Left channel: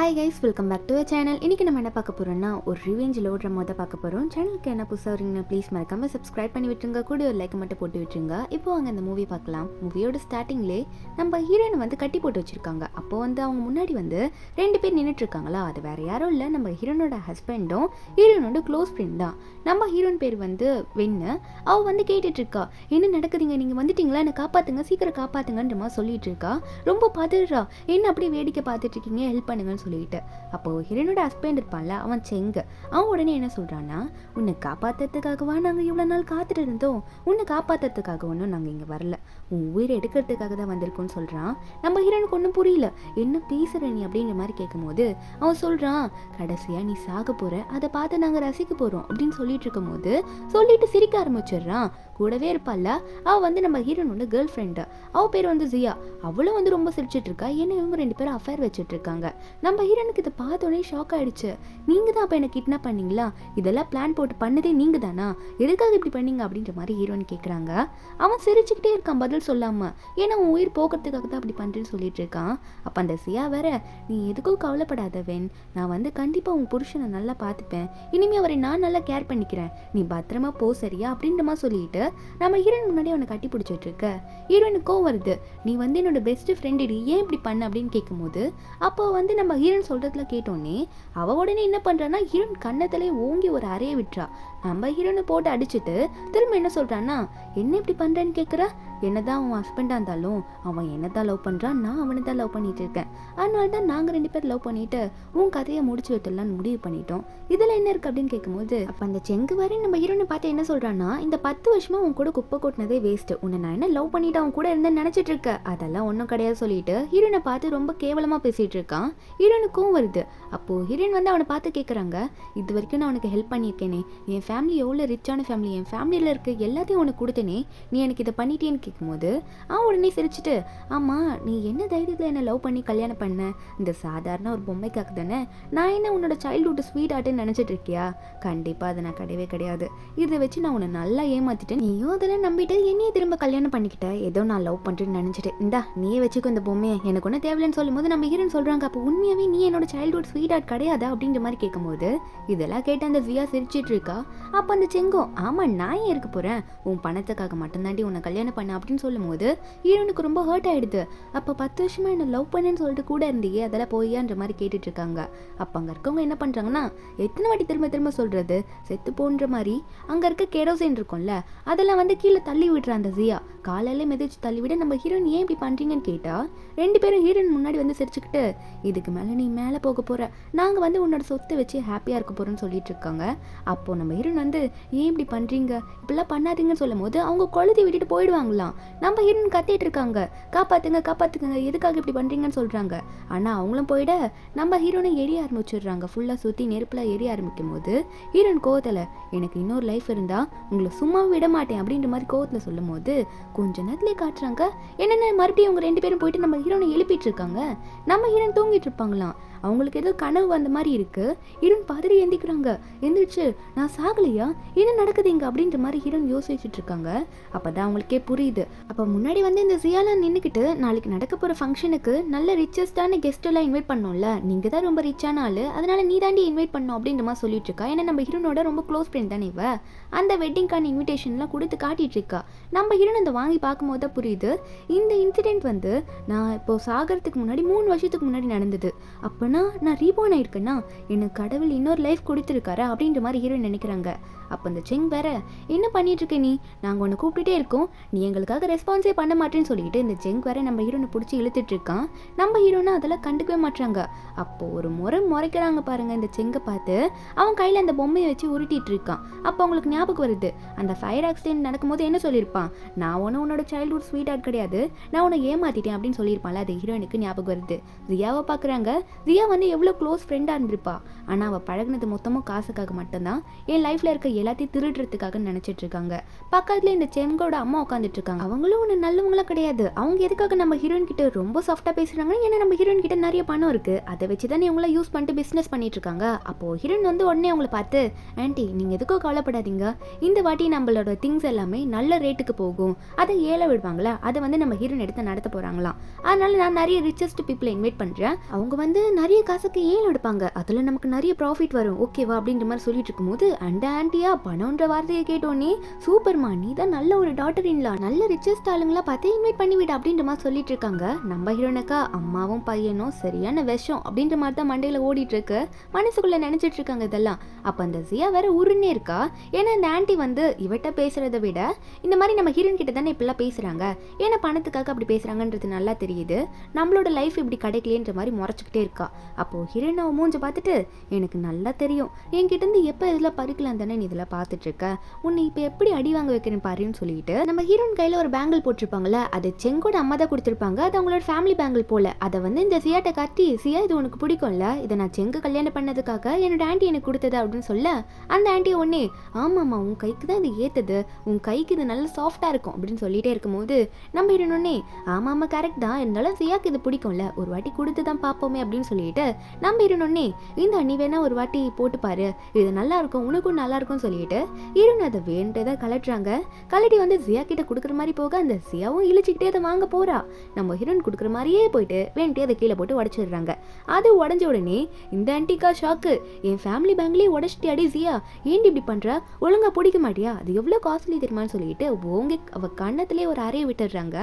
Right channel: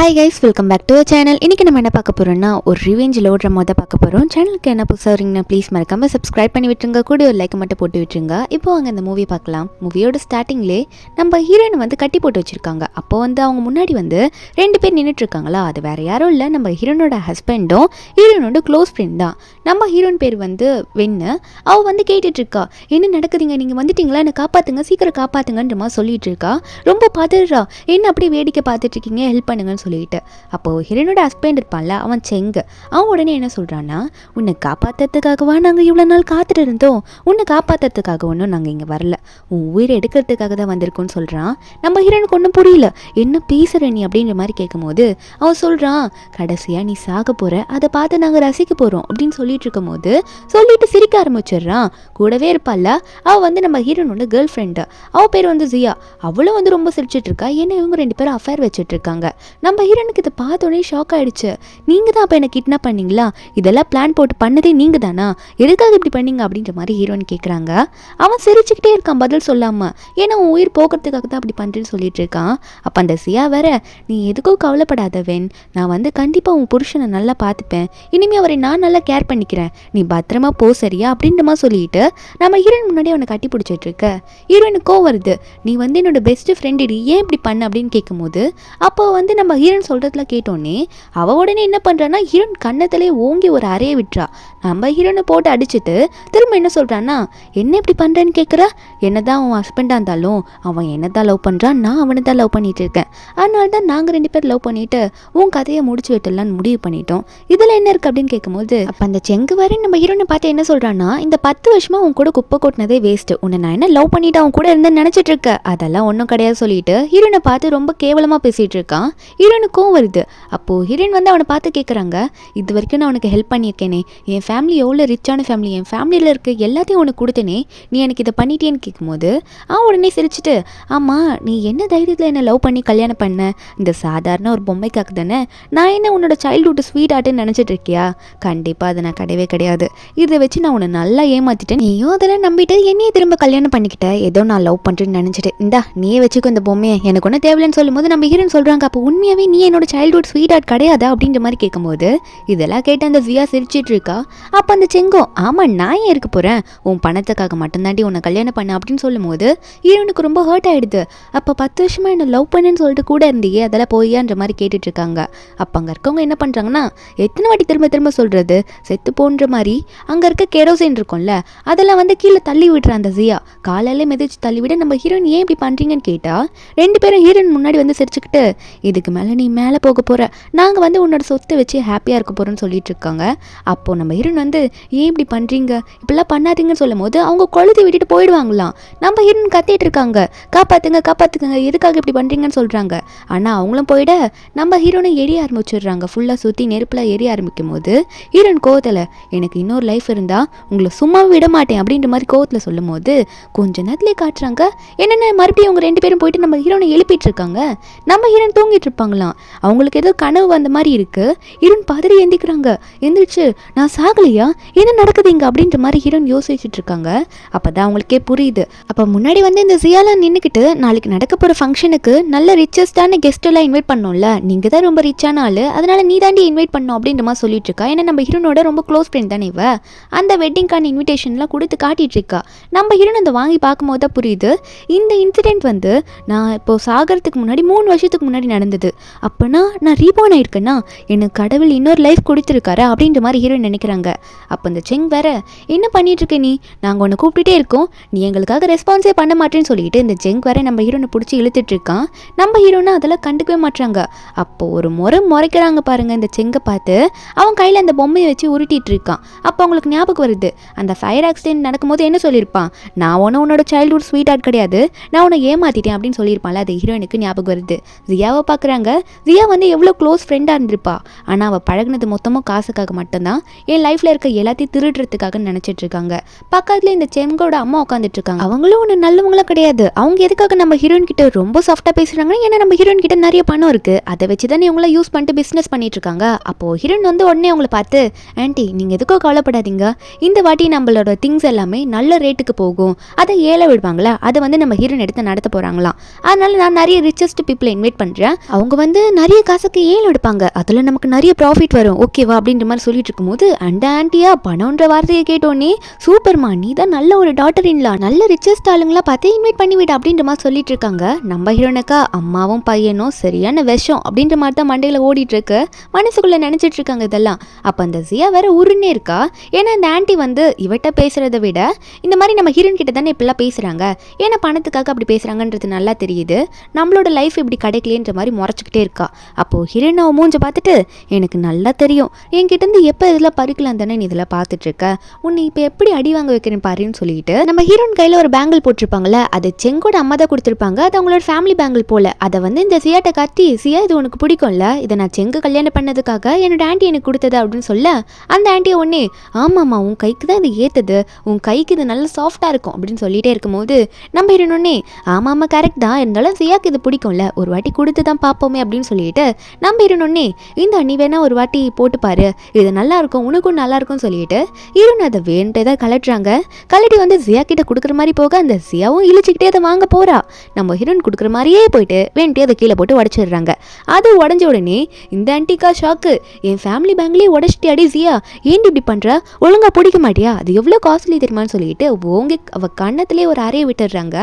Hi guys, welcome back to channel. இன்றைக்கி நம்ம என்ன பார்க்க போகிறோம்னா, ஒரு ரிவெஞ்ச் லோட்ற மொதல் பார்க்க போகிறோம். சேனலுக்கு என்ன புதுசாக வரீங்கன்னா ப்ளீஸ் மறக்காமல் சப்ஸ்கிரைப் பண்ணி விட்டுருங்க, கூட ஒரு லைக் மட்டும் போட்டு விட்டுருங்க. இப்போ அங்கே இந்த மூவி பார்க்கலாம். மூவியோட ஸ்டார்டிங்லேயே நம்ம ஹீரோயின் வந்து கட்டி போட்டு வச்சுருக்காங்க. அப்போ வந்து அவங்க முன்னாடி வந்து 2 பேர் நின்றுட்டுருக்காங்களா, அது வேறு யாரும் இல்லை, நம்ம ஹீரோனோட ஹஸ்பண்டும் ஹீரோனோட க்ளோஸ் ஃப்ரெண்ட் தான். நம்ம ஹீரோயின் பேர் வந்து வெண்ணு. அவள் வந்து கேட்டுட்ருக்கா, என்ன நடக்குதுங்க, நீங்கள் வந்துட்டீங்களா, என்னை காப்பாற்றுங்க, சீக்கிரம் காப்பாற்றுங்கன்ற மாதிரி சொல்லிட்டு இருக்கா. ரொம்ப பதறா, என்ன அப்படியே வேடிக்கை பார்த்துட்ருக்கீங்க, ஹெல்ப் பண்ணுங்கன்னு சொல்லிட்டு. அப்போது ஹீரோனோட ஹஸ்பண்ட் இருப்பான்ல, அவன் செங்கு. அவன் உடனே என்ன சொல்கிறான்னா, உன்னை காப்பாற்றுறதுக்காகவா நாங்கள் இவ்வளோ நாள் காத்துட்டு இருந்தோம், உன்னை காப்பாற்றுறதுக்காக ஒன்றும் நாங்கள் இங்கே வரல, உன் உயிரை எடுக்கிறதுக்காக தான் வந்திருக்கோன்னு சொல்கிறான். நம்ம ஹீரோனுக்கு ஒன்றும் புரியல, என்ன பேசுகிற நீ அப்படின்ற மாதிரி கேட்கும்போது அவன் சொல்கிறான், கடைசியாக நீ சாக போகிற, அதை பார்த்து நாங்கள் ரசிக்க போகிறோம் அப்படின்னு சொல்லிட்டு இருக்கும் போது சொல்லிட்டு சிரிக்க ஆரம்பிச்சிடுறான். கூடவே இருப்பாள்ல, அவள் வந்து நம்ம ஹீரோனோட கேர்ள் ஃப்ரெண்டு, அவள் பேர் வந்து ஜியா. அவளும் வந்து ரொம்ப சிரிச்சிட்டு இருக்கா. ஏன்னா இவங்க 2 பேரும் அஃபேர் வச்சுட்டு இருக்காங்க. நம்ம ஹீரோனுக்கு இதை பார்த்தோன்னே ஷாக் ஆகிடுச்சு. நீங்கள் தான் அப்போ என்னை கிட்னாப் பண்ணீங்களா, இதெல்லாம் பிளான் போட்டு பண்ணதே நீங்கள் தானா, எதுக்காக இப்படி பண்ணீங்க அப்படின்ற மாதிரி ஹீரோயின் கேட்குறாங்க. அவன் சிரிச்சுக்கிட்டே இருக்கான் பதில் சொல்லாமல். ஏன்னா உன் உயிர் போக்குறதுக்காக தான் அப்படி பண்ணுறேன்னு சொல்லிட்டு இருக்கான். அப்போ அந்த சியா வேற, நீ எதுக்கும் கவலைப்படாத வென், நான் வந்து கண்டிப்பாக உன் புருஷனை நல்லா பார்த்துப்பேன், இனிமேல் அவரை நான் நல்லா கேர் பண்ணிக்கிறேன், நீ பத்திரமா போ சரியா அப்படின்ற மாதிரி சொல்லிட்டு நம்ம ஹீரோயின் முன்னாடி அவனை கட்டி பிடிச்சிட்டு இருக்க. ஹீரோயினுக்கோ வருது, நீ வந்து என்னோட பெஸ்ட் ஃப்ரெண்டு, ஏன் இப்படி பண்ண அப்படின்னு கேட்கும்போது அப்போ வந்து நம்ம ஹீரோயின் சொல்கிறதுல கேட்டோன்னே அவள் உடனே என்ன பண்ணுறான்னா, ஹீரோயின் கண்ணத்திலே ஓங்கி ஒரு அறையை விட்டுறா. நம்ம ஹீரோனை போட்டு அடிச்சுட்டு திரும்ப என்ன சொல்கிறான்னா, என்ன இப்படி பண்ணுறேன்னு கேட்குறா, என்னதான் அவன் ஹஸ்பண்டாக இருந்தாலும் அவன் என்ன தான் லவ் பண்ணுறான், நான் அவனை தான் லவ் பண்ணிட்டு இருக்கேன், அதனால தான் நாங்கள் 2 பேர் லவ் பண்ணிட்டு உன் கதையை முடிச்சு விட்டுலான்னு முடிவு பண்ணிட்டோம், இதில் என்ன இருக்குது அப்படின்னு கேட்கும்போது அப்போ அந்த செங்கு வரை நம்ம ஹீரோனை பார்த்து என்ன சொல்கிறான்னா, இந்த 10 வருஷமாக உன் கூட குப்பை கொட்டினதே வேஸ்ட்டு, உன்னை நான் என்ன லவ் பண்ணிட்டு அவன் கூட இருந்தேன்னு நினச்சிட்டு இருக்க, அதெல்லாம் ஒன்றும் கிடையாது சொல்லிட்டு ஹீரோனை பார்த்து ரொம்ப கேவலமாக பேசிகிட்டு இருக்கான். ஹீரோனுக்கும் வருது. அப்போது ஹீரோயின் வந்து அவனை பார்த்து கேட்குறாங்க, இது வரைக்கும் நான் உனக்கு ஹெல்ப் பண்ணியிருக்கேனே, என் ஃபேமிலி எவ்வளோ ரிச்சான ஃபேமிலி, என் ஃபேமிலியில் இருக்க எல்லாத்தையும் உனக்கு கொடுத்தேனே, நீ எனக்கு இதை பண்ணிட்டேன்னு கேட்கும்போது அவன் உடனே சிரிச்சுட்டு, ஆமாம் நீ என்ன தைரியத்தில் என்னை லவ் பண்ணி கல்யாணம் பண்ண, இந்த சாதாரண ஒரு பொம்மைக்காக தானே, நான் என்ன உன்னோட சைல்டுஹுட் ஸ்வீட் ஆர்ட்டுன்னு நினச்சிட்டு இருக்கியா, கண்டிப்பாக அதை நான் கிடையவே கிடையாது, இதை வச்சு நான் உன்னை நல்லா ஏமாற்றிட்டேன், நீயும் அதெல்லாம் நம்பிட்டு என்னையே திரும்ப கல்யாணம் பண்ணிக்கிட்ட, ஏதோ நான் லவ் பண்ணுறேன்னு நினச்சிட்டு, இந்தா நீயே வச்சுக்கோ இந்த பொம்மையை, எனக்கு ஒன்றும் தேவையில்லைன்னு சொல்லும்போது நம்ம ஹீரோன்னு சொல்கிறாங்க, அப்போ உண்மையாகவே நீ என்னோட சைல்டுஹுட் ஸ்வீட் ஆர்ட் கிடையாதா அப்படின்ற மாதிரி கேட்கும்போது இதெல்லாம் கேட்டு அந்த ஜியா சிரிச்சிட்டு இருக்கா. அப்போ அந்த செங்கோ, ஆமாம் நான் ஏன் இருக்க போகிறேன், உன் பணத்துக்காக மட்டும்தாண்டி உன்னை கல்யாணம் பண்ண அப்படின்னு சொல்லும்போது ஹீரோனுக்கு ரொம்ப ஹர்ட் ஆகிடுது. அப்போ 10 வருஷமாக என்னை லவ் பண்ணுன்னு சொல்லிட்டு கூட இருந்தியே, அதெல்லாம் போய்யான்ற மாதிரி கேட்டுட்டு இருக்காங்க. அப்போ அங்கே இருக்கவங்க என்ன பண்ணுறாங்கன்னா, எத்தனை வாட்டி திரும்ப திரும்ப சொல்கிறது, செத்து போன்ற மாதிரி அங்கே இருக்க கெரோசின் இருக்கும்ல, அதெல்லாம் வந்து கீழே தள்ளி விடுற அந்த ஜியா காலையில மிதிச்சு தள்ளி விட நம்ம ஹீரோயின் ஏன் இப்படி பண்ணுறீங்கன்னு கேட்டால் 2 பேரும் ஹீரோயின் முன்னாடி வந்து சிரிச்சுக்கிட்டு, இதுக்கு மேலே நீ மேலே போக போகிற, நாங்கள் வந்து உன்னோட சொத்தை வச்சு ஹாப்பியாக இருக்க போகிறோன்னு சொல்லிட்டு இருக்காங்க. அப்போது நம்ம ஹீரோயின் வந்து ஏன் இப்படி பண்ணுறீங்க, இப்படிலாம் பண்ணாதீங்கன்னு சொல்லும் போது அவங்க கொளுத்தி விட்டுட்டு போயிடுவாங்களாம். நம்ம ஹீரோயின் கத்திட்டு இருக்காங்க, காப்பாற்றுங்க காப்பாற்றுங்க, எதுக்காக இப்படி பண்ணுறீங்கன்னு சொல்கிறாங்க. ஆனால் அவங்களும் போயிட நம்ம ஹீரோனை எரிய ஆரம்பிச்சிடுறாங்க. ஃபுல்லாக சுற்றி நெருப்பில் எரிய ஆரம்பிக்கும் போது ஹீரோயின் கோவத்தில், எனக்கு இன்னொரு லைஃப் இருந்தால் உங்களை சும்மா விட மாட்டேன் அப்படின்ற மாதிரி கோவத்தில் சொல்லும் போது கொஞ்ச நேரத்துலேயே காட்டுறாங்க என்னென்ன மறுபடியும் அவங்க 2 பேரும் போயிட்டு நம்ம ஹீரோனை எழுப்பிட்டு இருக்காங்க. நம்ம ஹீரோயின் தூங்கிட்டு இருப்பாங்களாம். அவங்களுக்கு ஏதோ கனவு வந்த மாதிரி இருக்கு. ஹீரோயின் பதறி எந்திக்கிறாங்க. எந்திரிச்சு, நான் சாகலையா, என்ன நடக்குது இங்கே அப்படின்ற மாதிரி ஹீரோயின் யோசிச்சுட்டு இருக்காங்க. அப்போதான் அவங்களுக்கே புரியுது. அப்போ முன்னாடி வந்து இந்த ஜியாலாம் நின்றுக்கிட்டு, நாளைக்கு நடக்க போகிற ஃபங்க்ஷனுக்கு நல்ல ரிச்சஸ்டான கெஸ்ட் எல்லாம் இன்வைட் பண்ணோம்ல, நீங்கள் தான் ரொம்ப ரிச்சான ஆள், அதனால நீ தாண்டி இன்வைட் பண்ணோம் அப்படின்ற மாதிரி சொல்லிட்டு இருக்கா. ஏன்னா நம்ம ஹீரோனோட ரொம்ப க்ளோஸ் ஃப்ரெண்ட் தானே இவ. அந்த வெட்டிங்கான இன்விடேஷன்லாம் கொடுத்து காட்டிட்டு இருக்கா. நம்ம ஹீரோன் அதை வாங்கி பார்க்கும்போது தான் புரியுது, இந்த இன்சிடென்ட் வந்து நான் இப்போ சாகிறதுக்கு முன்னாடி 3 வருஷத்துக்கு முன்னாடி நடந்தது. அப்போனா நான் ரீபார்ன் ஆயிருக்கேன்னா, எனக்கு கடவுள் இன்னொரு லைஃப் கொடுத்துருக்காரா அப்படின்ற மாதிரி ஹீரோயின் நினைக்கிறாங்க. அப்போ இந்த செங் வேற, என்ன பண்ணிட்டு இருக்க நீ, நாங்கள் உன்னை கூப்பிட்டுட்டே இருக்கோம், நீ எங்களுக்காக ரெஸ்பான்ஸே பண்ண மாட்டேன்னு சொல்லிட்டு இந்த செங் வேற நம்ம ஹீரோனை பிடிச்சி இழுத்துட்டு இருக்கான். நம்ம ஹீரோனை அதெல்லாம் கண்டுக்கவே மாட்டாங்க. அப்போது ஒரு முறைக்கிறாங்க பாருங்க இந்த செங்கை பார்த்து. அவன் கையில் அந்த பொம்மையை வச்சு உருட்டிட்டு இருக்கான். அப்போ அவங்களுக்கு ஞாபகம் வருது, அந்த ஃபயர் ஆக்சிடென்ட் நடக்கும்போது என்ன சொல்லியிருப்பான், நான் உன்னோட சைல்டுஹுட் ஸ்வீட் ஆர்ட் கிடையாது, நான் உன்னை ஏமாத்திட்டேன் அப்படின்னு சொல்லியிருப்பான்ல. அது ஹீரோயினுக்கு ஞாபகம் வருது. ஜியாவை பார்க்குறாங்க. ஜியா வந்து எவ்வளோ க்ளோஸ் ஃப்ரெண்டாக இருந்திருப்பா, ஆனால் அவள் பழகினது மொத்தமும் காசுக்காக மட்டும்தான், என் லைஃப்பில் இருக்க எல்லாத்தையும் திருடுறதுக்காக நினச்சிட்டு இருக்காங்க. பக்கத்தில் இந்த செங்கோட அம்மா உட்காந்துட்டு இருக்காங்க. அவங்களும் ஒன்று நல்லவங்களும் கிடையாது. அவங்க எதுக்காக நம்ம ஹீரோயின் கிட்ட ரொம்ப சாஃப்டாக பேசுகிறாங்கன்னா, ஏன்னா நம்ம ஹீரோயின் கிட்ட நிறைய பணம் இருக்குது, அதை வச்சு தான் இவங்கள யூஸ் பண்ணிட்டு பிஸ்னஸ் பண்ணிட்டு இருக்காங்க. அப்போது ஹீரோயின் வந்து உடனே அவங்கள பார்த்து, ஆன்ட்டி நீங்கள் எதுக்கோ கவலைப்படாதீங்க, இந்த வாட்டி நம்மளோட திங்ஸ் எல்லாமே நல்ல ரேட்டுக்கு போகும், அதை ஏழை விடுவாங்களா, அதை வந்து நம்ம ஹீரோயின் எடுத்து நடத்த போகிறாங்களாம், அதனால நான் நிறைய ரிச்சஸ்ட் பீப்புளை இன்வைட் பண்ணுறேன், அவங்க வந்து வந்து நிறைய காசுக்கு ஏலம் எடுப்பாங்க, அதில் நமக்கு நிறைய ப்ராஃபிட் வரும் ஓகேவா அப்படின்ற மாதிரி சொல்லிட்டு இருக்கும்போது அந்த ஆண்டியா பணம்ன்ற வார்த்தையை கேட்டோன்னே சூப்பர்மா நீ தான் நல்ல ஒரு டாட்டர் இன்லா, நல்ல ரிச்சஸ்ட் ஆளுங்களா பார்த்து இன்வைட் பண்ணிவிட அப்படின்ற மாதிரி சொல்லிட்டு இருக்காங்க. நம்ம ஹீரோனுக்கா அம்மாவும் பையனும் சரியான விஷம் அப்படின்ற மாதிரி தான் மண்டையில் ஓடிட்டு இருக்கு, மனசுக்குள்ள நினைச்சிட்டு இருக்காங்க இதெல்லாம். அப்போ அந்த ஜியா வேற உருன்னே இருக்கா, ஏன்னா இந்த ஆண்டி வந்து இவட்ட பேசுறத விட இந்த மாதிரி நம்ம ஹீரோன் கிட்ட தானே இப்பெல்லாம் பேசுறாங்க, ஏன்னா பணத்துக்காக அப்படி பேசுறாங்கன்றது நல்லா தெரியுது, நம்மளோட லைஃப் இப்படி கிடைக்கலன்ற மாதிரி முறைச்சிக்கிட்டே இருக்கா. அப்போ ஹீரோன் அவன் மூஞ்ச பார்த்துட்டு எனக்கு நல்லா தெரியும் என்கிட்ட இருந்து எப்போ இதெல்லாம் பறிக்கலாம் தானே நீ இதெல்லாம் பார்த்துட்டு இருக்க, உன்னை இப்போ எப்படி அடி வாங்க வைக்கிறேன் பாருன்னு சொல்லிட்டு நம்ம ஹீரோன் கையில் ஒரு பேங்கிள் போட்டிருப்பாங்கல்ல, அது செங்கோட அம்மா தான் கொடுத்துருப்பாங்க, அது அவங்களோட ஃபேமிலி பேங்கிள் போல. அதை வந்து இந்த சியாட்ட காட்டி சியா இது உனக்கு பிடிக்கும்ல, இதை நான் செங்கு கல்யாணம் பண்ணதுக்காக என்னோட ஆண்டி எனக்கு கொடுத்தது அப்படின்னு சொல்ல அந்த ஆண்டியை ஒன்னே ஆமாம்மா உன் கைக்கு தான் இது ஏற்றுது, உன் கைக்கு இது நல்லா சாஃப்டாக இருக்கும் அப்படின்னு சொல்லிட்டே இருக்கும்போது நம்ம ஹீரோனே ஆமாம்மா கரெக்ட் தான், இருந்தாலும் சியாக்கு இது பிடிக்கும்ல ஒரு வாட்டி கொடுத்து தான் பார்ப்போமே அப்படின்னு சொல்லிட்டு நம்ம ஹீரோனே இந்த நீ வேணா ஒரு வாட்டி போட்டு பாரு இது நல்லா இருக்கும் உனக்கும் நல்லா இருக்கும்னு சொல்லிட்டு ஹீரோன் அதை வேண்டே தான் கலட்டுறாங்க. கலட்டி வந்து ஜியா கிட்ட கொடுக்குற மாதிரி போக அந்த ஜியாவும் இழிச்சிக்கிட்டே அதை வாங்க போறா. நம்ம ஹீரோன் கொடுக்குற மாதிரியே போயிட்டு வேண்டே அதை கீழே போட்டு உடச்சிடுறாங்க. அது உடஞ்ச உடனே இந்த ஆன்டிக்கா ஷாக்கு, என் ஃபேமிலி பேங்க்லேயே உடச்சிட்டு அடி ஜியா ஏன்டி இப்படி பண்ற, ஒழுங்கா பிடிக்க மாட்டியா, அது எவ்வளோ காஸ்ட்லி தெரியுமான்னு சொல்லிட்டு ஓங்கி அவ கண்ணத்திலே ஒரு அறையை விட்டுடுறாங்க.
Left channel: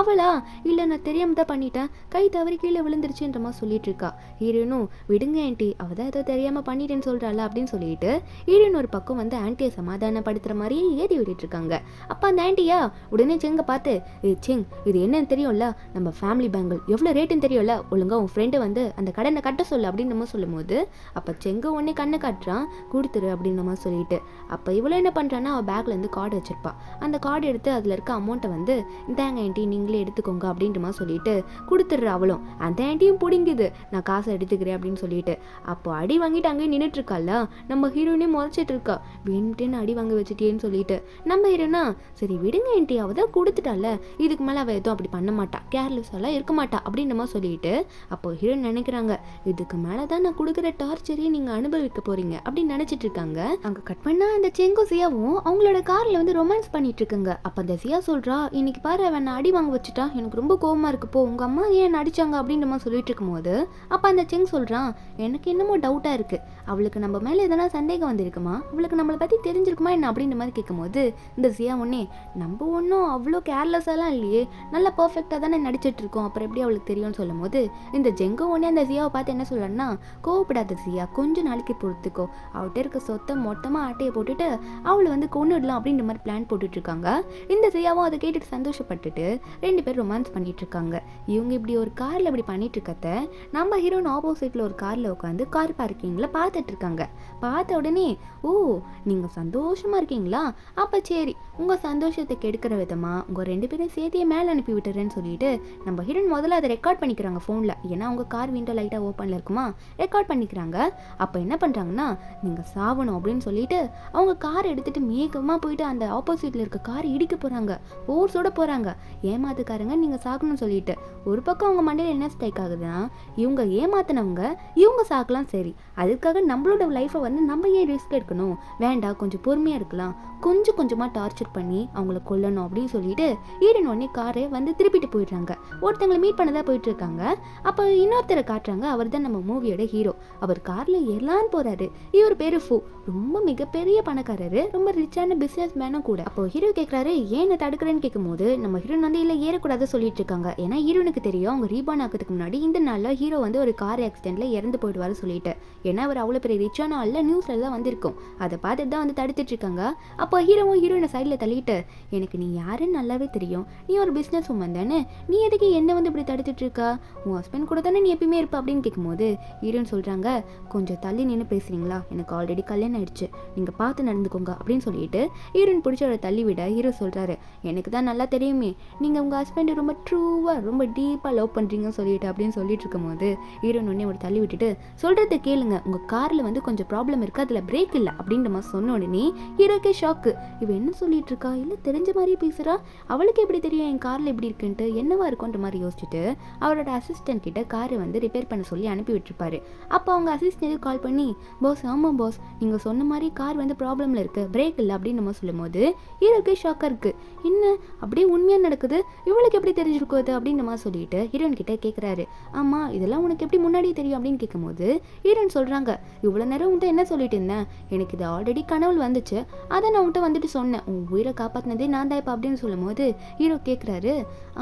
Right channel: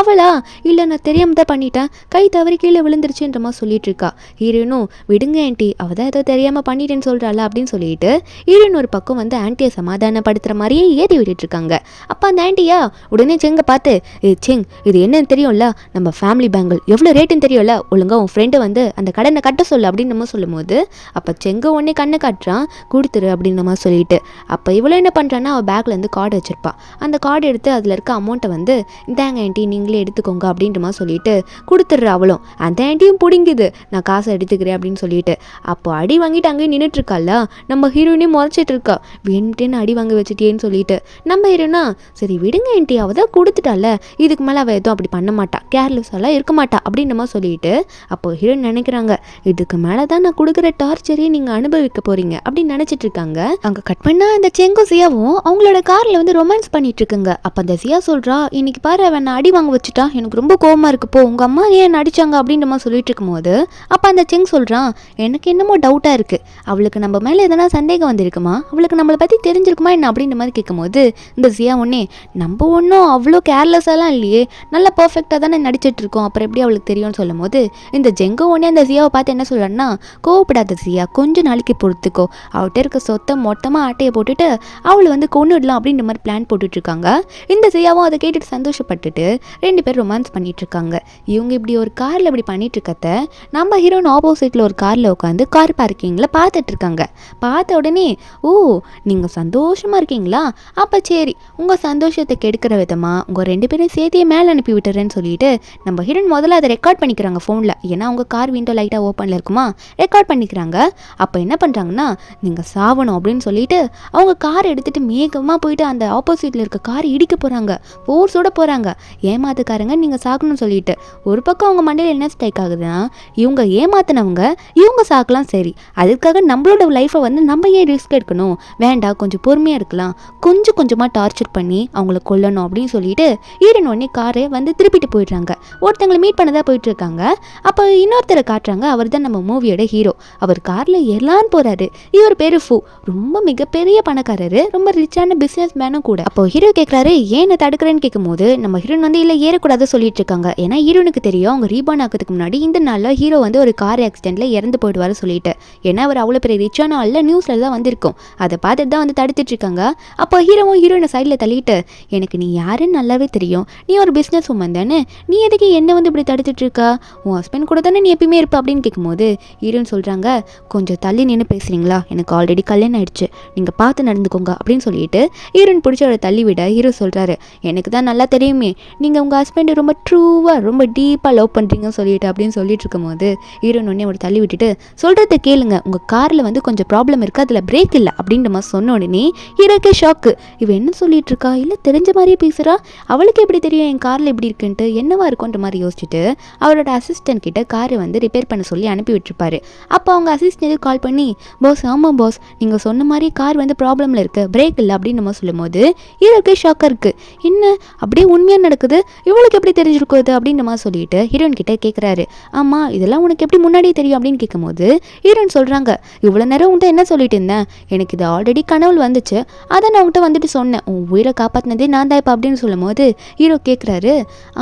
அவளா இல்லை நான் தெரியாம தான் பண்ணிட்டேன், கை தவறி கீழே விழுந்துருச்சுன்ற மாதிரி சொல்லிட்டு இருக்கா. ஹீரோனும் விடுங்க ஆன்டி அவ தான் ஏதோ தெரியாம பண்ணிட்டேன்னு சொல்றாள் அப்படின்னு சொல்லிட்டு ஹீரோன் ஒரு பக்கம் வந்து ஆன்டியை சமாதானப்படுத்துற மாதிரியே ஏறி விட்டுட்டு இருக்காங்க. அப்போ அந்த ஆன்டியா உடனே செங்க பார்த்து செங் இது என்னன்னு தெரியும்ல, நம்ம ஃபேமிலி பேங்கிள் எவ்வளோ ரேட்டுன்னு தெரியும்ல, ஒழுங்கா உன் ஃப்ரெண்டை வந்து அந்த கடனை கட்ட சொல்லு அப்படின்னு நம்ம சொல்லும் போது அப்போ செங்க உடனே கண்ணை காட்டுறான் கொடுத்துரு அப்படின்னு நம்ம சொல்லிட்டு. அப்போ இவ்வளோ என்ன பண்ணுறான்னா அவள் பேக்கில் இருந்து கார்டு வச்சிருப்பா, அந்த கார்டு எடுத்து அதில் இருக்க அமௌண்ட்டை வந்து இந்தாங்க ஆன்ட்டி நீங்களே எடுத்துக்கோங்க அப்படின்ற மாதிரி சொல்லிட்டு கொடுத்துட்ற அவளும். அந்த ஆன்ட்டியும் பிடிங்குது நான் காசை எடுத்துக்கிறேன் அப்படின்னு சொல்லிட்டு. அப்போ அடி வாங்கிட்டு அங்கேயே நின்றுட்டு இருக்கால, நம்ம ஹீரோனே முறைச்சிட்டு இருக்கா வேணுட்டேன்னு அடி வாங்க வச்சுட்டேன்னு சொல்லிட்டு. நம்ம ஹீரோனா சரி விடுங்க ஆன்ட்டி அவள் தான் கொடுத்துட்டால, இதுக்கு மேலே அவள் எதுவும் அப்படி பண்ண மாட்டா, கேர்லெஸ்ஸெல்லாம் இருக்க மாட்டா அப்படின்ற மாதிரி சொல்லிட்டு. அப்போ ஹீரோன் நினைக்கிறாங்க இதுக்கு மேலே தான் நான் கொடுக்குற டார்ச்சரே நீங்கள் அனுபவிக்க போறீங்க அப்படின்னு நினச்சிட்டு இருக்காங்க. அங்கே கட் பண்ணா அந்த செங்கும் சியாவும் அவங்களோட காரில் வந்து ரொமான்ஸ் பண்ணிட்டு இருக்குங்க. அப்போ அந்த சியா சொல்கிறா இன்னைக்கு பாரு அவன் அடி வாங்க வச்சுட்டா எனக்கு ரொம்ப கோவமாக இருக்கு போ, உங்கள் அம்மா ஏன் நடிச்சாங்க அப்படின்ற மாதிரி சொல்லிட்டு இருக்கும்போது அப்போ அந்த செங் சொல்கிறான் எனக்கு என்னமோ டவுட்டாக இருக்குது, அவளுக்கு நம்ம மேலே எதனா சந்தேகம் வந்திருக்குமா, அவளுக்கு நம்மளை பற்றி தெரிஞ்சிருக்குமா என்ன அப்படின்ற மாதிரி கேட்கும்போது இந்த சியா ஒன்னே நம்ம ஒன்றும் அவ்வளோ கேர்லெஸ்ஸெல்லாம் இல்லையே, நல்லா பர்ஃபெக்டாக தானே நடிச்சிட்டு இருக்கோம், அப்புறம் எப்படி அவளுக்கு தெரியும்னு சொல்லும் போது இந்த ஜெங்கோ ஒன்னே அந்த சியாவை பார்த்து என்ன சொல்கிறான்னா கோவப்படாத சியா கொஞ்சம் நாளைக்கு பொறுத்துக்கோ, அவள்கிட்ட இருக்க சொத்தை மொத்தமாக ஆட்டையை போட்டுட்டு அவளை வந்து கொண்டுடலாம் அப்படின்ற மாதிரி பிளான் போட்டுட்டு இருக்காங்க. இந்த சியாவும் அதை கேட்டுட்டு சந்தோஷப்பட்டுட்டு ரெண்டு பேரும் ரொமான்ஸ் பண்ணிட்டு இருக்காங்க. இவங்க இப்படி ஒரு காரில் இப்படி பண்ணிட்டு இருக்கத்த நம்ம ஹீரோன் ஆப்போசிட்டில் ஒரு காரில் உட்காந்து கார் பார்க்கிங்கில் பார்த்துட்டு இருக்காங்க. பார்த்த உடனே ஓ நீங்கள் சந்தோஷமாக இருக்கீங்களா, அப்போ சரி உங்கள் சந்தோஷத்தை கெடுக்கிற விதமாக உங்கள் ரெண்டு பேரும் சேர்த்தியே மேலே அனுப்பி விட்டுறேன்னு சொல்லிட்டு நம்ம ஹீரோன் முதல்ல அதை ரெக்கார்ட் பண்ணிக்கிறாங்க ஃபோனில், ஏன்னா அவங்க கார் விண்டோ லைட்டாக ஓப்பனில் இருக்குமா ரெக்கார்ட் பண்ணிக்கிறாங்க. அப்போ என்ன பண்ணுறாங்கன்னா நீங்கள் சாவணும் அப்படின்னு சொல்லிட்டு அவங்க கார் எடுத்துகிட்டு மேகமாக போயிட்டு அந்த ஆப்போசிட்டில் இருக்க கார் இடிக்க போகிறாங்க, ஃபோர்ஸோட போகிறாங்க. ஏமாத்துக்காரங்க நீங்கள் சாகணும்னு சொல்லிட்டு ஒரு பக்கம் அவங்க மண்டையில் என்ன ஸ்ட்ரைக் ஆகுதுன்னா இவங்க ஏமாத்தினவங்க இவங்க சாக்கலாம் சரி, அதுக்காக நம்மளோட லைஃப்பை வந்து நம்ம ஏன் ரிஸ்க் எடுக்கணும், வேண்டாம் கொஞ்சம் பொறுமையாக இருக்கலாம், கொஞ்சம் கொஞ்சமாக டார்ச்சர் பண்ணி அவங்கள கொல்லணும் அப்படின்னு சொல்லிட்டு ஈரன் உடனே காரை வந்து திருப்பிட்டு போயிடுறாங்க. ஒருத்தங்களை மீட் பண்ணதான் போயிட்டு இருக்காங்க. அப்போ இன்னொருத்தரை காட்டுறாங்க, அவர் தான் நம்ம மூவியோட ஹீரோ. அவர் காரில் எல்லான்னு போகிறாரு. இவர் பேர் ஃபூ, ரொம்ப மிகப்பெரிய பணக்காரரு, ரொம்ப ரிச்சான பிஸ்னஸ் மேனும் கூட. அப்போ ஹீரோ கேட்குறாரு ஏன் தடுக்கிறேன்னு கேட்கும்போது நம்ம ஹீரோன் வந்து இல்லை ஏறக்கூடாது சொல்லிட்டு இருக்காங்க. ஏன்னா ஹீரோனுக்கு தெரியும் அவங்க ரீபான் ஆக்கிறதுக்கு முன்னாடி இந்த நாளில் ஹீரோ வந்து ஒரு கார் ஆக்சிடென்ட்ல இறந்து போயிடுவாரு சொல்லிட்டு. ஏன்னா அவர் அவ்வளோ பெரிய ரிச்சான ஆள்ல நியூஸ்ல தான் வந்திருக்கும், அதை பார்த்துட்டு தான் வந்து தடுத்துட்டு இருக்காங்க. அப்போ ஹீரோவும் ஹீரோனை சைடில் தள்ளிட்டு எனக்கு நீ யாருன்னு நல்லாவே தெரியும், நீ ஒரு பிஸ்னஸ் உமன் தானே, நீ எதுக்கு என்ன வந்து இப்படி தடுத்துட்டு இருக்கா, உன் ஹஸ்பண்ட் கூட தானே நீ எப்பயுமே இருப்ப அப்படின்னு கேட்கும்போது ஹீரோன்னு சொல்கிறாங்க கொஞ்சம் தள்ளி நின்று பேசுகிறீங்களா, எனக்கு ஆல்ரெடி கல்யாணம் ஆயிடுச்சு, நீங்கள் பார்த்து நடந்துக்கோங்க அப்படின்னு சொல்லிட்டு ஹீரோன் பிடிச்ச அவரை தள்ளி விட ஹீரோ சொல்கிறாரு எனக்கு தான் நல்லா தெரியுமே நீங்கள் உங்கள் ஹஸ்பண்டை ரொம்ப ட்ரூவாக ரொம்ப டீப்பாக லவ் பண்ணுறீங்கன்னு சொல்லிட்டு அப்படின்னு சொல்லிட்டு இருக்கும்போது ஹீரோன் உடனே ஒரு தள்ளி விட்டுட்டு சொல்கிறத கேளுங்க, உங்கள் காரில் வந்து கொஞ்சம் ப்ராப்ளம் இருக்குது, அதில் பிரேக் இல்லை அப்படின்ற மாதிரி சொன்ன உடனே ஹீரோக்கே ஷாக்கு. இவ என்ன சொல்லிட்டு இருக்கா, இல்லை தெரிஞ்ச மாதிரியே பேசுகிறா, அவளுக்கு எப்படி தெரியும் என் காரில் எப்படி இருக்குன்ட்டு, என்னவா இருக்குன்ற மாதிரி யோசிச்சுட்டு அவரோட அசிஸ்டன்ட் கிட்ட காரை வந்து ரிப்பேர் பண்ண சொல்லி அனுப்பி விட்டுருப்பாரு. அப்போ அவங்க அசிஸ்டன்ட் கால் பண்ணி பாஸ் ஆமாம் பாஸ் நீங்கள் சொன்ன மாதிரி கார் வந்து ப்ராப்ளமில் இருக்குது, பிரேக் இல்லை அப்படின்னு நம்ம சொல்லும் போது ஹீரோக்கே ஷாக்காக இருக்குது, என்ன அப்படியே உண்மையாக நடக்குது, இவளுக்கு எப்படி தெரிஞ்சிருக்குது அப்படின்ற மாதிரி சொல்லிட்டு ஹீரோயின் கிட்ட கேட்குறாரு ஆமாம் இதெல்லாம் அதெல்லாம் உனக்கு எப்படி முன்னாடியே தெரியும் அப்படின்னு கேட்கும்போது ஹீரோயின் சொல்கிறாங்க, இவ்வளோ நேரம் உன்கிட்ட என்ன சொல்லிட்டு இருந்தேன், எனக்கு இது ஆல்ரெடி கனவுல வந்துச்சு, அதை நான் உன்கிட்ட வந்துட்டு சொன்னேன், உன் உயிரை காப்பாற்றினதே நான் தான் இப்போ அப்படின்னு சொல்லும் போது ஹீரோ கேட்குறாரு,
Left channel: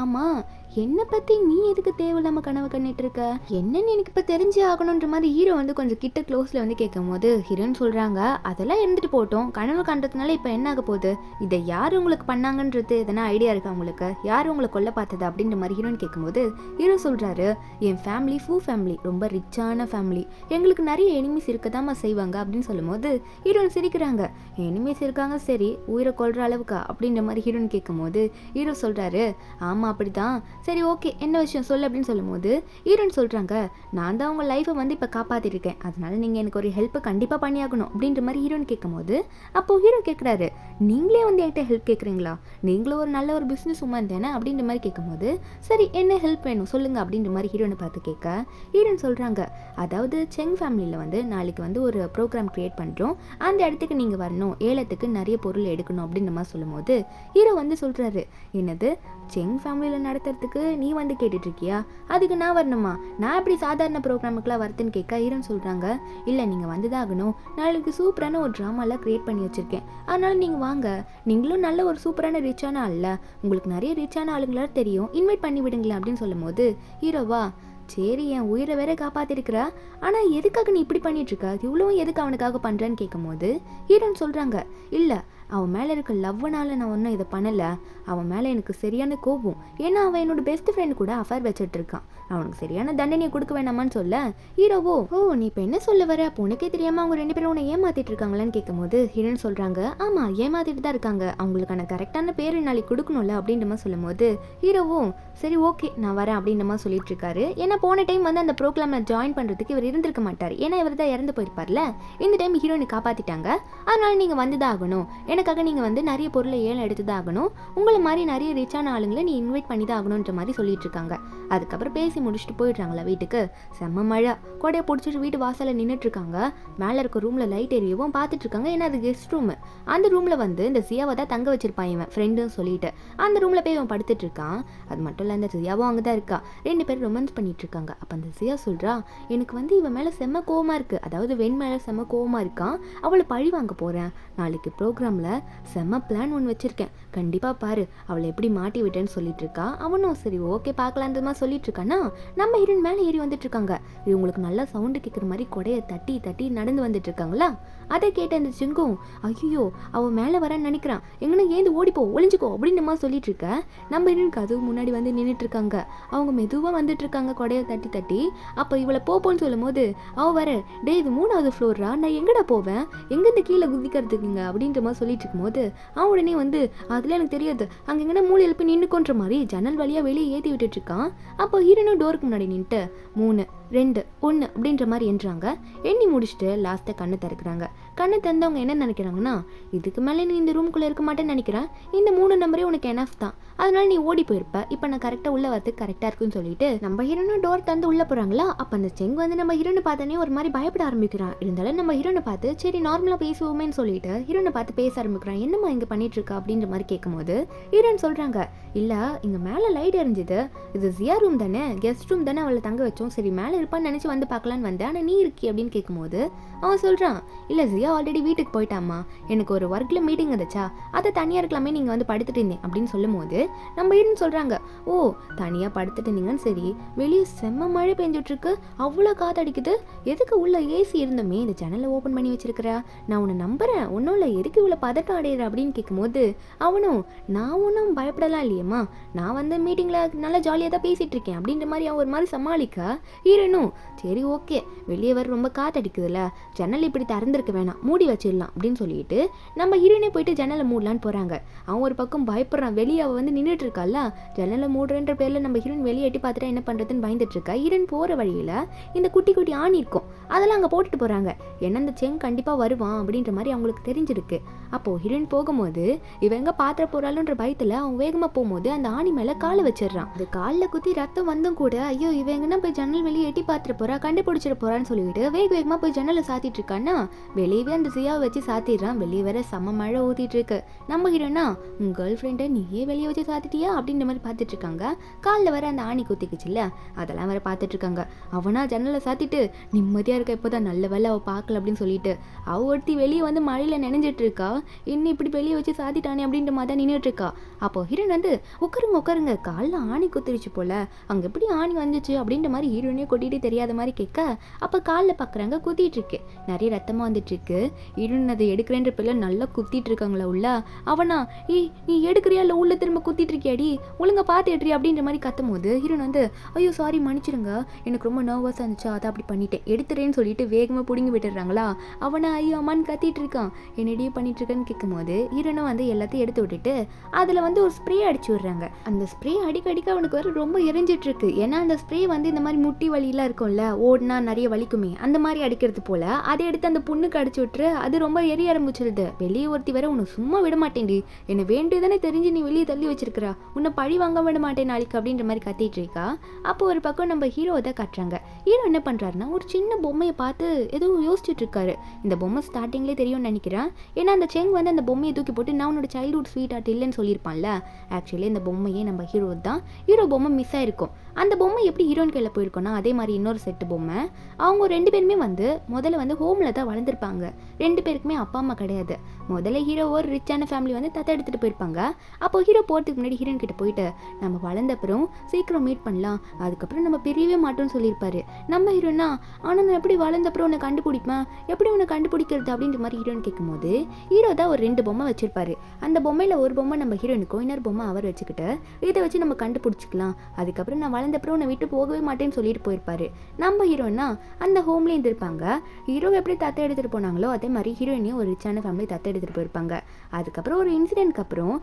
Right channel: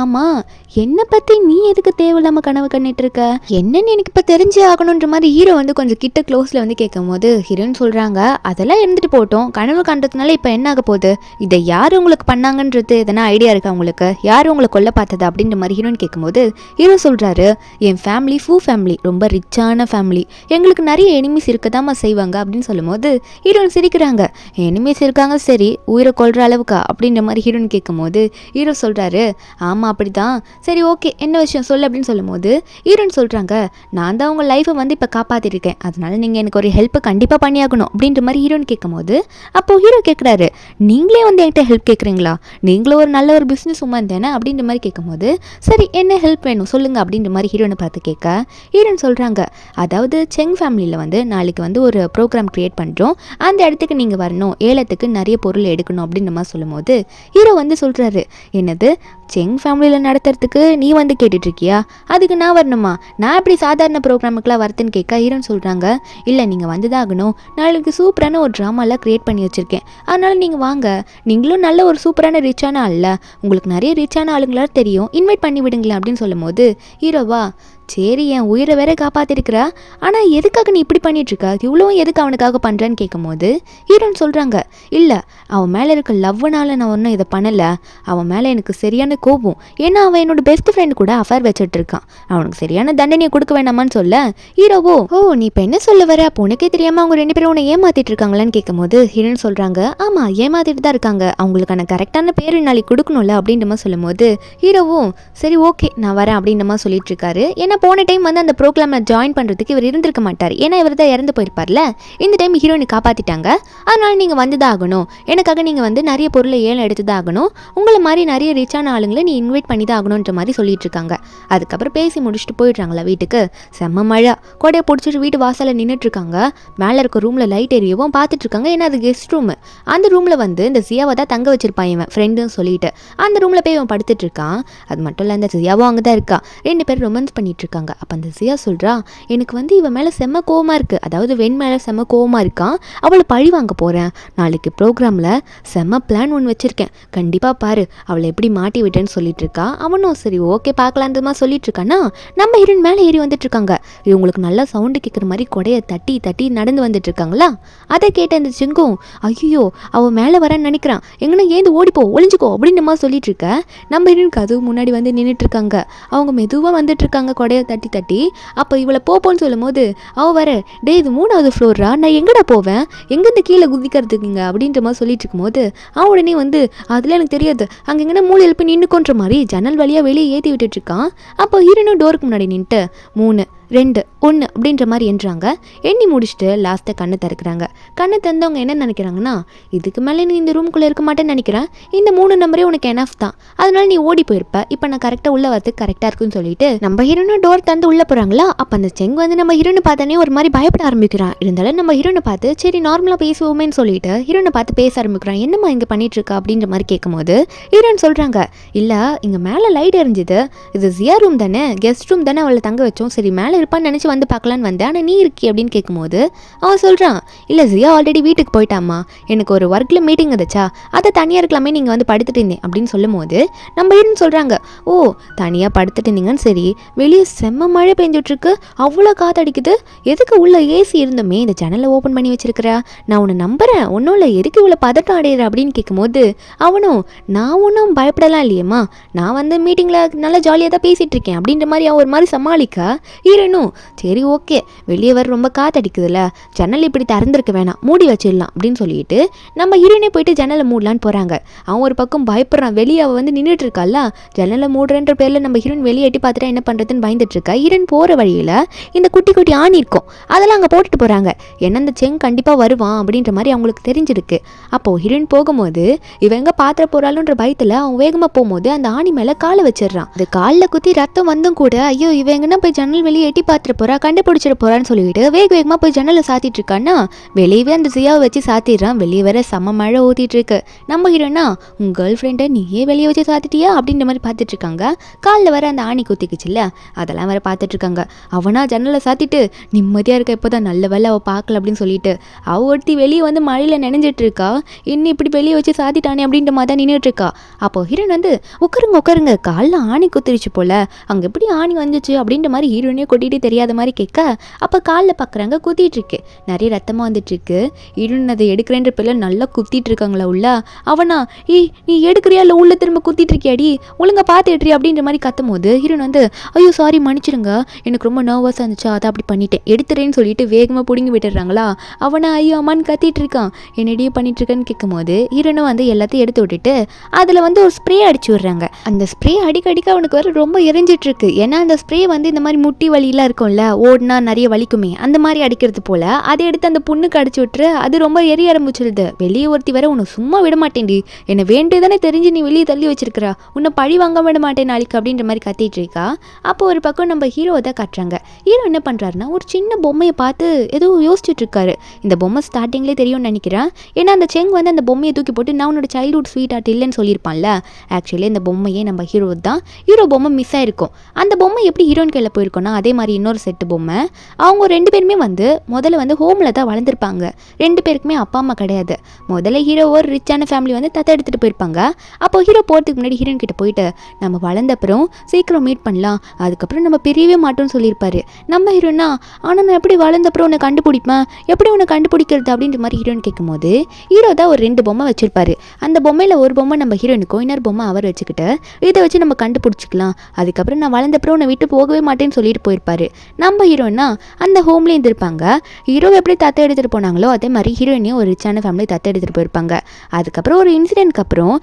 ஆமாம் என்னை பற்றி நீ எதுக்கு தேவையில்லாமல் கனவு கண்ணிட்டு இருக்க, என்னன்னு எனக்கு இப்போ தெரிஞ்சே ஆகணுன்ற மாதிரி ஹீரோ வந்து கொஞ்சம் கிட்ட க்ளோஸில் வந்து கேட்கும் போது ஹீரோயின் சொல்கிறாங்க, அதெல்லாம் இருந்துட்டு போட்டோம், கனவு கண்டதுனால இப்போ என்ன ஆக போகுது, இதை யார் உங்களுக்கு பண்ணாங்கன்றது எதனா ஐடியா இருக்கா உங்களுக்கு, யார் உங்களை கொல்ல பார்த்தது அப்படின்ற மாதிரி ஹீரோயின் கேட்கும்போது ஹீரோ சொல்கிறாரு, என் ஃபேமிலி ஃபேமிலி ரொம்ப ரிச்சான ஃபேமிலி, எங்களுக்கு நிறைய எனிமீஸ் இருக்கதாமா செய்வாங்க அப்படின்னு சொல்லும்போது ஹீரோயின் சிரிக்கிறாங்க, எனிமீஸ் இருக்காங்க சரி உயிரை கொல்ற அளவுக்கா அப்படின்ற மாதிரி ஹீரோயின் கேட்கும்போது ஹீரோ சொல்கிறாரு, ஆமாம் அப்படி தான், சரி ஓகே என்ன விஷயம் சொல்லு அப்படின்னு சொல்லும்போது ஹீரோயின் சொல்கிறாங்க, நான் தான் உங்கள் லைஃப்பை வந்து இப்போ காப்பாற்றிருக்கேன், அதனால நீங்கள் எனக்கு ஒரு ஹெல்ப் கண்டிப்பாக பண்ணியாகணும் அப்படின்ற மாதிரி ஹீரோயின் கேட்கும்போது அப்போது ஹீரோ கேட்குறாரு, நீங்களே வந்து என்கிட்ட ஹெல்ப் கேட்குறீங்களா, நீங்களும் ஒரு நல்ல ஒரு பிஸ்னஸ் உமன் தானே அப்படின்ற மாதிரி கேட்கும்போது சரி என்ன ஹெல்ப் வேணும் சொல்லுங்கள் அப்படின்ற மாதிரி ஹீரோனை பார்த்து கேட்க ஹீரோயின் சொல்கிறாங்க, அதாவது செங் ஃபேமிலியில் வந்து நாளைக்கு வந்து ஒரு ப்ரோக்ராம் க்ரியேட் பண்ணுறோம், அந்த இடத்துக்கு நீங்கள் வரணும், ஏலத்துக்கு நிறைய பொருள் எடுக்கணும் அப்படின்ற மாதிரி சொல்லும்போது ஹீரோ வந்து சொல்கிறாரு, என்னது செங் ஃபேமிலியில் நடத்துறதுக்கு நீ வந்து கேட்டுட்ருக்கியா, அதுக்கு நான் வரணுமா, நான் எப்படி சாதாரண ப்ரோக்ராமுக்கெலாம் வரதுன்னு கேட்க ஹீரோன்னு சொல்கிறாங்க, இல்லை நீங்கள் வந்து தான் ஆகணும், நாளைக்கு சூப்பரான ஒரு ட்ராமாலாம் க்ரியேட் பண்ணி வச்சுருக்கேன், அதனால் நீங்கள் வாங்க, நீங்களும் நல்ல ஒரு சூப்பரான ரிச்சான ஆள், உங்களுக்கு நிறைய ரிச்சான ஆளுங்களாம் தெரியும், இன்வைட் பண்ணி விடுங்களேன் அப்படின்னு சொல்லும்போது ஹீரோவா, சரி என் உயிரை வேற காப்பாற்றிருக்கிறா, ஆனால் எதுக்காக நீ இப்படி பண்ணிகிட்ருக்க, இவ்வளவும் எதுக்கு அவனுக்காக பண்ணுறேன்னு கேட்கும்போது ஹீரோன்னு சொல்கிறாங்க, இல்லை அவன் மேலே இருக்க லவ்னால நான் ஒன்றும் இதை பண்ணலை, அவன் மேலே எனக்கு சரியான கோபம், ஏன்னா அவன் என்னோட பெஸ்ட் ஃப்ரெண்டு கூட அஃபேர் வச்சுட்டு இருக்கான், அவனுக்கு சரியான தண்டனையை கொடுக்க வேண்டாமான்னு சொல்ல ஹீரோவோ, ஓ நீ இப்போ என்ன சொல்ல வர, அப்போ உனக்கே தெரியாமல் அவங்க 2 பேரும் உன்னை ஏமாற்றிட்டு இருக்காங்களான்னு கேட்கும்போது ஹீரோன்னு சொல்கிறாங்க, ஆமாம் ஏமாற்றிட்டு தான் இருக்காங்க, அவங்களுக்கான கரெக்டான பேர் நாளைக்கு கொடுக்கணும்ல அப்படின்ற மாதிரி சொல்லும்போது ஹீரோவும் சரி ஓகே நான் வரேன் அப்படின்ற மாதிரி சொல்லிட்டு இருக்காரு, ஏன்னா போன டைம் வந்து அந்த ப்ரோக்ராமில் ஜாயின் பண்ணுறதுக்கு இவர் இருந்திருக்க மாட்டார், ஏன்னா இவர் தான் இறந்து போயிருப்பார்ல, இந்த டைம் ஹீரோயினை காப்பாற்றிட்டாங்க, அதனால் நீங்கள் வந்து தான் ஆகணும், எனக்காக நீங்கள் வந்து நிறைய பொருளை ஏலம் எடுத்து தான் ஆகணும், உங்களை மாதிரி நிறைய ரிச்சான ஆளுங்களை நீ இன்வைட் பண்ணி தான் ஆகணுன்ற மாதிரி சொல்லிட்டு இருக்காங்க. அதுக்கப்புறம் பேசி முடிச்சுட்டு போயிடுறாங்களா வீட்டுக்கு, செம்ம மழை, கொடையை பிடிச்சிட்டு வீட்டு வாசலில் நின்றுட்டு இருக்காங்க, மேலே இருக்க ரூமில் லைட் எரியவும் பார்த்துட்டு இருக்காங்க, ஏன்னா அது கெஸ்ட் ரூமு, அந்த ரூமில் வந்து இந்த சியாவை தான் தங்க வச்சிருப்பான் இவன் ஃப்ரெண்டுன்னு சொல்லிட்டு, அந்த ரூமில் போய் இவன் படுத்துட்டு இருக்கான், அது மட்டும் இல்லை அந்த சியாவும் அங்கே தான் இருக்கா, 2 பேரும் ரொமான்ஸ் பண்ணிட்டு இருக்காங்க. அப்போ அந்த சியா சொல்கிறா, எனக்கு வந்து இவன் மேலே செம்ம கோவமாக இருக்குது, அதாவது வெண் மேலே செம்ம கோவமாக இருக்கான், அவளை பழி வாங்க போகிறேன், நாளைக்கு ப்ரோக்ராமில் செம்ம பிளான் ஒன்று வச்சுருக்கேன், கண்டிப்பாக பாரு, அவளை எப்படி மாட்டி விட்டேன்னு சொல்லிட்டு இருக்கா. அவனும் சரி ஓகே பார்க்கலான்றமா சொல்லிட்டு இருக்கானா, நம்ம ஹீரோயின் மேலே ஏறி வந்துட்டு இருக்காங்க, இவங்களுக்கு நல்லா சவுண்டு கேட்குற மாதிரி கொடையை தட்டி தட்டி நடந்து வந்துட்டு இருக்காங்களா, அதை கேட்ட அந்த சிங்கும், ஐயோ அவள் மேலே வரேன்னு நினைக்கிறான், எங்கன்னா ஏந்து ஓடிப்போ ஒளிஞ்சுக்கோ அப்படின்ற மாதிரி சொல்லிட்டு இருக்க, நம்ம ஹீரோயினுக்கு அதுவும் முன்னாடி வந்து நின்றுட்டு இருக்காங்க, அவங்க மெதுவாக வந்துட்டு இருக்காங்க கொடையை தட்டி தட்டி. அப்போ இவளை போப்போன்னு சொல்லும் போது அவள் வர, டே இது 3வது ஃப்ளோரா, நான் எங்கடா போவேன், எங்கேருந்து கீழே குதிக்கிறதுக்குங்க அப்படின்ற மாதிரி சொல்லிட்டு இருக்கும்போது அவன் உடனே வந்து அதில் எனக்கு தெரியாது, அங்கே எங்கன்னா மூளையில் போய் நின்றுக்கோன்ற மாதிரி ஜன்னல் வழியாக வெளியே ஏற்றி விட்டுட்டு இருக்கான். அப்போ ஹீரோனும் டோருக்கு முன்னாடி நின்றுட்டு 3 2 1 அப்படின்ற மாதிரி எண்ணுறாங்க, எண்ணி முடிச்சுட்டு லாஸ்ட்டாக கண்ணை திறக்கிறாங்க. கண்ணை திறந்தவங்க என்ன நினைக்கிறாங்கன்னா, இதுக்கு மேலே நீ இந்த ரூம்குள்ளே இருக்க மாட்டேன்னு நினைக்கிறேன், இந்த 3 நம்பரே உனக்கு எனஃப் தான், அதனால நீ ஓடி போயிருப்ப, இப்போ நான் கரெக்டாக உள்ளே வரதுக்கு கரெக்டாக இருக்குன்னு சொல்லிட்டு நம்ம ஹீரோனும் டோர் தந்து உள்ளே போகிறாங்களா. அப்போ அந்த செங் வந்து நம்ம ஹீரோனை பார்த்தானே ஒரு மாதிரி பயப்பட ஆரம்பிக்கிறான், இருந்தாலும் நம்ம ஹீரோனை பார்த்து சரி நார்மலாக பேசுவோமேன்னு சொல்லிட்டு ஹீரோனை பார்த்து பேச ஆரம்பிக்கிறான், என்னம்மா இங்கே பண்ணிட்டு இருக்கா அப்படின்ற மாதிரி கேட்கும்போது ஹீரோன்னு சொல்கிறாங்க, இல்லை இங்கே மேலே லைட் எரிஞ்சுது, இது ஜியா ரூம் தானே, கெஸ்ட் ரூம் தானே, அவளை தங்க வச்சோம், சரி மேலே இருப்பான்னு நினச்சி வந்து பார்க்கலான்னு வந்தேன், ஆனால் நீ இருக்கி அப்படின்னு கேட்கும்போது அவன் சொல்கிறான், இல்லை ஜியா ஆல்ரெடி வீட்டுக்கு போயிட்டாமா, எனக்கு ஒரு ஒர்க்கில் மீட்டிங் இருந்துச்சா, அதை தனியாக இருக்கலாமே, நீங்கள் வந்து படுத்துட்டு இருந்தேன் அப்படின்னு சொல்லும் போது நம்ம ஹீரோன்னு சொல்கிறாங்க, ஓ தனியாக படுத்துட்டு இருந்தீங்கன்னு சரி, வெளியே செம்ம மழை பெஞ்சிட்ருக்கு, அவ்வளோ காத்தடிக்குது, எதுக்கு உள்ள ஏசி இருந்தோமே இந்த ஜன்னலை ஓப்பன் பண்ணி வச்சிருக்கிறா, நான் உன்னை நம்புகிறேன், ஒன்றும் இல்லை, எதுக்கு இவ்வளோ பதட்டம் அடையிற அப்படின்னு கேட்கும்போது அவனும், நான் ஒன்றும் பயப்படலாம் இல்லையம்மா, நான் வந்து மீட்டிங்கில் நல்லா ஜாலியாக தான் பேசிகிட்டு இருக்கேன் அப்படின்ற மாதிரி அவன் ஒரு மாதிரி சமாளிக்க ஹீரோனும் சரி ஓகே வெளியே வர ரொம்ப காத்தடிக்குதுல்ல, ஜன்னல் இப்படி திறந்திருக்க வேணாம் மூடி வச்சிடலாம் அப்படின்னு சொல்லிட்டு நம்ம ஹீரோனே போயிட்டு ஜன்னலை மூடலான்னு போகிறாங்க. அவன் ஒரு பக்கம் பயப்படுறான், வெளியே அவள் வந்து நின்றுட்டு இருக்கால, ஜன்னலை மூடுறன்ற பேரில் நம்ம ஹீரோன் வெளியே எட்டி பார்த்துட்டா என்ன பண்ணுறதுன்னு பயந்துட்டு இருக்கா. ஹீரோன் போகிற வழியில் இந்த குட்டி குட்டி ஆணி இருக்கும், அதெல்லாம் அங்கே போட்டுட்டு போகிறாங்க, என்ன இந்த செங் கண்டிப்பாக வருவான் அப்படின்ற மாதிரி அவங்களுக்கு தெரிஞ்சிருக்கு. அப்போது ஹீரோன் போகும்போது இவங்க பாத்திர போகிறாளுன்ற பயத்தில் அவன் வேகமாக போகும்போது அந்த ஆணி மேலே காலை வச்சிடுறான், அது காலில் குத்தி ரத்தம் வந்தும் கூட ஐயோ இவங்கன்னா போய் ஜன்னல் வெளியே எட்டி எட்டி பார்த்துட்டு போறா, கண்டுபிடிச்சிட்டு போறான்னு சொல்லிட்டு வேக வேகமா போய் ஜன்னலை சாத்திட்டு இருக்கான்னா வெளியவே அந்த ஜியாவை வச்சு சாத்திடுறான். வெளியே வேற செம்ம மழை ஊத்திட்டு இருக்கு. நம்ம ஹீரோனா உங்க கேர்ள் ஃப்ரெண்டை நீயே வெளியே வச்சு சாத்திட்டியா அப்படின்ற மாதிரி பார்த்துட்டு இருக்காங்க. காலில் வர அந்த ஆணி குத்திக்குச்சுல்ல அதெல்லாம் வேற பார்த்துட்டு இருக்காங்க. அவனா ஜன்னலை சாத்திட்டு நிம்மதியா இருக்க, இப்போதான் நல்ல வேலை அவள் பார்க்கல அப்படின்னு சொல்லிட்டு அவ ஒருத்தி வெளியே வந்து மழையில நினைஞ்சிட்டு இருக்கா. இன்னும் இப்படி வெளியே வச்சு சாத்திட்டானே அப்படின்ற மாதிரி தான் நின்றுட்டு இருக்கா. அப்போ ஹீரோன் வந்து உட்காருங்க காலில் ஆணி குத்திருச்சு போல, அங்கே எப்படி ஆணி வந்துச்சு அப்படின்ற மாதிரி ஹீரோனே கொட்டிட்டு தெரியாத மாதிரி கேட்க, அப்போ காலில் பார்க்குறாங்க குத்திட்டு இருக்கு, நிறைய ரத்தமாக வந்துட்டு இருக்கு. ஹீரோன் அதை எடுக்கிறேன்ற பேர்ல நல்லா குத்திட்டு இருக்காங்களா உள்ள. அவனா நீ எடுக்கிறியா இல்லை உள்ள திரும்ப குத்திட்டு இருக்கியாடி, ஒழுங்கா பார்த்துட்ரி அப்படின்ற மாதிரி கத்தும் போது ஹீரோன் வந்து ஐயோ சாரி மன்னிச்சிடுங்க, எனக்கு ரொம்ப நர்வஸாக இருந்துச்சு அதை அப்படி பண்ணிட்டேன், எடுத்துறேன்னு சொல்லிட்டு வேகமாக பிடுங்கி விட்டுடுறாங்களா. அவனை ஐயோ அம்மான்னு கத்திட்டு இருக்கான். என்னடியே பண்ணிட்டு இருக்கேன்னு கேட்கும் போது ஹீரோனை வந்து எல்லாத்தையும் எடுத்து விட்டுட்டு அதில் வந்து ஒரு ஸ்ப்ரே அடிச்சு விடுறாங்க. அந்த ஸ்ப்ரே அடிக்கடிக்க அவனுக்கு வேற ரொம்ப எரிஞ்சிட்டு இருக்கு. ஏன்னா அந்த ஸ்ப்ரே வந்து இந்த மாதிரி முட்டி வலியெல்லாம் இருக்கும்ல, ஓடுனா நிறைய வலிக்குமே, அந்த மாதிரி அடிக்கிறது போல அதை எடுத்து அந்த புண்ணுக்கு அடிச்சு விட்டுரு. அது ரொம்ப எரிய ஆரம்பிச்சிருது. வெளியே ஒருத்தி வேற உன்னை சும்மா விட மாட்டேன்டி, என்னை வேண்டியதானே தெரிஞ்சு நீ வெளியே தள்ளி வச்சிருக்கிறா, உன்னை பழி வாங்க விட மாட்டேன் நாளைக்கு அப்படின்ற மாதிரி கத்திட்டு இருக்கா. அப்போ ஒரு பக்கம் நம்ம ஹீரோவை தான் காட்டுறாங்க. ஹீரோ என்ன பண்றாருன்னா ஒரு சின்ன பொம்மையை பார்த்து ஏதோ யோசிச்சுட்டு இருக்காரு. இந்த பொம்மை ஸ்டார்டிங்லேயே தெரியும்னு நினைக்கிறேன். ஏன்னா அந்த செங் வந்து அந்த பொம்மையை தூக்கி போட்டு நான் உன்னோட சைல்ட்ஹுட் ஸ்வீட் ஆர்ட் இல்லைன்னு சொல்லியிருப்பான்ல. ஆக்சுவலி இந்த பொம்மையே நம்ம ஹீரோ தான். ஹீரோ பொம்மை மிஸ் ஆயிருக்கும். அந்த பொம்மை எப்படி ஹீரோயின் கையில் போயிருக்கோன்னா அதே மாதிரி இன்னொரு செட்டு பொம்மை. அவங்க 2 பேருமே வந்து முதல்ல வந்து ஹோமில் தான் வளர்ந்துருப்பாங்க. 2 பேருக்குமே அப்பா அம்மா கிடையாது. முதல்ல ஹீரோ ஒரு ரிச்சான ஃபேமிலி வந்து தத்தை எடுத்துகிட்டு போயிருப்பாங்க. அப்போ ஹீரோ போகிறதுக்கு முன்னாடி ஹீரோயின் கிட்ட போயிட்டு நம்ம வளர்ந்த அப்புறம் சீக்கிரம் மீட் பண்ணலாம், அதுக்கப்புறம் நம்ம பிரியவே மாட்டோம்னு சொல்லியிருப்பாரு. நம்ம ஹீரோனா ஆனால் நான் எப்படி வளர்ந்த அப்புறம் உன்னை கண்டுபிடிப்பேன், எப்படி உன்னை கண்டுபிடிக்கிறது அப்படின்ற மாதிரி ஹீரோயின் கேட்கும்போது ஹீரோ தான் ஒரு 2 பொம்மை வச்சிருப்பாரு. அந்த பொம்மையில் ஒரு பொம்மை நம்ம ஹீரோனுக்கும் இன்னொரு பொம்மை அவர் வச்சுக்கிட்டு இதை வச்சு நம்ம கண்டுபிடிச்சிக்கலாம், அதுக்கப்புறம் நான் வளர்ந்த அப்புறம் உன்னை விட்டு போகவே மாட்டேன்னு சொல்லிட்டு போயிருப்பாரு. நம்ம ஹீரோனா அந்த ஹோம்லேயே இருந்திருப்பாங்க. ஹீரோ எப்படி தத்தை எடுத்துகிட்டு போனாங்களோ அதே மாதிரி ஹீரோயினையும் ஒரு ரிச்சான ஃபேமிலி தத்தை எடுத்துகிட்டு போயிருப்பாங்க. அதுக்கப்புறம் ஒரு இன்சிடென்ட்க்கு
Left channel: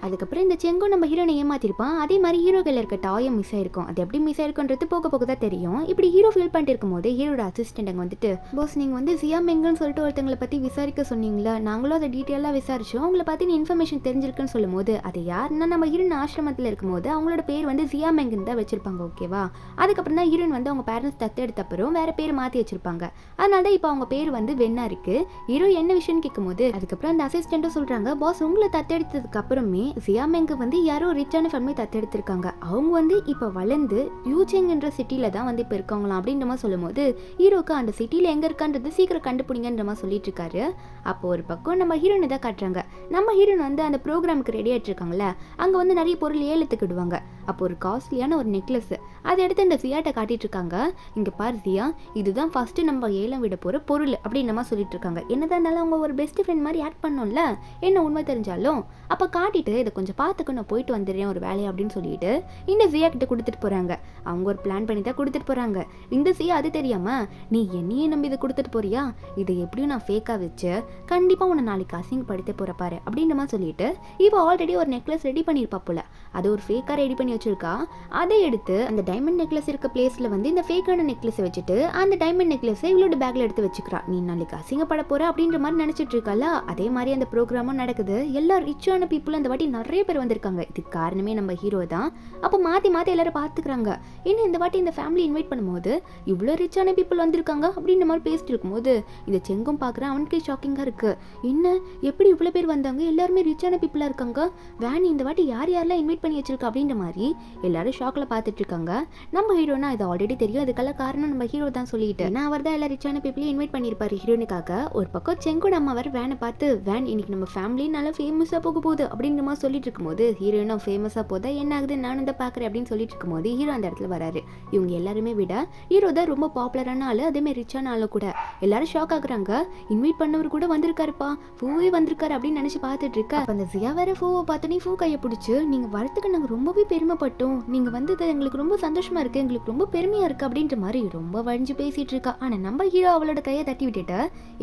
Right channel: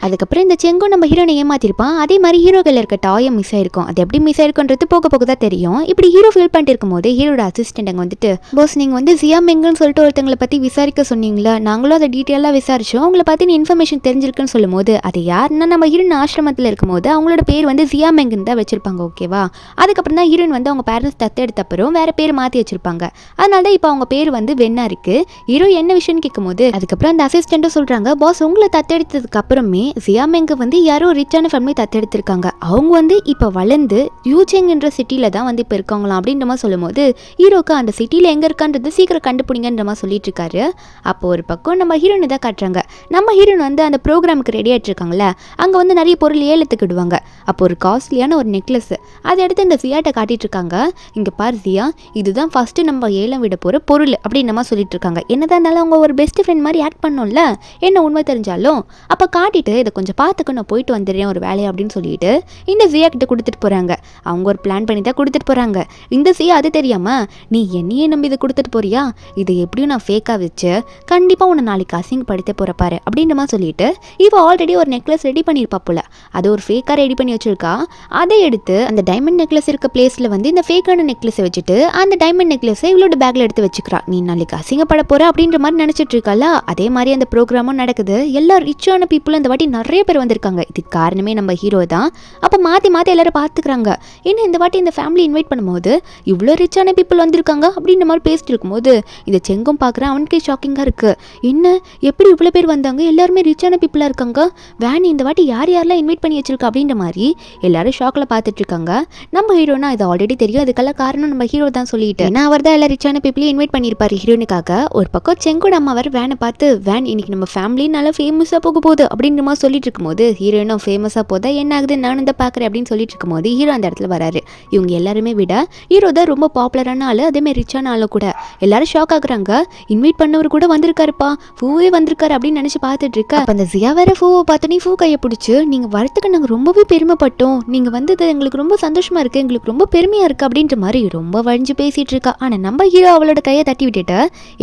அதுக்கப்புறம் இந்த செங்கும் நம்ம ஹீரோனை ஏமாத்திருப்பான். அதே மாதிரி ஹீரோ கையில் இருக்க டாயம் மிஸ் ஆயிருக்கும். அது எப்படி மிஸ் ஆயிருக்குன்றது போக போக தான் தெரியும். இப்படி ஹீரோ ஃபீல் பண்ணிட்டு இருக்கும் போது ஹீரோட அசிஸ்டன்ட் அங்கே வந்துட்டு பாஸ் நீங்கள் வந்து ஜியா மெங்குன்னு சொல்லிட்டு ஒருத்தங்களை பற்றி விசாரிக்க சொன்னீங்களா, நாங்களும் அதை டீட்டெயிலாக விசாரிச்சோம், உங்களை பற்றி இன்ஃபர்மேஷன் தெரிஞ்சிருக்குன்னு சொல்லும் போது அது யாருன்னா நம்ம ஹீரோயின் ஆசிரமத்தில் இருக்கும்போது அவங்களோட பேர் வந்து ஜியா மெங்குன்னு தான் வச்சிருப்பாங்க. ஓகேவா, அதுக்கப்புறம் தான் ஹீரோயின் வந்து அவங்க பேரண்ட்ஸ் தத்து எடுத்த அப்புறம் வேற பேர் மாற்றி வச்சிருப்பாங்க. அதனால தான் இப்போ அவங்க பேர் வந்து வெண்ணா இருக்கு. ஹீரோ என்ன விஷயம்னு கேட்கும்போது அதுக்கப்புறம் அந்த அசிஸ்டண்ட்டும் சொல்றாங்க பாஸ் உங்களை தத்தெடுத்ததுக்கு அப்புறமே ஜியா மெங்கு வந்து யாரோ ரிச்சான ஃபேமிலி தத்தெடுத்திருக்காங்க, அவங்க வந்து இப்போ வளர்ந்து யூச்செங்ன்ற சிட்டியில தான் வந்து இப்போ இருக்காங்களாம் அப்படின்ற மாதிரி சொல்லும் போது ஹீரோக்கு அந்த சிட்டியில் எங்கே இருக்கான்றது சீக்கிரம் கண்டுபிடிங்கன்ற மாதிரி சொல்லிட்டு இருக்காரு. அப்போ ஒரு பக்கம் நம்ம ஹீரோனை தான் காட்டுறாங்க. நம்ம ஹீரோன் வந்து அந்த ப்ரோக்ராமுக்கு ரெடி ஆகிட்டு இருக்காங்களே, அங்கே வந்து நிறைய பொருள் ஏலத்துக்கு விடுவாங்க. அப்போ ஒரு காஸ்ட்லியான ஒரு நெக்லஸ் அதை எடுத்து இந்த ஜியாட்ட காட்டிட்டு இருக்காங்க. இங்கே பாரு ஜியா, இதுதான் ஃபர்ஸ்ட் நம்ம ஏலம் விட போகிற பொருள் அப்படின்னு நம்ம சொல்லிட்டு இருக்காங்க. என்னதான் இருந்தாலும் அவங்க ஒரு பெஸ்ட் ஃப்ரெண்ட் மாதிரி ஆக்ட் பண்ணோம்ல, என்ன உண்மை தெரிஞ்சாலும் அப்போ காட்டிட்டு இதை கொஞ்சம் பார்த்துக்க நான் போயிட்டு வந்துடுறேன் ஒரு வேலையை அப்படின்னு சொல்லிட்டு இந்த ஜியா கிட்ட கொடுத்துட்டு போகிறாங்க. அவங்க ஒரு பிளான் பண்ணி தான் கொடுத்துட்டு போகிறாங்க. இந்த ஜியா அது தெரியாமல் நீ என்னையே நம்பி இதை கொடுத்துட்டு போறியா, இதை எப்படியும் நான் ஃபேக்காக வச்சு கண்டிப்பாக உன்னை நாளைக்கு அசிங்கப்படுத்த போகிற பாரு அப்படின்ற மாதிரி சொல்லிட்டு இவ ஆல்ரெடி ஒரு நெக்லஸ் ரெடி பண்ணியிருப்பா போல, அது ஒரு ஃபேக்காக ரெடி பண்ணி வச்சிருக்கா. அதை எடுத்து அந்த டைமண்ட் நெக்லஸ் இருக்க பிளேஸில் வந்து இந்த ஃபேக்கான நெக்லஸை வச்சுட்டு அந்த டைமண்ட் நெக்லஸை இவளோட பேக்கில் எடுத்து வச்சுக்கிறா. நீ நாளைக்கு அசிங்கப்பட போகிற அப்படின்ற மாதிரி நினச்சிட்டு இருக்கால. அதே மாதிரி அந்த ப்ரோக்ராமும் நடக்குது. எல்லா ரிச்சான பீப்புளும் இந்த வாட்டி நிறைய பேர் வந்திருக்காங்க. இதுக்கு காரணமே நம்ம ஹீரோ தான். அப்போ மாற்றி மாற்றி எல்லாரும் பார்த்துக்கிறாங்க. ஏன்னா இந்த வாட்டி இந்த ஃபேமிலி இன்வைட் பண்ணும்போது இவ்வளோ ரிச்சான பீப்புள் வந்திருக்காங்க அப்படின்ற மாதிரி பேசிட்டு இருக்கும்போது இந்த செங்கும் பார்க்குறேன். அவனுக்கே ஷாக்கிங்காக இருக்குது. என்ன எப்படி இவ்வளோ பேர் வந்தாங்க, எல்லாருமே ரிச்சான பீப்புளாக இருக்காங்க, வேன் இந்த வாட்டி யார் யாரெல்லாம் இன்வைட் பண்ணி வச்சிருக்கா அப்படின்ற மாதிரி எல்லாரும் ஷாக்கில் பார்த்துட்டு இருக்காங்க. நம்ம ஹீரோனா இது ஆல்ரெடி தெரியும், அதுக்கெல்லாம் காரணம் நம்ம ஹீரோ தான் சொல்லிட்டு ஏன்னா அவர் தான் எல்லா ரிச்சான பீப்புளையும் இன்வைட் பண்ணியிருப்பாரு ஹீரோனுக்காக. ஒரு பக்கம் செங்கோட அம்மா வர வேனை பார்த்து வேன் இன்னைக்கு நம்ம ஃபேமிலி நல்லா ஃபேமஸாக போக போகுது அப்படின்ற மாதிரி சொல்லிட்டு இருக்கும்போது ஹீரோனும் ஃபேமஸாக போதா என்ன ஆகுது நானும் தான் பார்க்குறேன் அப்படின்னு சொல்லிட்டு இருக்கும்போது ஹீரோ அந்த இடத்துல வராரு. இவங்க எல்லாருமே விட ஹீரோ தான் ரொம்ப பாப்புலரான ஆள், அதேமாதிரி ரிச்சான ஆளு கூட. எல்லாரும் ஷாக் ஆகுறாங்க. இன்வைட் பண்ணவர் கூட வந்திருக்காருப்பா, ஃபூவே வந்திருக்காரு அப்படின்னு நினச்சி பார்த்துட்டு இருக்க. அப்போ அந்த ஜியா வேற ஃபூவை பார்த்தோன்னே ஃபூ கையை பிடிச்சி நீங்கள் வரத்துக்கு நாங்கள் ரொம்பவே பெருமைப்பட்டோம், நீங்கள் வந்தது எங்களுக்கு ரொம்ப சந்தோஷமா இருக்குது, எங்களுக்கு ரொம்ப பெருமையாக இருக்குது அப்படின்ற மாதிரி ரொம்ப வழிஞ்சு பேசிகிட்டு இருக்கா. ஆனால் நம்ம ஹீரோ அவளோட கையை தட்டி விட்டுட்டு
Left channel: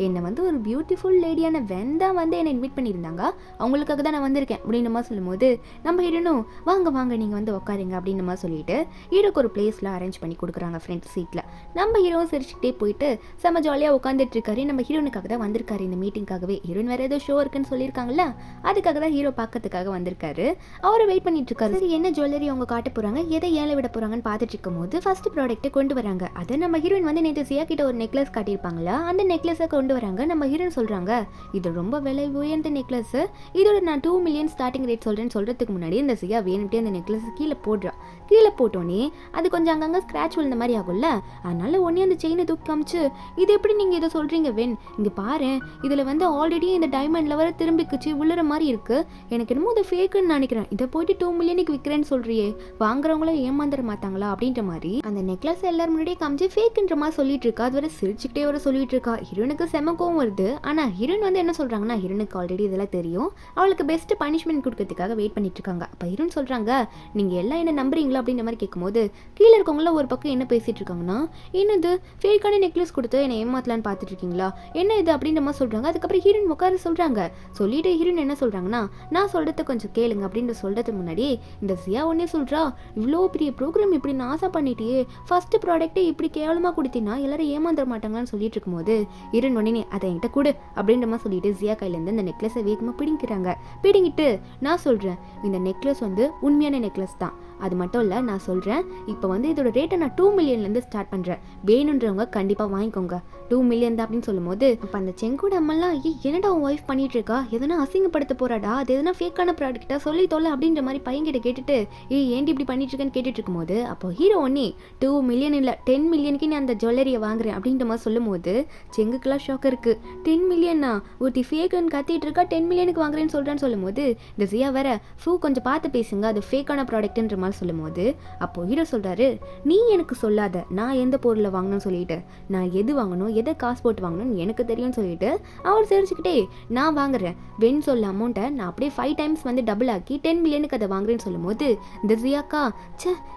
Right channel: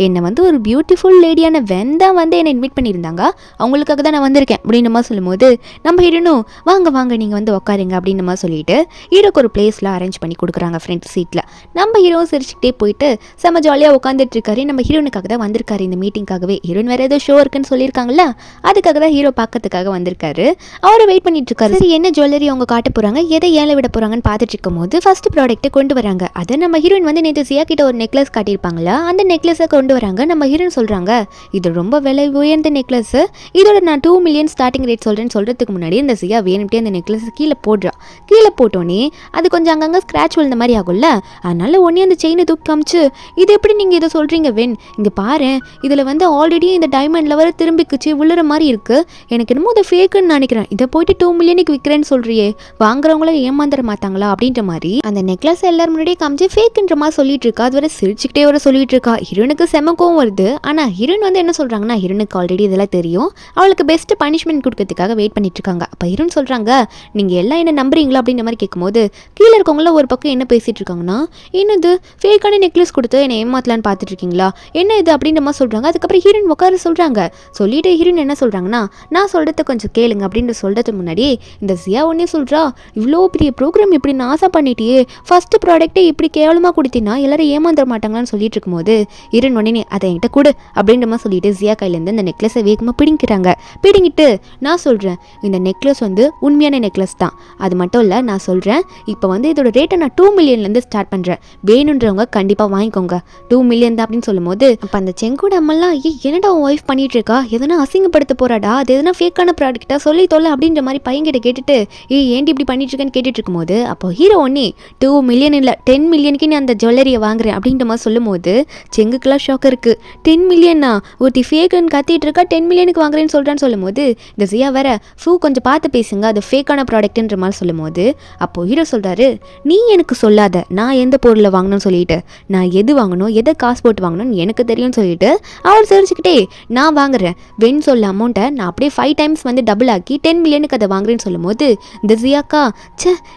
என்னை வந்து ஒரு பியூட்டிஃபுல் லேடியான வென் தான் வந்து என்னை இன்வைட் பண்ணியிருந்தாங்க, அவங்களுக்காக தான் நான் வந்திருக்கேன் அப்படின்னு மாதிரி சொல்லும்போது நம்ம ஹீரோனும் வாங்க வாங்க நீங்கள் வந்து உட்காருங்க அப்படின்னு மாதிரி சொல்லிட்டு ஹீரோக்கு ஒரு பிளேஸில் அரேஞ்ச் பண்ணி கொடுக்குறாங்க ஃப்ரண்ட் சீட்டில். நம்ம ஹீரோவும் சிரிச்சுக்கிட்டே போயிட்டு செம்ம ஜாலியாக உட்காந்துட்டு இருக்காரு. நம்ம ஹீரோனுக்காக தான் வந்திருக்காரு இந்த மீட்டிங்காகவே. ஹீரோயின் வேறு ஏதோ ஷோ இருக்குன்னு சொல்லியிருக்காங்கல்ல, அதுக்காக தான் ஹீரோ பார்க்கறதுக்காக வந்திருக்காரு. அவரை வெயிட் பண்ணிட்டு இருக்காரு. சரி என்ன ஜுவல்லரி அவங்க காட்ட போகிறாங்க, எதை ஏல விட போகிறாங்கன்னு பார்த்துட்டு இருக்கும் போது ஃபர்ஸ்ட் ப்ராடக்ட்டை கொண்டு வராங்க. அதை நம்ம ஹீரோயின் வந்து நேற்று சியா கிட்ட ஒரு நெக்லஸ் காட்டியிருப்பாங்களா, அந்த நெக்லஸை கொண்டு வராங்க. நம்ம ஹீரோயின் சொல்றாங்க இது ரொம்ப விலை உயர்ந்த நெக்லஸ், இதோட நான் 2 மில்லியன் ஸ்டார்டிங் ரேட் சொல்றதுக்கு முன்னாடி இந்த சியா வேணும்ட்டே அந்த நெக்லஸ் கீழே போடுறா. கீழே போட்டோன்னே அது கொஞ்சம் அங்கங்கே ஸ்க்ராட்ச் விழுந்த மாதிரி ஆகும்ல, அதனால ஒன்னே அந்த செயினை தூக்கி காமிச்சு இது எப்படி நீங்கள் இதை சொல்கிறீங்க வென், இங்கே பாரு இதில் வந்து ஆல்ரெடி இந்த டைமண்டில் வர திரும்பிக்குச்சு விழுற மாதிரி இருக்குது, எனக்கு என்னமோ அதை ஃபேக்குன்னு நினைக்கிறேன், இதை போயிட்டு 2 மில்லியனுக்கு விற்கிறேன்னு சொல்கிறியே, வாங்குறவங்கள ஏமாந்துட மாட்டாங்களா அப்படின்ற மாதிரி அந்த நெக்லஸ் எல்லாரும் முன்னாடியே காமிச்சு ஃபேக்குன்ற மாதிரி சொல்லிட்டு இருக்கா. அது வரை சிரிச்சுக்கிட்டே வர சொல்லிட்டு இருக்கா. ஹீரோனுக்கு செமக்கும் வருது. ஆனால் ஹீரோன் வந்து என்ன சொல்கிறாங்கன்னா, ஹீரோனுக்கு ஆல்ரெடி இதெல்லாம் தெரியும், அவளுக்கு பெஸ்ட் பனிஷ்மெண்ட் கொடுக்கறதுக்காக வெயிட் பண்ணிட்டு இருக்காங்க. அப்போ ஹீரோன் சொல்கிறாங்க நீங்கள் எல்லாம் என்ன நம்புறீங்களா அப்படின்ற மாதிரி கேட்கும்போது கீழே இருக்கவங்கள ஒரு பக்கம் என்ன பேசிட்டு இருக்காங்கன்னா, என்னது ஃபேக்கான நெக்லஸ் கொடுத்து என்னை ஏமாத்தலான்னு பார்த்துட்டு இருக்கீங்களா, என்ன இது அப்படின்ற மாதிரி சொல்கிறாங்க. அதுக்கப்புறம் ஹீரோயின் உட்கார சொல்கிறாங்க. சொல்லிட்டு ஹீரோயின் என்ன சொல்கிறாங்கன்னா, நான் சொல்கிறத கொஞ்சம் கேளுங்க அப்படின்ற சொல்கிறதுக்கு முன்னாடி இந்த சியா ஒன்னே சொல்கிறா, இவ்வளோ பெரிய ப்ரோக்ராம் இப்படி நாசம் பண்ணிட்டியே, ஃபர்ஸ்ட் ப்ராடக்ட்டே இப்படி கேவலமாக கொடுத்தினா எல்லாரும் ஏமாந்துட மாட்டாங்களான்னு சொல்லிட்டு இருக்கும்போது ஹீரோயின் உடனே அதை என்கிட்ட கொடு அப்படின்ற மாதிரி சொல்லிட்டு சியா கையிலேருந்து இந்த நெக்லஸை வேகமாக பிடிங்கிறாங்க. பிடிங்கிட்டு நான் சொல்கிறேன் இந்த நெக்லஸ் வந்து உண்மையான நெக்லஸ் தான், அது மட்டும் இல்லை நான் சொல்கிறேன் இப்போ வந்து இதோட ரேட்டை நான் 2 மில்லியன்லேருந்து ஸ்டார்ட் பண்ணுறேன், வேணுன்றவங்க கண்டிப்பாக வாங்கிக்கோங்க, 2 மில்லியன் தான் அப்படின்னு சொல்லும்போது அப்போ அந்த செங்கோட அம்மெல்லாம் என்னடா உன் ஒய்ஃப் பண்ணிட்டு இருக்கா, எதனா அசிங்கப்படுத்த போறாடா, அது எதனா ஃபேக்கான ப்ராடக்ட்டா சொல்லி தொல்லை அப்படின்ற மாதிரி பையன்கிட்ட கேட்டுட்டு ஏன்டி இப்படி பண்ணிட்டு இருக்கேன்னு கேட்டுட்டு இருக்கும்போது அப்போ ஹீரோ ஒன்னே 2 மில்லியன் இல்லை 10 மில்லியனுக்கு நீ அந்த ஜுவல்லரியை வாங்குறேன் அப்படின்ற மாதிரி சொல்லும்போது செங்குக்கெல்லாம் ஷாக் இருக்கு. 10 மில்லியனா ஒருத்தி ஃபேக்குன்னு கத்திட்டு இருக்கா, 10 மில்லியனுக்கு வாங்குறேன்னு சொல்கிறான்னு சொல்லும்போது இந்த சியா வேற கொஞ்சம் பார்த்து பேசுங்க அது ஃபேக்கான ப்ராடக்ட்ன்ற மாதிரி சொல்லும்போது அப்போ ஹீரோ சொல்கிறாரு, நீ எனக்கு சொல்லாத நான் எந்த பொருளை வாங்கணும்னு சொல்லிட்டு, நான் எது வாங்கணும் எதை காசு போட்டு வாங்கணும்னு எனக்கு தெரியும்னு சொல்லிட்டு அவர் சிரிச்சுக்கிட்டே நான் வாங்குறேன் வென் சொல்ல அமௌண்ட்டை நான் அப்படியே 5 டைம்ஸ் வந்து டபுள் ஆக்கி 10 மில்லியனுக்கு அதை வாங்குறேன்னு சொல்லும்போது இந்த சியாக்கா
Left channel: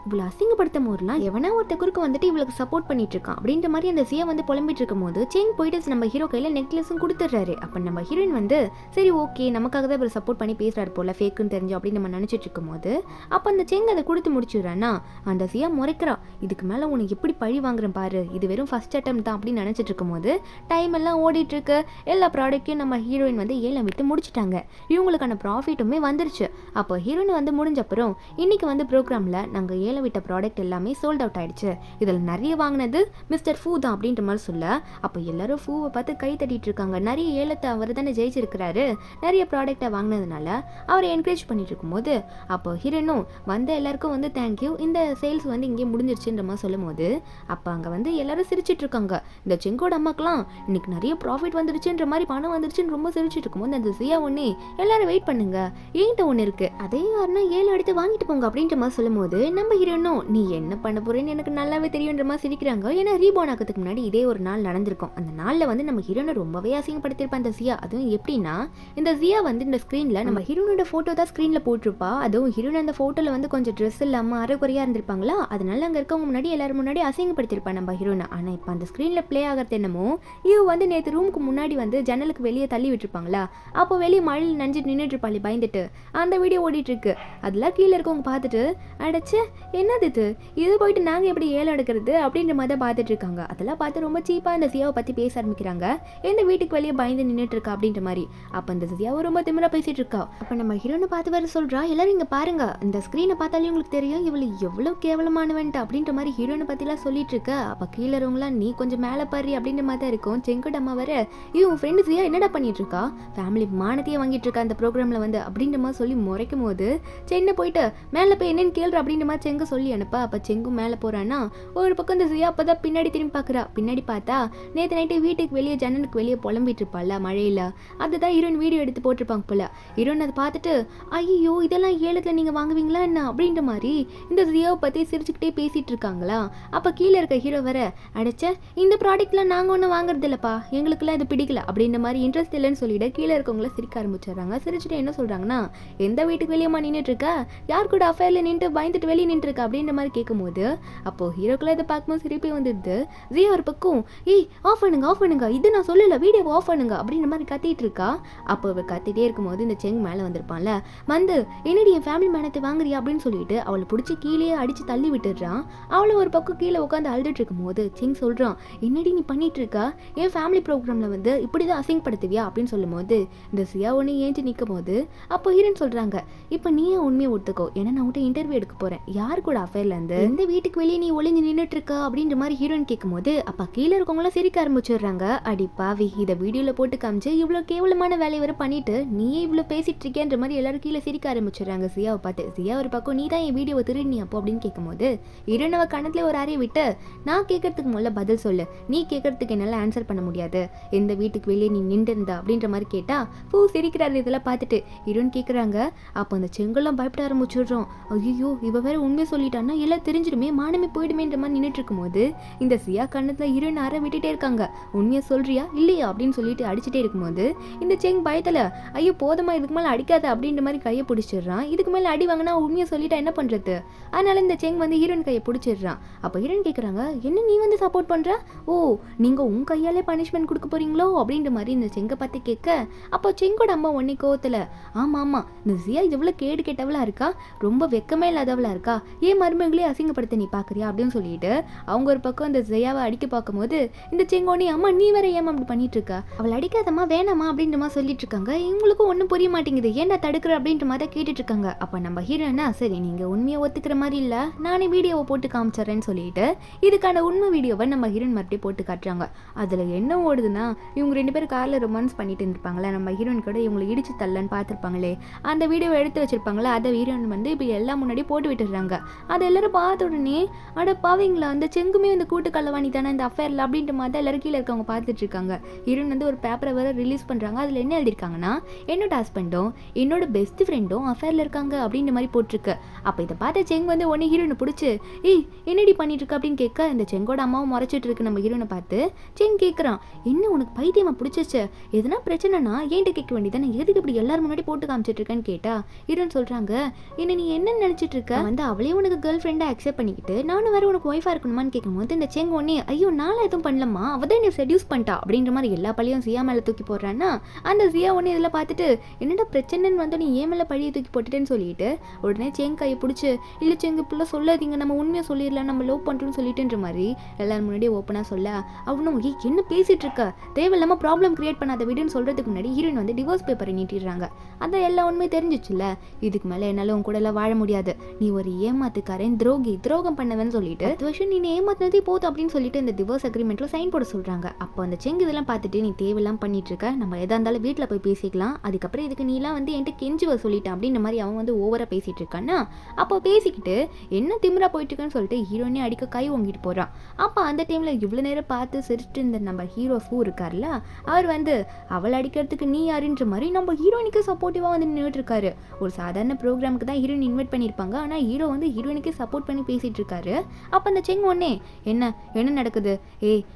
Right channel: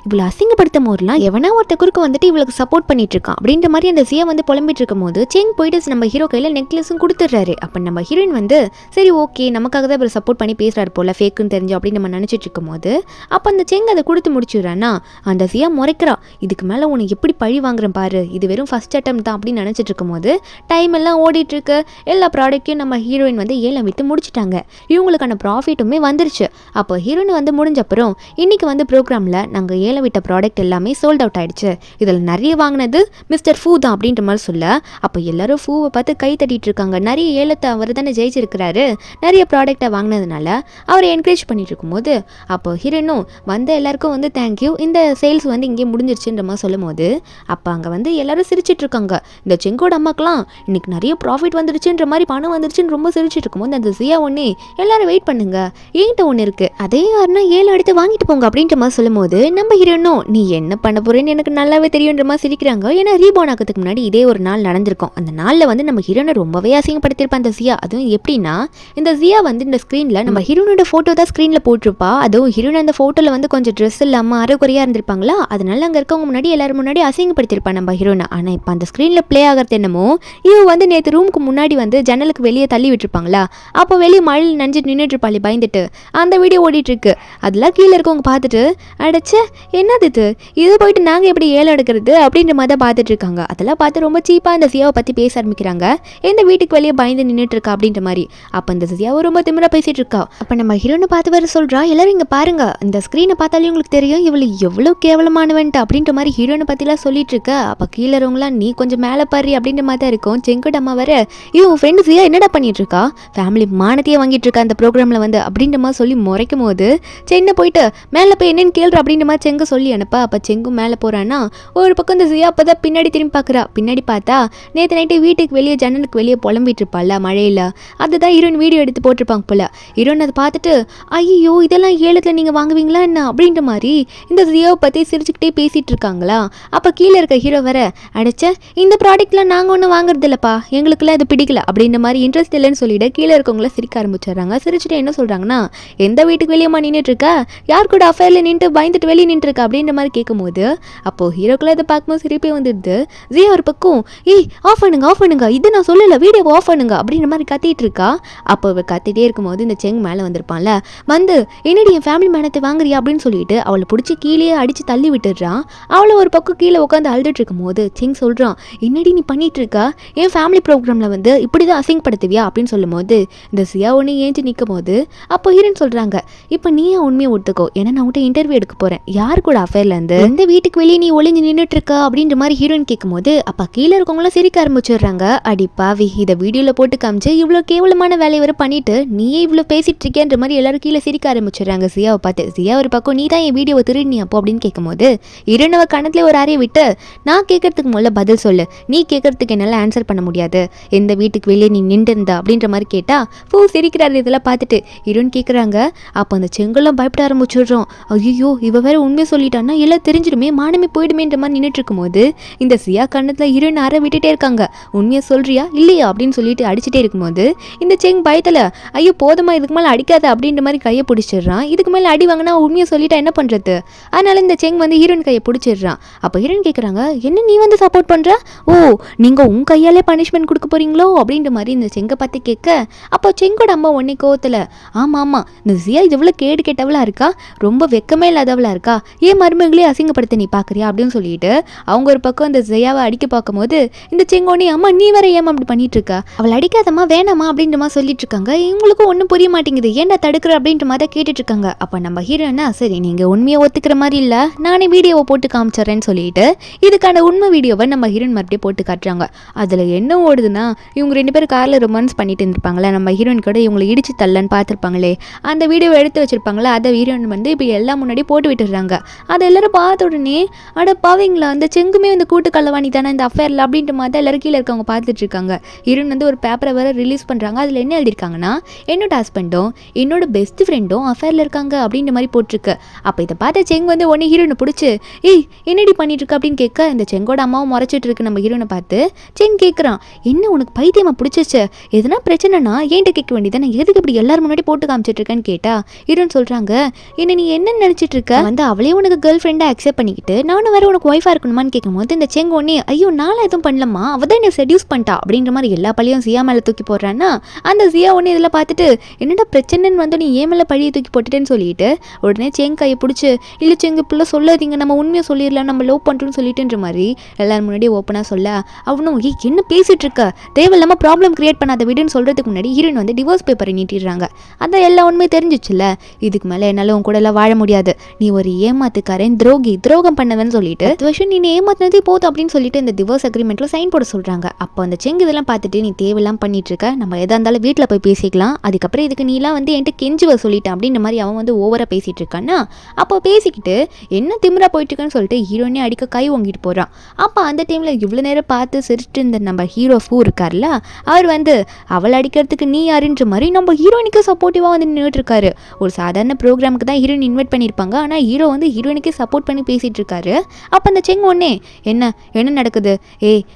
இவ்வளோ அசிங்கப்படுத்த போதெல்லாம் எவனா ஒருத்த குறுக்க வந்துட்டு இவளுக்கு சப்போர்ட் பண்ணிட்டு இருக்கான் அப்படின்ற மாதிரி அந்த சியா வந்து புலம்பிட்டு இருக்கும் போது செங் போயிட்டு நம்ம ஹீரோ கையில் நெக்லஸும் கொடுத்துட்றாரு. அப்போ நம்ம ஹீரோயின் வந்து சரி ஓகே நமக்காக தான் இவர் சப்போர்ட் பண்ணி பேசுறாரு போல ஃபேக்குன்னு தெரிஞ்சு அப்படின்னு நம்ம நினச்சிட்டு இருக்கும் போது அப்போ அந்த செங் அதை கொடுத்து முடிச்சுடுறான்னா அந்த சியா முறைக்கிறா, இதுக்கு மேலே உனக்கு எப்படி பழி வாங்குறேன் பாரு, இது வெறும் ஃபர்ஸ்ட் அட்டம் தான் அப்படின்னு நினச்சிட்டு இருக்கும் போது டைம் எல்லாம் ஓடிட்டு இருக்கு. எல்லா ப்ராடக்ட்டையும் நம்ம ஹீரோயின் வந்து ஏலம் விட்டு முடிச்சிட்டாங்க, இவங்களுக்கான ப்ராஃபிட்டுமே வந்துருச்சு. அப்போ ஹீரோயின் வந்து முடிஞ்ச அப்புறம் இன்னைக்கு வந்து ப்ரோக்ராமில் நாங்கள் ஏலம் விட்ட ப்ராடக்ட் எல்லாமே சோல்ட் அவுட் ஆயிடுச்சு, இதில் நிறைய வாங்கினது மிஸ்டர் ஃபூ தான் அப்படின்ற மாதிரி சொல்ல அப்போ எல்லாரும் ஃபூவை பார்த்து கை தட்டிட்டு இருக்காங்க. நிறைய ஏலத்தை அவர் தானே ஜெயிச்சிருக்கிறாரு, நிறைய ப்ராடக்டை வாங்கினதுனால அவரை என்கரேஜ் பண்ணிட்டு இருக்கும்போது அப்போ ஹீரோயினும் வந்து எல்லாருக்கும் வந்து தேங்க்யூ இந்த சேல்ஸ் வந்து இங்கே முடிஞ்சிருச்சுன்ற மாதிரி சொல்லும் போது அப்போ அங்கே வந்து எல்லாரும் சிரிச்சிட்டு இருக்காங்க. இந்த செங்கோட அம்மாக்கெல்லாம் இன்னைக்கு நிறைய ப்ராஃபிட் வந்துருச்சுன்ற மாதிரி பணம் வந்துருச்சுன்னு ரொம்ப சிரிச்சிட்டு இருக்கும்போது அந்த சியா ஒன்னே எல்லாரும் வெயிட் பண்ணுங்க என்கிட்ட ஒன்று இருக்கு அதே யாருன்னா 7 எடுத்து வாங்கிட்டு போங்க அப்படின்ற மாதிரி சொல்லும் போது நம்ம ஹீரோயினும் நீ என்ன பண்ண போறேன்னு எனக்கு நல்லாவே தெரியுன்ற மாதிரி சிரிக்கிறாங்க. ஏன்னா ரீபோன் ஆக்கிறதுக்கு முன்னாடி இதே ஒரு நாள் நடந்திருக்கும். அந்த நாளில் வந்து நம்ம ஹீரோனை ரொம்பவே அசிங்கப்படுத்திருப்பா அந்த சியா. அதுவும் எப்படின்னா இந்த சியா வந்து இந்த ஸ்க்ரீனில் நம்ம ஹீரோனோட ஃபோட்டோ தான் ஸ்க்ரீனில் போட்டிருப்பா. அதுவும் ஹீரோன் அந்த ஃபோட்டோவில் வந்து கொஞ்சம் ட்ரெஸ் இல்லாமல் அரைக்குறையாக இருந்திருப்பாங்களா, அதனால அங்கே இருக்கவங்க முன்னாடி எல்லாரும் முன்னாடி அசிங்கப்படுத்திருப்பா நம்ம ஹீரோனை. ஆனால் இப்போ அந்த ஸ்க்ரீனில் ப்ளே ஆகிறது என்னமோ இவ வந்து நேற்று ரூமுக்கு முன்னாடி வந்து ஜன்னலுக்கு வெளியே தள்ளி விட்டுருப்பாங்களா, அப்போ வெளியே மழையில் நனைஞ்சு நின்றுட்டு இருப்பாளே பயந்துட்டு அந்த வீடியோ ஓடிட்டு இருக்கு. அதெல்லாம் கீழே இருக்கவங்க பார்த்துட்டு அடைச்சே என்னது இது போயிட்டு நாங்கள் எப்படி ஏலம் எடுக்கிறது அப்படின்ற மாதிரி தான் பார்த்துட்டு இருக்காங்க. அதெல்லாம் பார்த்து ரொம்ப சீப்பாக அந்த சியாவை பற்றி பேச ஆரம்பிக்கிறாங்க. எந்த வீட்டுக்கு வெளியே பயந்து நின்றுட்டு இருக்கா அப்படின்ற மாதிரி. அப்போ அந்த சியாவை ரொம்ப திமிரா பேசிட்டு இருக்கா. அப்போ நம்ம ஹீரோனை பார்த்து வர சொல்கிறா, எல்லாரும் இங்கே பாருங்க இந்த ஸ்க்ரீனை பார்த்தாலே உங்களுக்கு தெரியும் இவளு எவ்வளோ கேவலமானவன்ட்டு அப்படின்ற மாதிரி ஹீரோனை பற்றிலாம் சொல்லிட்டு இருக்க. அப்போ கீழே இருக்கவங்களாம் நீ கொஞ்சம் மேலே பாரு அப்படின்ற மாதிரி தான் இருக்கும். செங்கோட வர இவன் ஃப்ரெண்டு சியா என்னடா பண்ணிட்டு இருக்கா, ஃபேமிலி மானத்தையே வாங்கிட்டு இருக்கா அந்த ப்ரோக்ராமில் வந்து அப்படின்ற மாதிரி சொல்லி முறைக்கும் போது சென்னை போயிட்டு மேலே போய் என்னன்னு கேள்ற அப்படின்ற மாதிரி செங்க சொல்லி அனுப்பா. அப்போ செங்கும் மேலே போகிறான்னா ஒரு பக்கம் இந்த சியா அப்போ தான் பின்னாடி திரும்பி பார்க்குறா. பின்னாடி பார்த்தா நேற்று நைட்டு வீட்டுக்கு வெளியே ஜன்னலுக்கு வெளியே புலம்பிட்டு இருப்பாள்ல மழையில், அதுதான் ஹீரோயின் வீடியோ எடுத்து போட்டிருப்பாங்க போல. ஹீரோயின் அதை பார்த்துட்டு ஐயோ இதெல்லாம் ஏலத்தில் நீங்கள் வாங்குவீங்களா என்ன அப்படின்ற மாதிரி இந்த சியாவை பற்றி சிரிச்சுக்கிட்டே பேசிகிட்டு இருக்காங்களா. அப்போ கீழே இருக்க ஹீரோ வர அடைச்ச இந்த ப்ராடக்ட்லாம் நாங்கள் ஒன்றும் வாங்குறது இல்லைப்பா, எங்களுக்குலாம் இது பிடிக்கல அப்படின்ற மாதிரி இன்ட்ரெஸ்ட் இல்லைன்னு சொல்லிட்டு கீழே இருக்கவங்கள சிரிக்க ஆரம்பிச்சிடுறாங்க. சிரிச்சுட்டு என்ன சொல்கிறாங்கன்னா எந்த வீட்டுக்கு வெளியேமா நின்றுட்டு இருக்கா, யார் கூட அஃபேரில் நின்று பயந்துட்டு வெளியே நின்றுருக்கா அப்படின்ற மாதிரி கேட்கும்போது அப்போது ஹீரோக்குள்ள இதை பார்க்கும்போது சிரிப்பே வந்துடுது. ஜியா ஒரு பக்கம் ஆஃப் பண்ணுங்க இது நான் சொல்லலை வீடியோ ஆஃப் பண்ணுங்க அப்படின்ற மாதிரி கத்திட்டு இருக்கா. அப்போ அவள் கத்திட்டே இருக்கும்போது இந்த செங் மேலே வந்திருப்பான்ல வந்து என்னடி என் ஃபேமிலி மேனத்தை வாங்குறியா அப்படின்னு சொல்லிட்டு அவளை பிடிச்சி கீழே அடித்து தள்ளி விட்டுடுறான். அவளை ஒரு பக்கம் கீழே உட்காந்து அழுதுட்டு இருக்கும் போது செங் சொல்கிறான் என்னடி நீ பண்ணிட்டு இருக்கா, என் ஃபேமிலி ப்ரோக்ராமில் வந்து இப்படி தான் அசிங்கப்படுத்துவியா அப்படின்னு சொல்லும் போது இந்த சியா ஒன்று ஏஞ்சி நிற்கும் போது அப்போ ஹீரோன்னு சொல்கிறாங்க இப்போ நீ உண்மையை ஒத்துக்கோ, ஏன்னா நான் உன்கிட்ட இன்டர்வியூ எடுக்க போகிறேன், யார் கூட அஃபேர்லேருந்து எந்த வீட்டுக்கு வெளியே நீ ஒளிஞ்சு நின்றுட்டு இருக்க அப்படின்ற மாதிரி ஹீரோயின் கேட்கும்போது அப்போ கீழே இருக்கவங்களும் சிரிக்க ஆரம்பிச்சிடுறாங்க. அடி பாவி, இதை வீடியோவில் போட்டு காமிச்சு இவ்வளோ கேவலமான வேலையை வர பண்ணிட்டு நீயே இவ்வளோ பேசிட்டு இருக்கேன்ற மாதிரி எல்லாரும் கீழே சிரிக்க ஆரம்பிச்சிடுறாங்க ஜியாவை பார்த்து. ஜியா ஒரு பக்கம் நீ தான் என் வீடியோவை திருடி அப்போ அப்படின்னு கேட்கும்போது ஹீரோயினவ கணத்துல ஒரு அறையை விட்டு நான் கேட்கறதுக்கு முதல்ல பதில் சொல்லு, நீ கேட்கறதுக்கு என்னால் ஆன்சர் பண்ண முடியாது, எந்த வீட்டுக்கு வெளியே நீ நின்று இருந்தா அப்படின்ற மாதிரி கேட்டா பூ சிரிக்கிறாரு. இதெல்லாம் பார்த்துட்டு ஹீரோயின் கேட்குறாங்க. அப்போ அந்த செங்கெல்லாம் பயப்பட ஆரம்பிச்சிடுறோம். ஐயோ இவ வேற உண்மையை சொல்லிட்டான்னா எல்லாம் தெரிஞ்சிடுமே, மானமே போயிடுமேன்ற மாதிரி நின்றுட்டு இருக்கும்போது இந்த சியா கண்ணத்தில் ஹீரோயின் அற விட்டுட்டே இருக்காங்க. உண்மையை சொல்றியா இல்லையா அப்படின்னு சொல்லிட்டு அடிச்சுட்டே இருக்கும்போது இந்த செங் பயத்தில் ஐயோ போதுமா இதுக்கு மேலே அடிக்காத அப்படின்ற மாதிரி கையை பிடிச்சிடுறான். இதுக்கு மேலே அடி வாங்கினா உண்மையை சொல்லிட்டா என்ன பண்ணுறது? அதனால இந்த செங் வந்து ஹீரோயின் கையை பிடிச்சிடுறான். அப்போ ஹீரோயின் கேட்குறாங்க, என்ன நீ வந்து சப்போர்ட் பண்ணுற? ஓ நீங்கள் உன் கையாலே பனிஷ்மெண்ட் கொடுக்க போறீங்களோ அப்படின்ற மாதிரி இந்த செங்கை பார்த்து கேட்க அப்போ செங்கோட அம்மா உடனே கோவத்தில் ஆமாம் ஆமாம் இந்த ஜியா இவ்வளோ கேடு கெட்டவளா இருக்கா, ரொம்ப வெக்கமே இல்லாதவளா இருக்கா, ஏன் மருமகளே அசிங்கப்படுத்த நீ பார்க்குறியா அப்படின்னு சொல்லிட்டு அவங்க ஒரு பக்கம் இந்த ஜியாவை அடிக்க பார்க்கும்போது இந்த செங்கோனி அம்மா நீ வேற ஏமா அப்படி பண்ணிட்டு இருக்கா, அவள் அடிக்காதம்மா வேணாமா அப்படின்ற மாதிரி சொல்லிட்டு இருக்காங்க. இவங்களுக்கும் ஒன்றும் புரிய மாட்டேங்குது, ஏன்டா தடுக்கிற அப்படின்ற மாதிரி தான் கேட்டுட்டு இருக்காங்க. அப்போ நம்ம ஹீரோனா சரி நீங்கள் உண்மையை ஒத்துக்கிற மாதிரி இல்லை, நானே வீடியோவை போட்டு காமிச்சிட்றேன்னு சொல்லிட்டு இதுக்கான உண்மை வீடியோவை நம்ம ஹீரோயின் மறுபடியும் போட்டு காட்டுறாங்க. அதில் என்ன ஓடுதுன்னா இவங்க 2 பேரும் காரில் ரொமான்ஸ் பண்ணிட்டு இருந்திருப்பாங்களே, நம்ம ஹீரோயின் கூட இவங்களை இடிச்சு தள்ளன்னு பார்த்துருப்பாங்களே, அந்த வீடியோவை எடுத்து வச்சிருப்பாங்களே, அதை ஹீரோயின் வந்து இப்போ எல்லாம் முன்னாடி போட்டு விட்டுடுறாங்க. அதை எல்லாரும் பார்த்த உடனே அட பாவீங்களா அந்த செங்குமே வந்து கூட்டு கள்ளவாணி தானே இந்த அஃபேரில் அப்படின்ற மாதிரி தான் எல்லாரும் கீழே இருக்கவங்க பார்த்துட்டு இருக்காங்க. ஹீரோயின் வந்து ஒரு பேப்பரை வேற ரிலீஸ் பண்ணுறாங்க. அதில் என்ன எழுதியிருக்காங்கன்னா என்னோட ஹஸ்பண்டும் என்னோட பெஸ்ட் ஃப்ரெண்டும் அஃபேரில் இருக்காங்க அப்படின்ற மாதிரி போட்டிருக்கு. அப்போ இதை பார்த்த செங் வந்து உடனே ஹீரோனை பிடிச்சி ஏய் என்னடி பண்ணிட்டு இருக்க அப்படின்னு கேட்க இந்த செங்கோட அம்மாவும் முறைச்சிட்டு இருக்கு நம்ம ஹீரோனை பார்த்து. செங் கேட்குறான், என்ன உனக்கு பைத்தியமா பிடிச்சிச்சு, எதுனா பிரச்சனைனா ஏன்ட்ட கேட்க வேண்டியதானே, எதுக்கு இப்படி எல்லாரும் முன்னாடி போட்டு காமிச்சிட்டு இருக்கேன்னு கேட்டா ஹீரோன் சொல்கிறாங்க, என்ன நீ என்ன நினச்சிட்டு இருக்க, வந்து அவளே உனக்கு கேர்ள் ஃப்ரெண்டாக அக்செப்ட் பண்ணிக்கிட்டு நானும் வேற உனக்கு ஒய்ஃபாக இருக்கணுமான்னு கேட்கும்போது இந்த செங் ஒன்னே ஐயோ நானும் எதுவும் பண்ணலம்மா, அவள் தான் என்னை செடியூஸ் பண்ணிட்டா அப்படின்ற மாதிரி எல்லா பழியும் சியா மேலே தூக்கி போடுறான்னா அந்த சியா ஒன்று இதில் பார்த்துட்டு என்னடா பிரச்சனைன்னு வந்து நீ ஏன் மேலே பழியை தூக்கி போட்டுட்டேன்னு சொல்லிட்டு உடனே செங் கையை பிடிச்சி இல்லை செங்கு பிள்ளை சொல்லாதீங்க, நம்ம உண்மையை சொல்லிடலாம், நம்ம லவ் பண்ணுறோன்னு சொல்லிட்டுன்ற மாதிரி எல்லாரும் முன்னாடியே ஓப்பனாக சொல்ல அவனும் என்ன பேசிட்டு இருக்க, தேவையில்லாமல் ப்ராப்ளம் கிரியேட் பண்ணாத விடுன்னு சொல்கிறதுக்கு முன்னாடி ஹீரோயின் வந்து டிவோர்ஸ் பேப்பரை நீட்டிடுறாங்க. அதான் எல்லா உண்மையும் தெரிஞ்சிச்சுல்ல, இதுக்கு மேலே என்னால் உன் கூட எல்லாம் வாழ முடியாது, நீ ஒரு ஏமாத்துக்காரன் துரோகம் பண்ணவன்னு சொல்லிட்டு வருஷம் நீ ஏமாத்தினதே போதும் அப்படின்னு சொல்லிட்டு இந்த டிவோர்ஸ் அக்ரிமெண்ட்ல சைன் போட சொல்கிறாங்க. அப்போ அந்த செங்கு இதெல்லாம் பார்த்துட்டு நீ தேவையெல்லாம் பண்ணிட்டு இருக்க, நம்ம எதா இருந்தாலும் வீட்டில் போய் பேசிக்கலாம், அதுக்கப்புறம் இதுக்கு நீலாம் வந்து என்கிட்ட கெஞ்சுவ சொல்லிட்டேன் அப்படின்ற மாதிரி அவன் வந்து ஓவராக பேசிட்டு இருக்கான்னா அப்போ பேசிக்கிட்டு என்ன திமிரா போயிட்டு இருக்கான்னு சொல்லிட்டு ஹீரோனே அடிக்க கை வாங்கிட்டு போகிறான். அப்போ அந்த டைமில் இவ்வளோ நேரம் பார்த்து சிரிச்சுட்டு இந்த நம்ம ஹீரோ ஃபூ இருக்கார்ல அவர் வந்து அவள் அடிக்கிறதுக்கு நீ யாருன்ற மாதிரி நம்ம ஹீரோயினுக்கு சப்போர்ட்டிவாக வந்து நின்றுட்டு இருக்காரு. ஒரு சாதாரண ப்ரோக்ராமுக்கு தான் ஹீரோயின் இன்வைட் பண்ணியிருப்பாங்க, ஆனால் ஹீரோ வந்து ஹீரோயினுக்கே சப்போர்ட் பண்ணி பேசிகிட்டு இருக்காரு. அப்போ அந்த செங் ஒன்னே என்ன நடக்குது,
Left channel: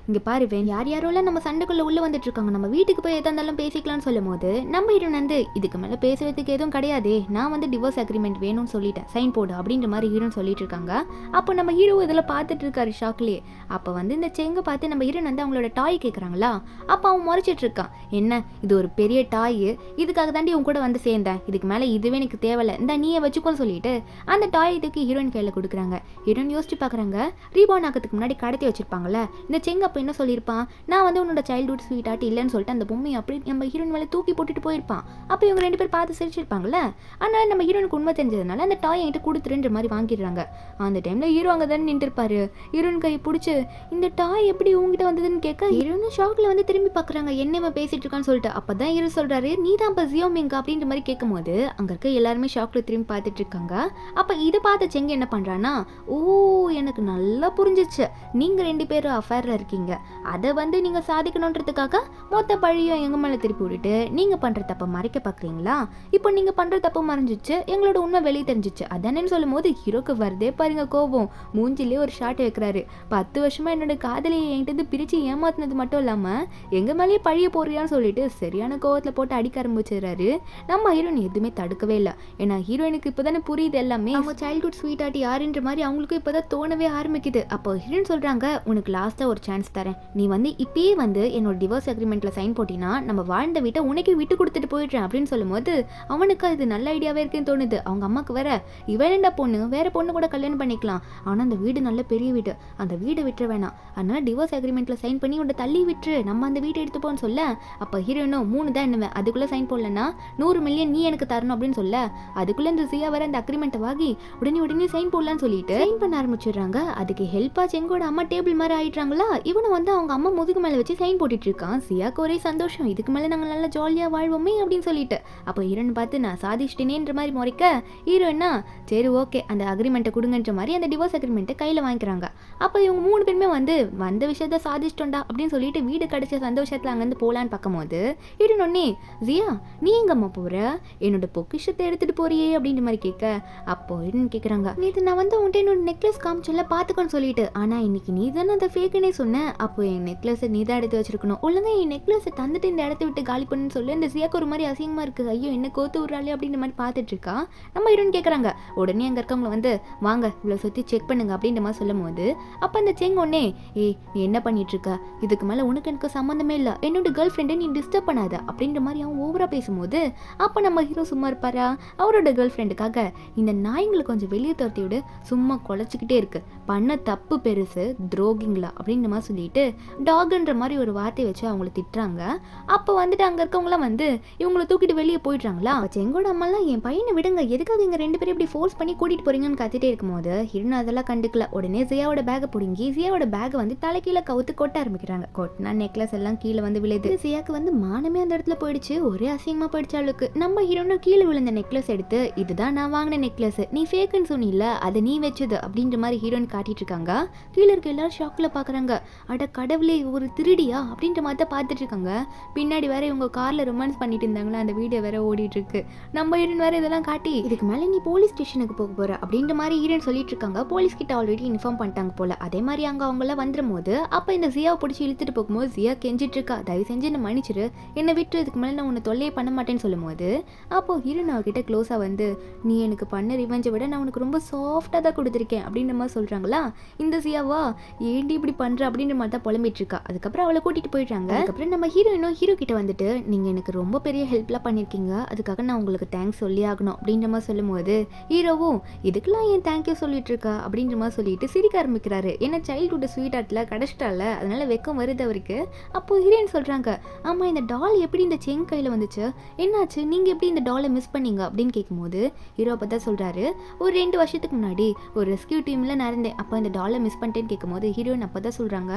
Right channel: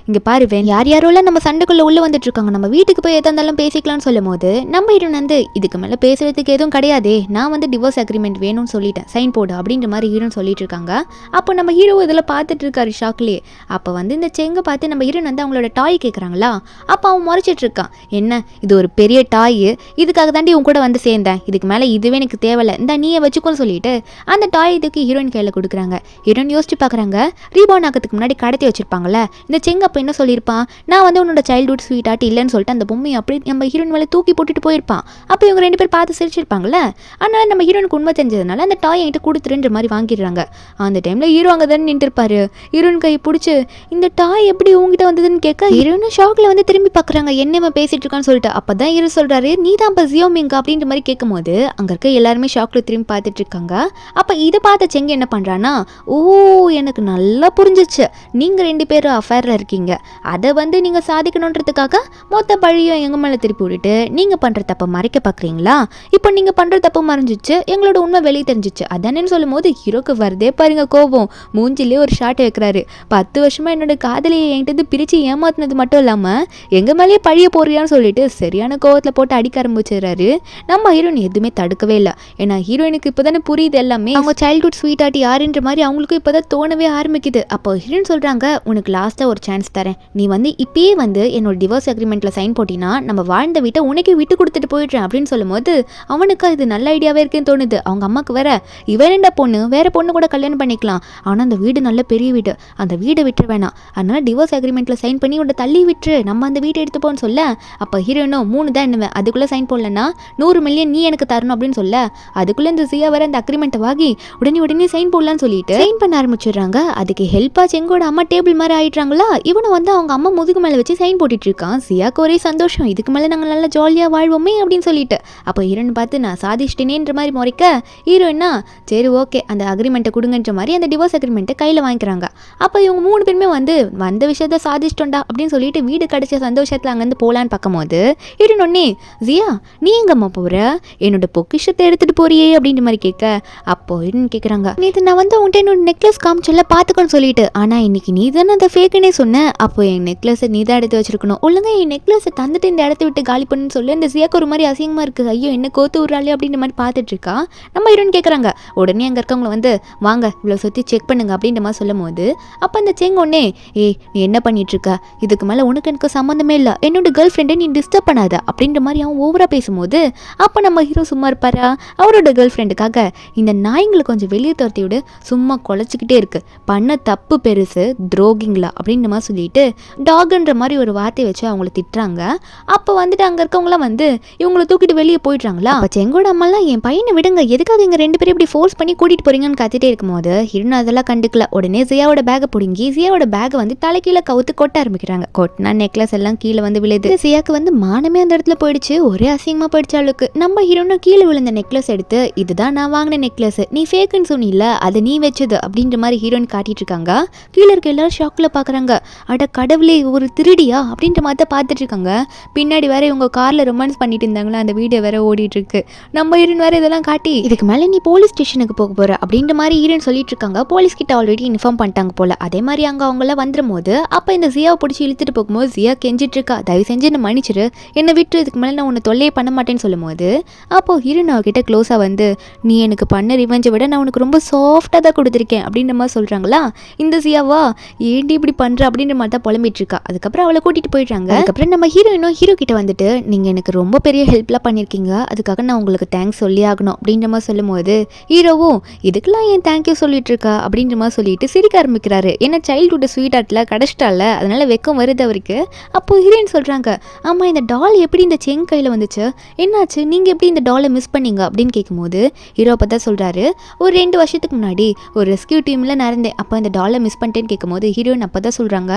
இங்கே பாரு வேன் யார் யாரோலாம் நம்ம சண்டைக்குள்ளே உள்ளே வந்துட்டு இருக்காங்க, நம்ம வீட்டுக்கு போய் எதா இருந்தாலும் பேசிக்கலாம்னு சொல்லும் போது நம்ம ஹீரோயின் வந்து இதுக்கு மேலே பேசுறதுக்கு எதுவும் கிடையாதே, நான் வந்து டிவோர்ஸ் அக்ரிமெண்ட் வேணும்னு சொல்லிட்டேன், சைன் போடு அப்படின்ற மாதிரி ஹீரோன்னு சொல்லிட்டு இருக்காங்க. அப்போ நம்ம ஹீரோ இதில் பார்த்துட்டு இருக்காரு ஷாக்லேயே. அப்போ வந்து இந்த செங்கை பார்த்து நம்ம ஹீரோயின் வந்து அவங்களோட டாய் கேட்குறாங்களா, அப்போ அவன் முறைச்சிட்டு இருக்கான், என்ன இது ஒரு பெரிய டாய், இதுக்காக தாண்டி உன் கூட வந்து சேர்ந்தேன், இதுக்கு மேலே இதுவே எனக்கு தேவையில்லை, இந்த நீயை வச்சுக்கோன்னு சொல்லிட்டு அந்த டாய் இதுக்கு ஹீரோயின் கையில் கொடுக்குறாங்க. ஹீரோயின் யோசிச்சு பார்க்குறாங்க, ரீபான் ஆகிறதுக்கு முன்னாடி கடத்தி வச்சிருப்பாங்கல்ல இந்த செங்க அப்போ என்ன சொல்லியிருப்பான், நான் வந்து உன்னோட சைல்ட்ஹுட் ஸ்வீட் ஆர்ட் இல்லைன்னு சொல்லிட்டு அந்த பொம்மையை அப்படி நம்ம ஹீரோயின் மேலே தூக்கி போட்டுட்டு போயிருப்பான். அப்போ இவங்க 2 பேர் பார்த்து சிரிச்சிருப்பாங்கல்ல, அதனால நம்ம ஹீரோனுக்கு உண்மை தெரிஞ்சதுனால அந்த டாய் என்கிட்ட கொடுத்துருன்ற மாதிரி வாங்கிடுறாங்க. அந்த டைமில் ஹீரோ அங்கே தானே நின்றுருப்பாரு. ஹீரோயின் கையை பிடிச்சி இந்த டாய் எப்படி உங்ககிட்ட வந்ததுன்னு கேட்க ஹீரோனும் ஷாக்கில் வந்து திரும்பி பார்க்குறாங்க, என்னமா பேசிட்டு இருக்கான்னு சொல்லிட்டு. அப்போ தான் ஹீரோ சொல்கிறாரு, நீ தான் இப்போ ஜியோமிங்கா அப்படின்ற மாதிரி கேட்கும்போது அங்கே இருக்க எல்லாருமே ஷாக்கில் திரும்பி பார்த்துட்டு இருக்காங்க. அப்போ இதை பார்த்த செங்க என்ன பண்ணுறான்னா, ஓ எனக்கு நல்லா புரிஞ்சிச்சு, நீங்கள் 2 பேரும் அஃபேரில் இருக்கீங்க, அதை வந்து நீங்கள் சாதிக்கணுன்றதுக்காக மொத்த பழியும் எங்கள் மேலே திருப்பி விட்டுட்டு நீங்கள் பண்ணுற தப்பை மறைக்க பார்க்குறீங்களா, இப்போ நீங்கள் பண்ணுற தப்பு மறைஞ்சிச்சு, எங்களோட உண்மை வெளியே தெரிஞ்சிச்சு அதானேன்னு சொல்லும் போது ஹீரோக்கு வருதே பாருங்க கோபம், மூஞ்சிலே ஒரு ஷாட்டை வைக்கிறாரு. 10 வருஷமாக என்னோட காதலியை என்கிட்ட பிரித்து ஏமாத்தினது மட்டும் இல்லாமல் எங்கள் மேலேயே பழிய போறியான்னு சொல்லிட்டு சரியான கோவத்தில் போட்டு அடிக்க ஆரம்பிச்சிடுறாரு. நம்ம ஹீரோயின் எதுவுமே தடுக்கவே இல்லை, ஏன்னா ஹீரோயினுக்கு இப்போ தானே புரியுது எல்லாமே, அவங்க சைல்ட்ஹுட் ஸ்வீட் ஆர்ட் யாருன்ற மாதிரி அவங்களுக்கும் இப்போ தான் தோணவே ஆரம்பிக்குது. அப்போ ஹீரோயின் சொல்கிறாங்க, உனக்கு லாஸ்ட்டாக ஒரு சான்ஸ் தரேன், நீ வந்து இப்பயே வந்து என்னோட டிவோர்ஸ் அக்ரிமெண்ட்டில் சைன் போட்டினா நம்ம வாழ்ந்த வீட்டை உனக்கே விட்டு கொடுத்துட்டு போயிடுறேன் அப்படின்னு சொல்லும் போது அவனுக்கு இது நல்ல ஐடியாவே இருக்குன்னு தோணுது. அவங்க அம்மாவுக்கு வேற இவரேண்டா பொண்ணு வேற பொண்ணு கூட கல்யாணம் பண்ணிக்கலாம், ஆனால் அந்த வீடு நல்ல பெரிய வீடு, அந்த வீடை விட்டுரு வேணாம், அதனால டிவோர்ஸ் அக்ரிமெண்ட்டில் சைன் பண்ணி உன்னை தள்ளி விட்டுரு, நம்ம அந்த வீட்டை எடுத்துப்போன்னு சொல்ல அப்போ ஹீரோயினும் 3 தான் என்னவேன், அதுக்குள்ளே சைன் போடலன்னா 100 மில்லியன் நீ எனக்கு தரணும் அப்படின்னு சொல்ல அதுக்குள்ளே இந்த ஜியா வேற அந்த அக்ரிமெண்ட்டை வாங்கி உடனே சைன் போடலான்னு சொல்லிட்டு சைன் பண்ண ஆரம்பிச்சிடுறாங்க. அதுக்கு ஹெல்ப்பா செங்கோட அம்மா டேபிள் மாதிரி ஆயிடுறாங்களா. இவனும் வந்து அவங்க அம்மா முதுகு மேலே வச்சு சைன் போட்டுட்டு இருக்கான். சியாக்கு ஒரே சந்தோஷம், இதுக்கு மேலே நாங்கள் நல்லா ஜாலியாக வாழ்வோமே அப்படின்னு சொல்லிட்டு. அப்போ ஹீரோன்னு பார்த்து நான் சாதிச்சிட்டேனேன்ற மாதிரி முறைக்க ஹீரோயினா சரி ஓகே அந்த அக்ரிமெண்ட்டை கொடுங்கன்ற மாதிரி அந்த டிவோர்ஸ் அக்ரிமெண்ட்டை கையில் வாங்கிக்கிறாங்க. அப்போ இவங்க 3 பேருமே வந்து வந்த விஷயத்த சாதிச்சிட்டோண்டா அப்படின்னு சொல்லிட்டு வீடு கிடைச்ச சந்தோஷத்தில் அங்கேருந்து போகலான்னு பார்க்கும்போது ஹீரோனே ஜியா நீ எங்கம்மா போகிற, என்னோட பொக்கிஷத்தை எடுத்துகிட்டு போறியே அப்படின்ற மாதிரி கேட்க அப்போ ஹீரோன்னு கேட்குறாங்க நேற்று நான் வந்து உன்ட்ட என்னோட நெக்லஸ் காமிச்சல பார்த்துக்கோன்னு சொல்லிட்டு, ஆனால் இன்னைக்கு நீ தானே அந்த ஃபேக்குன்னே சொன்னேன். அப்போ என் நெக்லஸை நீ தான் எடுத்து வச்சிருக்கணும், ஒழுங்கா என் நெக்லஸை தந்துட்டு இந்த இடத்த விட்டு காலி பண்ணுன்னு சொல்லி இந்த சியாக்கு ஒரு மாதிரி அசிங்கமாக இருக்குது. ஐயோ என்ன கோத்து விட்றாளே அப்படின்ற மாதிரி பார்த்துட்டு இருக்கா. நம்ம ஹீரோன்னு கேட்குறாங்க. உடனே அங்கே இருக்கவங்கள வந்து வாங்க இவ்வளோ சுற்றி செக் பண்ணுங்க அப்படின்ற மாதிரி சொல்லும் போது அப்போ அந்த செங்க உடனே நீ என்ன பண்ணிட்டு இருக்க, இதுக்கு மேலே உனக்கு எனக்கு சம்மந்தமே இல்லை, என்னோட கேர்ள் ஃப்ரெண்டை நீ டிஸ்டர்ப் பண்ணாத அப்படின்ற மாதிரி அவன் ஓவராக பேசும்போது அப்போ நம்ம ஹீரோ சும்மா இருப்பாரா. அவரோட கேர்ள் ஃப்ரெண்டுக்காக இந்த நாய்ங்களை கொஞ்சம் வெளியே துரத்தி விட சும்மா குலைச்சிக்கிட்டே இருக்கு, பண்ண தப்பு பெருசு துரோகிங்களா அப்படின்ற மாதிரி சொல்லிட்டு டாக்ன்ற மாதிரி ஒரு வார்த்தையை வச்சு அவங்கள திட்டுறாங்க. அப்போ வந்துட்டு அங்கே இருக்கவங்களாம் வந்து இவங்களை தூக்கிட்டு வெளியே போயிடுறாங்களா. அப்போ செங்கோட அம்மாலாம் என் பையனை விடுங்க, எதுக்காக இங்கே 2 பேரும் இப்படி ஃபோர்ஸ் பண்ணி கூட்டிகிட்டு போறீங்கன்னு கத்திட்டே இருக்கும்போது ஹீரோன் அதெல்லாம் கண்டுக்கல. உடனே ஜியாவோட பேக்கை பிடுங்கி ஜியாவோட பேக்கை வந்து தலைக்கீழே கவுத்து கொட்ட ஆரம்பிக்கிறாங்க. கொட்டினா நெக்லஸ் எல்லாம் கீழே வந்து விழுது. ஜியாக்கு வந்து மானமே அந்த இடத்துல போயிடுச்சு, ஒரே அசிங்கமாக போயிடுச்சு அவளுக்கு. நம்ம ஹீரோனும் கீழே விழுந்த நெக்லஸ் எடுத்து இதுதான் நான் வாங்கின நெக்லஸ், நீ ஃபேக்குன்னு சொன்னில அதை நீ வச்சது அப்படின்ற மாதிரி ஹீரோயின் காட்டிட்டு இருக்காங்க. கீழே இருக்க எல்லாரும் ஷாக்கில் பார்க்குறாங்க. அட கடவுளே ஒரு திருடியா அப்படின்ற மாதிரி தான் பார்த்துட்டு இருக்காங்க. பின்னாடி வேற இவங்க காரில் ரொமான்ஸ் பண்ணிட்டு இருந்தாங்களா, அந்த வீடியோ வேற ஓடிட்டு இருக்கு. நம்ம ஹீரோயின் வேற இதெல்லாம் காட்டி இதுக்கு மேலே நீ போலீஸ் ஸ்டேஷனுக்கு போக போற அப்படின்ற மாதிரி ஹீரோயின் சொல்லிட்டு இருக்காங்க. போலீஸ் கிட்ட ஆல்ரெடி இன்ஃபார்ம் பண்ணிட்டாங்க போல. அதே மாதிரி அங்கே அவங்களாம் வந்துடும் போது அப்போ இந்த ஜியாவை பிடிச்சி இழுத்துட்டு போகும்போது ஜியா கெஞ்சிட்டு இருக்கா, தயவு செஞ்சு என்ன மன்னிச்சிரு, என்னை விட்டு இதுக்கு மேலே நான் உன்னை தொல்லையே பண்ண மாட்டேன்னு சொல்லும் போது அப்போ ஹீரோயின் அவகிட்ட க்ளோஸாக வந்து நீ எனக்கு பண்ண ரிவெஞ்சை விட நான் உனக்கு ரொம்ப சாஃப்டாக தான் கொடுத்துருக்கேன் அப்படின்ற மாதிரி சொல்கிறாங்களா. இந்த ஜியாவா ஏண்டி இப்படி பண்ணுற அப்படின்ற மாதிரி தான் புலம்பிட்டு இருக்கா. அதுக்கப்புறம் அவளை கூட்டிகிட்டு போயிடுறாங்க. அதுக்கப்புறம் நம்ம ஹீரோயினும் ஹீரோ கிட்ட வந்துட்டு நீங்கள் எனக்கு ரொம்ப பெரிய ஹெல்ப்லாம் பண்ணியிருக்கீங்க, அதுக்காக நான் உங்களுக்கு தேங்க்ஸ் சொல்லி ஆகணும் அப்படின்ற மாதிரி சொல்லும் போது ஹீரோவும் இதுக்கெல்லாம் ஏன் தேங்க்யூ சொல்லிட்டு இருக்கா அப்படின்ற மாதிரி சொல்லிட்டு சிரிக்க ஆரம்பிக்கிறாரு. ஏன்னா சைல்டுஹுட் ஸ்வீட் ஆர்ட்டில் கடைச்சிட்டால அதனால வெக்கம் வருது அவருக்கு. அப்போ ஹீரோயின் சொல்கிறாங்க ஆமாம் இந்த டால் எப்படி இந்த செங் கையில் வந்துச்சு, என்னாச்சு நீங்கள் எப்படி இந்த டாலை மிஸ் பண்ணீங்க அப்படின்னு கேட்கும்போது ஹீரோ அப்போ தான் சொல்கிறாரு ஒரு 2 வருஷத்துக்கு முன்னாடி ஒரு ரெஸ்கியூ டீமில் நடந்தேன், அப்போ இந்த டாலை மிஸ் பண்ணிட்டேன்னு கேட்கும்போது ஹீரோயின் அப்போ தான் சொல்கிறாங்க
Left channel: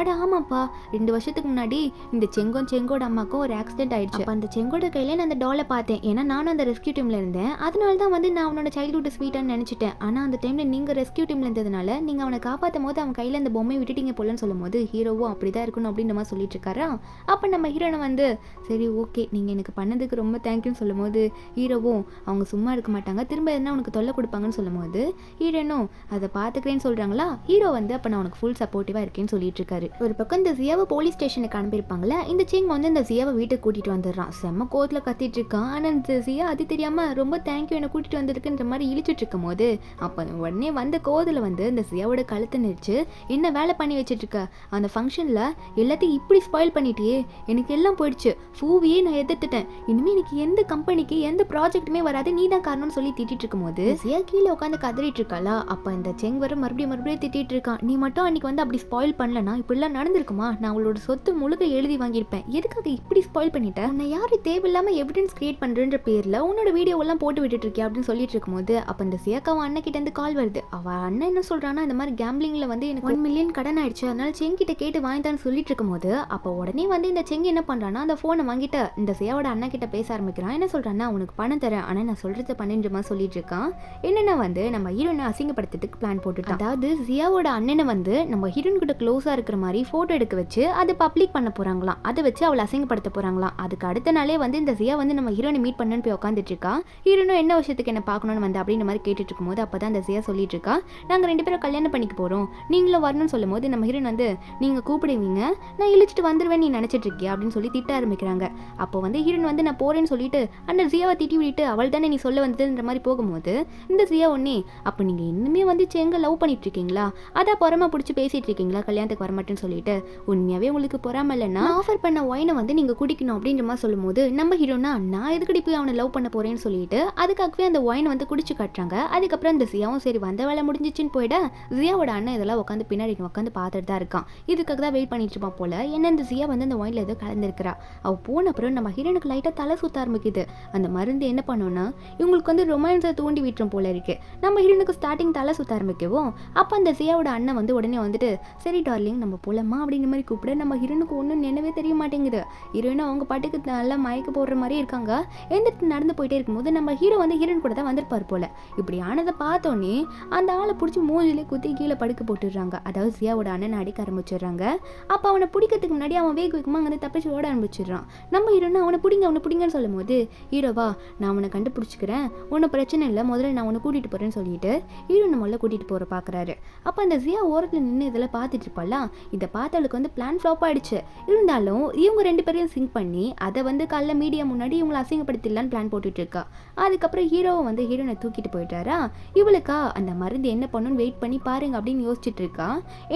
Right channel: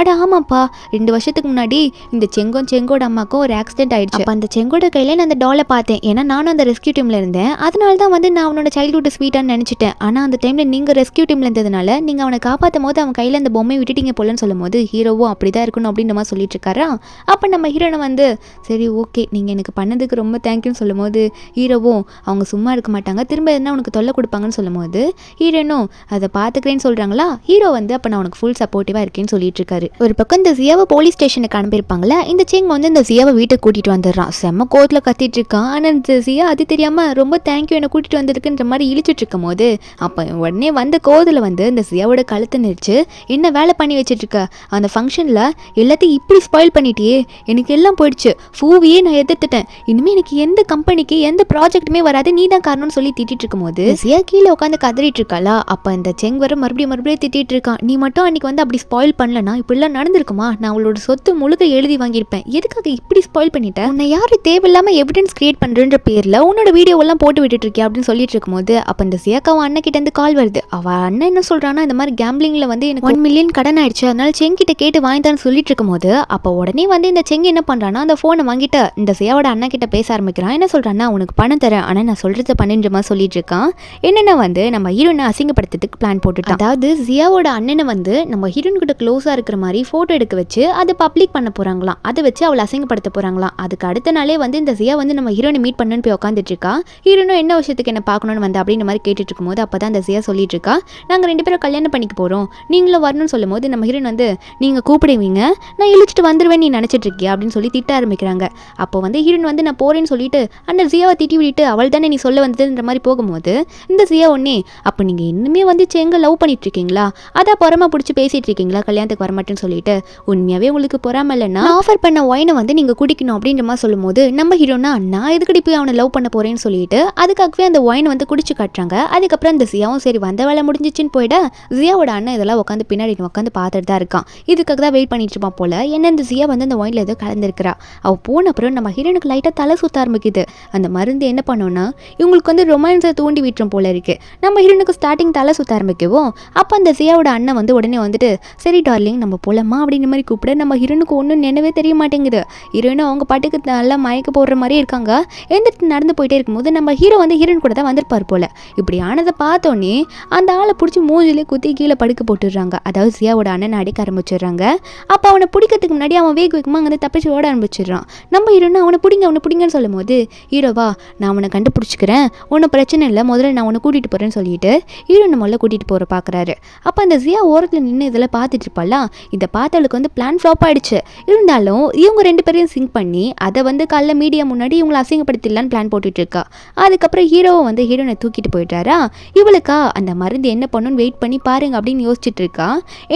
அட ஆமாப்பா 2 வருஷத்துக்கு முன்னாடி இந்த செங்கோட அம்மாக்கும் ஒரு ஆக்சிடென்ட் ஆயிடுச்சு, அப்போ அந்த செங்கோட கையில் நான் அந்த டாலை பார்த்தேன், ஏன்னா நானும் அந்த ரெஸ்கியூ டீமில் இருந்தேன், அதனால தான் வந்து நான் அவனோட சைல்டுஹுட் ஸ்வீட்டான்னு நினச்சிட்டேன், ஆனால் அந்த டைமில் நீங்கள் ரெஸ்கியூ டீமில் இருந்ததுனால நீங்கள் அவனை காப்பாற்றும் போது அவன் கையில் அந்த பொம்மையை விட்டுட்டீங்க போலன்னு சொல்லும் போது ஹீரோவும் அப்படி தான் இருக்கணும் அப்படின்ற மாதிரி சொல்லிட்டு இருக்காரா. அப்போ நம்ம ஹீரோனை வந்து சரி ஓகே நீங்கள் எனக்கு பண்ணதுக்கு ரொம்ப தேங்க்யூன்னு சொல்லும் போது ஹீரோவும் அவங்க சும்மா இருக்க மாட்டாங்க, திரும்ப எதுனா உனக்கு தொல்லை கொடுப்பாங்கன்னு சொல்லும் போது ஹீரோனும் அதை பார்த்துக்கிறேன்னு சொல்கிறாங்களா. ஹீரோ வந்து அப்போ நான் உனக்கு ஃபுல் சப்போர்ட்டிவாக இருக்கேன்னு சொல்லிட்டு இருக்காரு. ஒரு பக்கம் இந்த ஜியாவை போலீஸ் ஸ்டேஷனுக்கு அனுப்பியிருப்பாங்களே, இந்த செங் வந்து இந்த ஜியாவை வீட்டுக்கு கூட்டிகிட்டு வந்துடுறான். செம்ம கோவத்தில் கத்திட்டு இருக்கான். ஆனால் இந்த ஜியா அது தெரியாமல் ரொம்ப தேங்க்யூ என்னை கூட்டிகிட்டு வந்திருக்குன்ற மாதிரி இழிச்சிட்டு இருக்கும் போது அப்போ உடனே வந்த கோவத்தில் வந்து இந்த ஜியாவோட கழுத்தை நெரிச்சு என்ன வேலை பண்ணி வச்சுட்டு இருக்க, அந்த ஃபங்க்ஷனில் எல்லாத்தையும் இப்படி ஸ்பாயில் பண்ணிட்டியே, எனக்கு எல்லாம் போயிடுச்சு, ஃபூவியே நான் எதிர்த்துட்டேன், இனிமேல் எனக்கு எந்த கம்பெனிக்கு எந்த ப்ராஜெக்ட்டுமே வராது, நீ தான் காரணம்னு சொல்லி திட்டிட்டு இருக்கும்போது ஜியா கீழே உட்காந்து கதறிட்டு இருக்காளா. அப்போ இந்த செங் வர மறுபடியும் திட்டிட்டு இருக்கான், நீ மட்டும் அன்னைக்கு வந்து அப்படி ஸ்பாயில் பண்ணலனா இப்படிலாம் நடந்திருக்குமா, நான் அவளோட சொத்து முழுக்க எழுதி வாங்கியிருப்பேன், எதுக்காக இப்படி ஸ்பாயில் பண்ணிட்டேன், உன்னை யாரு தேவையில்லாமல் எவிடன்ஸ் கிரியேட் பண்ணுறன்ற பேரில் உன்னோட வீடியோவெல்லாம் போட்டு விட்டுட்டு இருக்கியா அப்படின்னு சொல்லிட்டு இருக்கும்போது அப்போ இந்த ஜியாக்கு அவன் அண்ணன் கிட்ட இருந்து கால் வருது. அவன் அண்ணன் என்ன சொல்கிறான்னா இந்த மாதிரி கேம்பிளிங்கில் வந்து எனக்கு 1 மில்லியன் கடன் ஆயிடுச்சு, அதனால செங் கிட்ட கேட்டு வாங்கிட்டான்னு சொல்லிட்டு இருக்கும்போது அப்போ உடனே வந்து இந்த செங் என்ன பண்ணுறான்னா அந்த ஃபோனை வாங்கிட்டு இந்த ஜியாவோட அண்ணன் கிட்ட பேச ஆரம்பிக்கிறான். என்ன சொல்கிறான்னா உனக்கு பணம் தரேன், ஆனால் நான் சொல்கிறத பண்ணுன்ற மாதிரி சொல்லிட்டு இருக்கான். என்னென்ன வந்து நம்ம ஹீரோனை அசிங்கப்படுத்துறதுக்கு பிளான் போட்டுட்டான். அதாவது ஜியாவோட அண்ணனை வந்து நம்ம ஹீரோன் கிட்ட க்ளோஸாக இருக்கிற மாதிரி ஃபோட்டோ எடுக்க வச்சு அதை பப்ளிக் பண்ண போகிறாங்களாம், அதை வச்சு அவளை அசிங்கப்படுத்த போகிறாங்களாம். அதுக்கு அடுத்த நாளே வந்து இந்த ஜியா வந்து நம்ம ஹீரோனை மீட் பண்ணுன்னு போய் உட்காந்துட்டு இருக்கா. ஹீரோனும் என்ன விஷயத்துக்கு என்ன பார்க்கணும்னு வந்து அப்படின்ற மாதிரி கேட்டுட்டு இருக்கும்போது அப்போ தான் இந்த ஜியா சொல்லிட்டு இருக்கா நாங்கள் 2 பேரும் கல்யாணம் பண்ணிக்க போகிறோம், நீங்களும் வரணும்னு சொல்லும் போது நம்ம ஹீரோன் வந்து நீங்கள் கூப்பிடுவீங்க நான் இழுச்சிட்டு வந்துடுவேன் நீ நினச்சிட்டு இருக்கியா அப்படின்னு சொல்லி திட்ட ஆரம்பிக்கிறாங்க. அப்போ வந்து ஹீரோன் வந்து நான் போகிறேன்னு சொல்லிட்டு அந்த ஜியாவை திட்டி விட்டு அவள் தானே நீ சொல்ல வந்ததுன்ற மாதிரி போகும்போது இந்த ஜியா ஒன்னே அப்போ நீங்கள் இன்னுமே வந்து செங்க லவ் பண்ணிட்டு இருக்கீங்களா, அதான் பொறாம பிடிச்சி பேசிட்டு இருக்கீங்களா, கல்யாணத்துக்கு வரமாட்டேன்னு சொல்லிட்டு உண்மையாகவே உங்களுக்கு பொறாம இல்லைன்னா ஆஃபர் பண்ண ஒயினை வந்து நீங்கள் குடிக்கணும் அப்படின்ற மாதிரி சொல்லும் போது நம்ம ஹீரோனா நான் எதுக்கடி போய் அவனை லவ் பண்ண போறேன்னு சொல்லிட்டு அதுக்காகவே அந்த ஒயினை வந்து குடிச்சு காட்டுறாங்க. அதுக்கப்புறம் இந்த ஜியாவும் சரி வந்த வேலை முடிஞ்சிச்சுன்னு போயிட ஜியாவோட அண்ணன் இதெல்லாம் உட்காந்து பின்னாடி உட்காந்து பார்த்துட்டு தான் இருக்கான். இதுக்காக தான் வெயிட் பண்ணிட்டு இருப்பான் போல. என்ன இந்த ஜியா வந்து அந்த ஒயினில் ஏதோ கலந்துருக்கிறா. அவள் போன அப்புறம் நம்ம ஹீரோனுக்கு லைட்டாக தலை சுத்த ஆரம்பிக்குது. அந்த மருந்து என்ன பண்ணோன்னா இவங்களுக்கு வந்து ரொமான்ஸை தூண்டி விட்டுரும் போல இருக்கு. நம்ம ஹீரோனுக்கு ஸ்டார்டிங் தலை சுத்த ஆரம்பிக்கவும் அப்போ அந்த ஜியாவோட அண்ணன் வந்து உடனே வந்துட்டு சரி டார்லிங் நம்ம போலமா அப்படின்ற மாதிரி கூப்பிட நம்ம ஹீரோனுக்கு ஒன்றும் நினைவே தெரிய மாட்டேங்குது. ஹீரோயினும் அவங்க பாட்டுக்கு நல்லா மயக்க போடுற மாதிரியே இருக்காங்க. எழுந்திட்டு நடந்து போயிட்டே இருக்கும்போது நம்ம ஹீரோ வந்து ஹீரோயின் கூட தான் வந்திருப்பார் போல. இப்படி ஆனதை பார்த்தோன்னே அந்த ஆளை பிடிச்சி மூஞ்சிலே குத்தி கீழே படுக்க போட்டுடுறாங்க. அதாவது ஜியாவோட அண்ணனை அடிக்க ஆரம்பிச்சிடுறாங்க. அப்போ அவனை பிடிக்கிறதுக்கு முன்னாடி அவன் வேகமாக அங்கே தப்பிச்சு ஓட ஆரம்பிச்சிடுறான். நம்ம ஹீரோன்னு அவனை பிடிங்கன்னு சொல்லும் போது ஹீரோவா நான் அவனை கண்டுபிடிச்சிக்கிறேன், ஒன்றும் பிரச்சனை இல்லை, முதல்ல நான் உன்னை கூட்டிகிட்டு போகிறேன்னு சொல்லிட்டு ஹீரோனை முதல்ல கூட்டிகிட்டு போகிற பார்க்குறாரு. அப்போ அந்த ஜியா ஓரத்தில் நின்று இதெல்லாம் பார்த்துட்டு இருப்பாலாம். இதை பார்த்தவளுக்கு வந்து பிளான் ஃப்ளாப் ஆகிடுச்சு. இருந்தாலும் இவங்க 2 பேரையும் சிங்க் பண்ணி அதை வந்து காலைல மீடியா முன்னாடி இவங்களை அசிங்கப்படுத்திடலான்னு பிளான் போட்டுட்டு இருக்கா. அதுக்கப்புறம் ஹீரோவை வந்து ஹீரோனை தூக்கிட்டு போயிட்டாரா. இவளுக்கா அந்த மருந்து என்ன பண்ணணும்னு வெயிட் பண்ணி பாருங்க அப்படின்னு யோசிச்சுட்டு இருக்கா.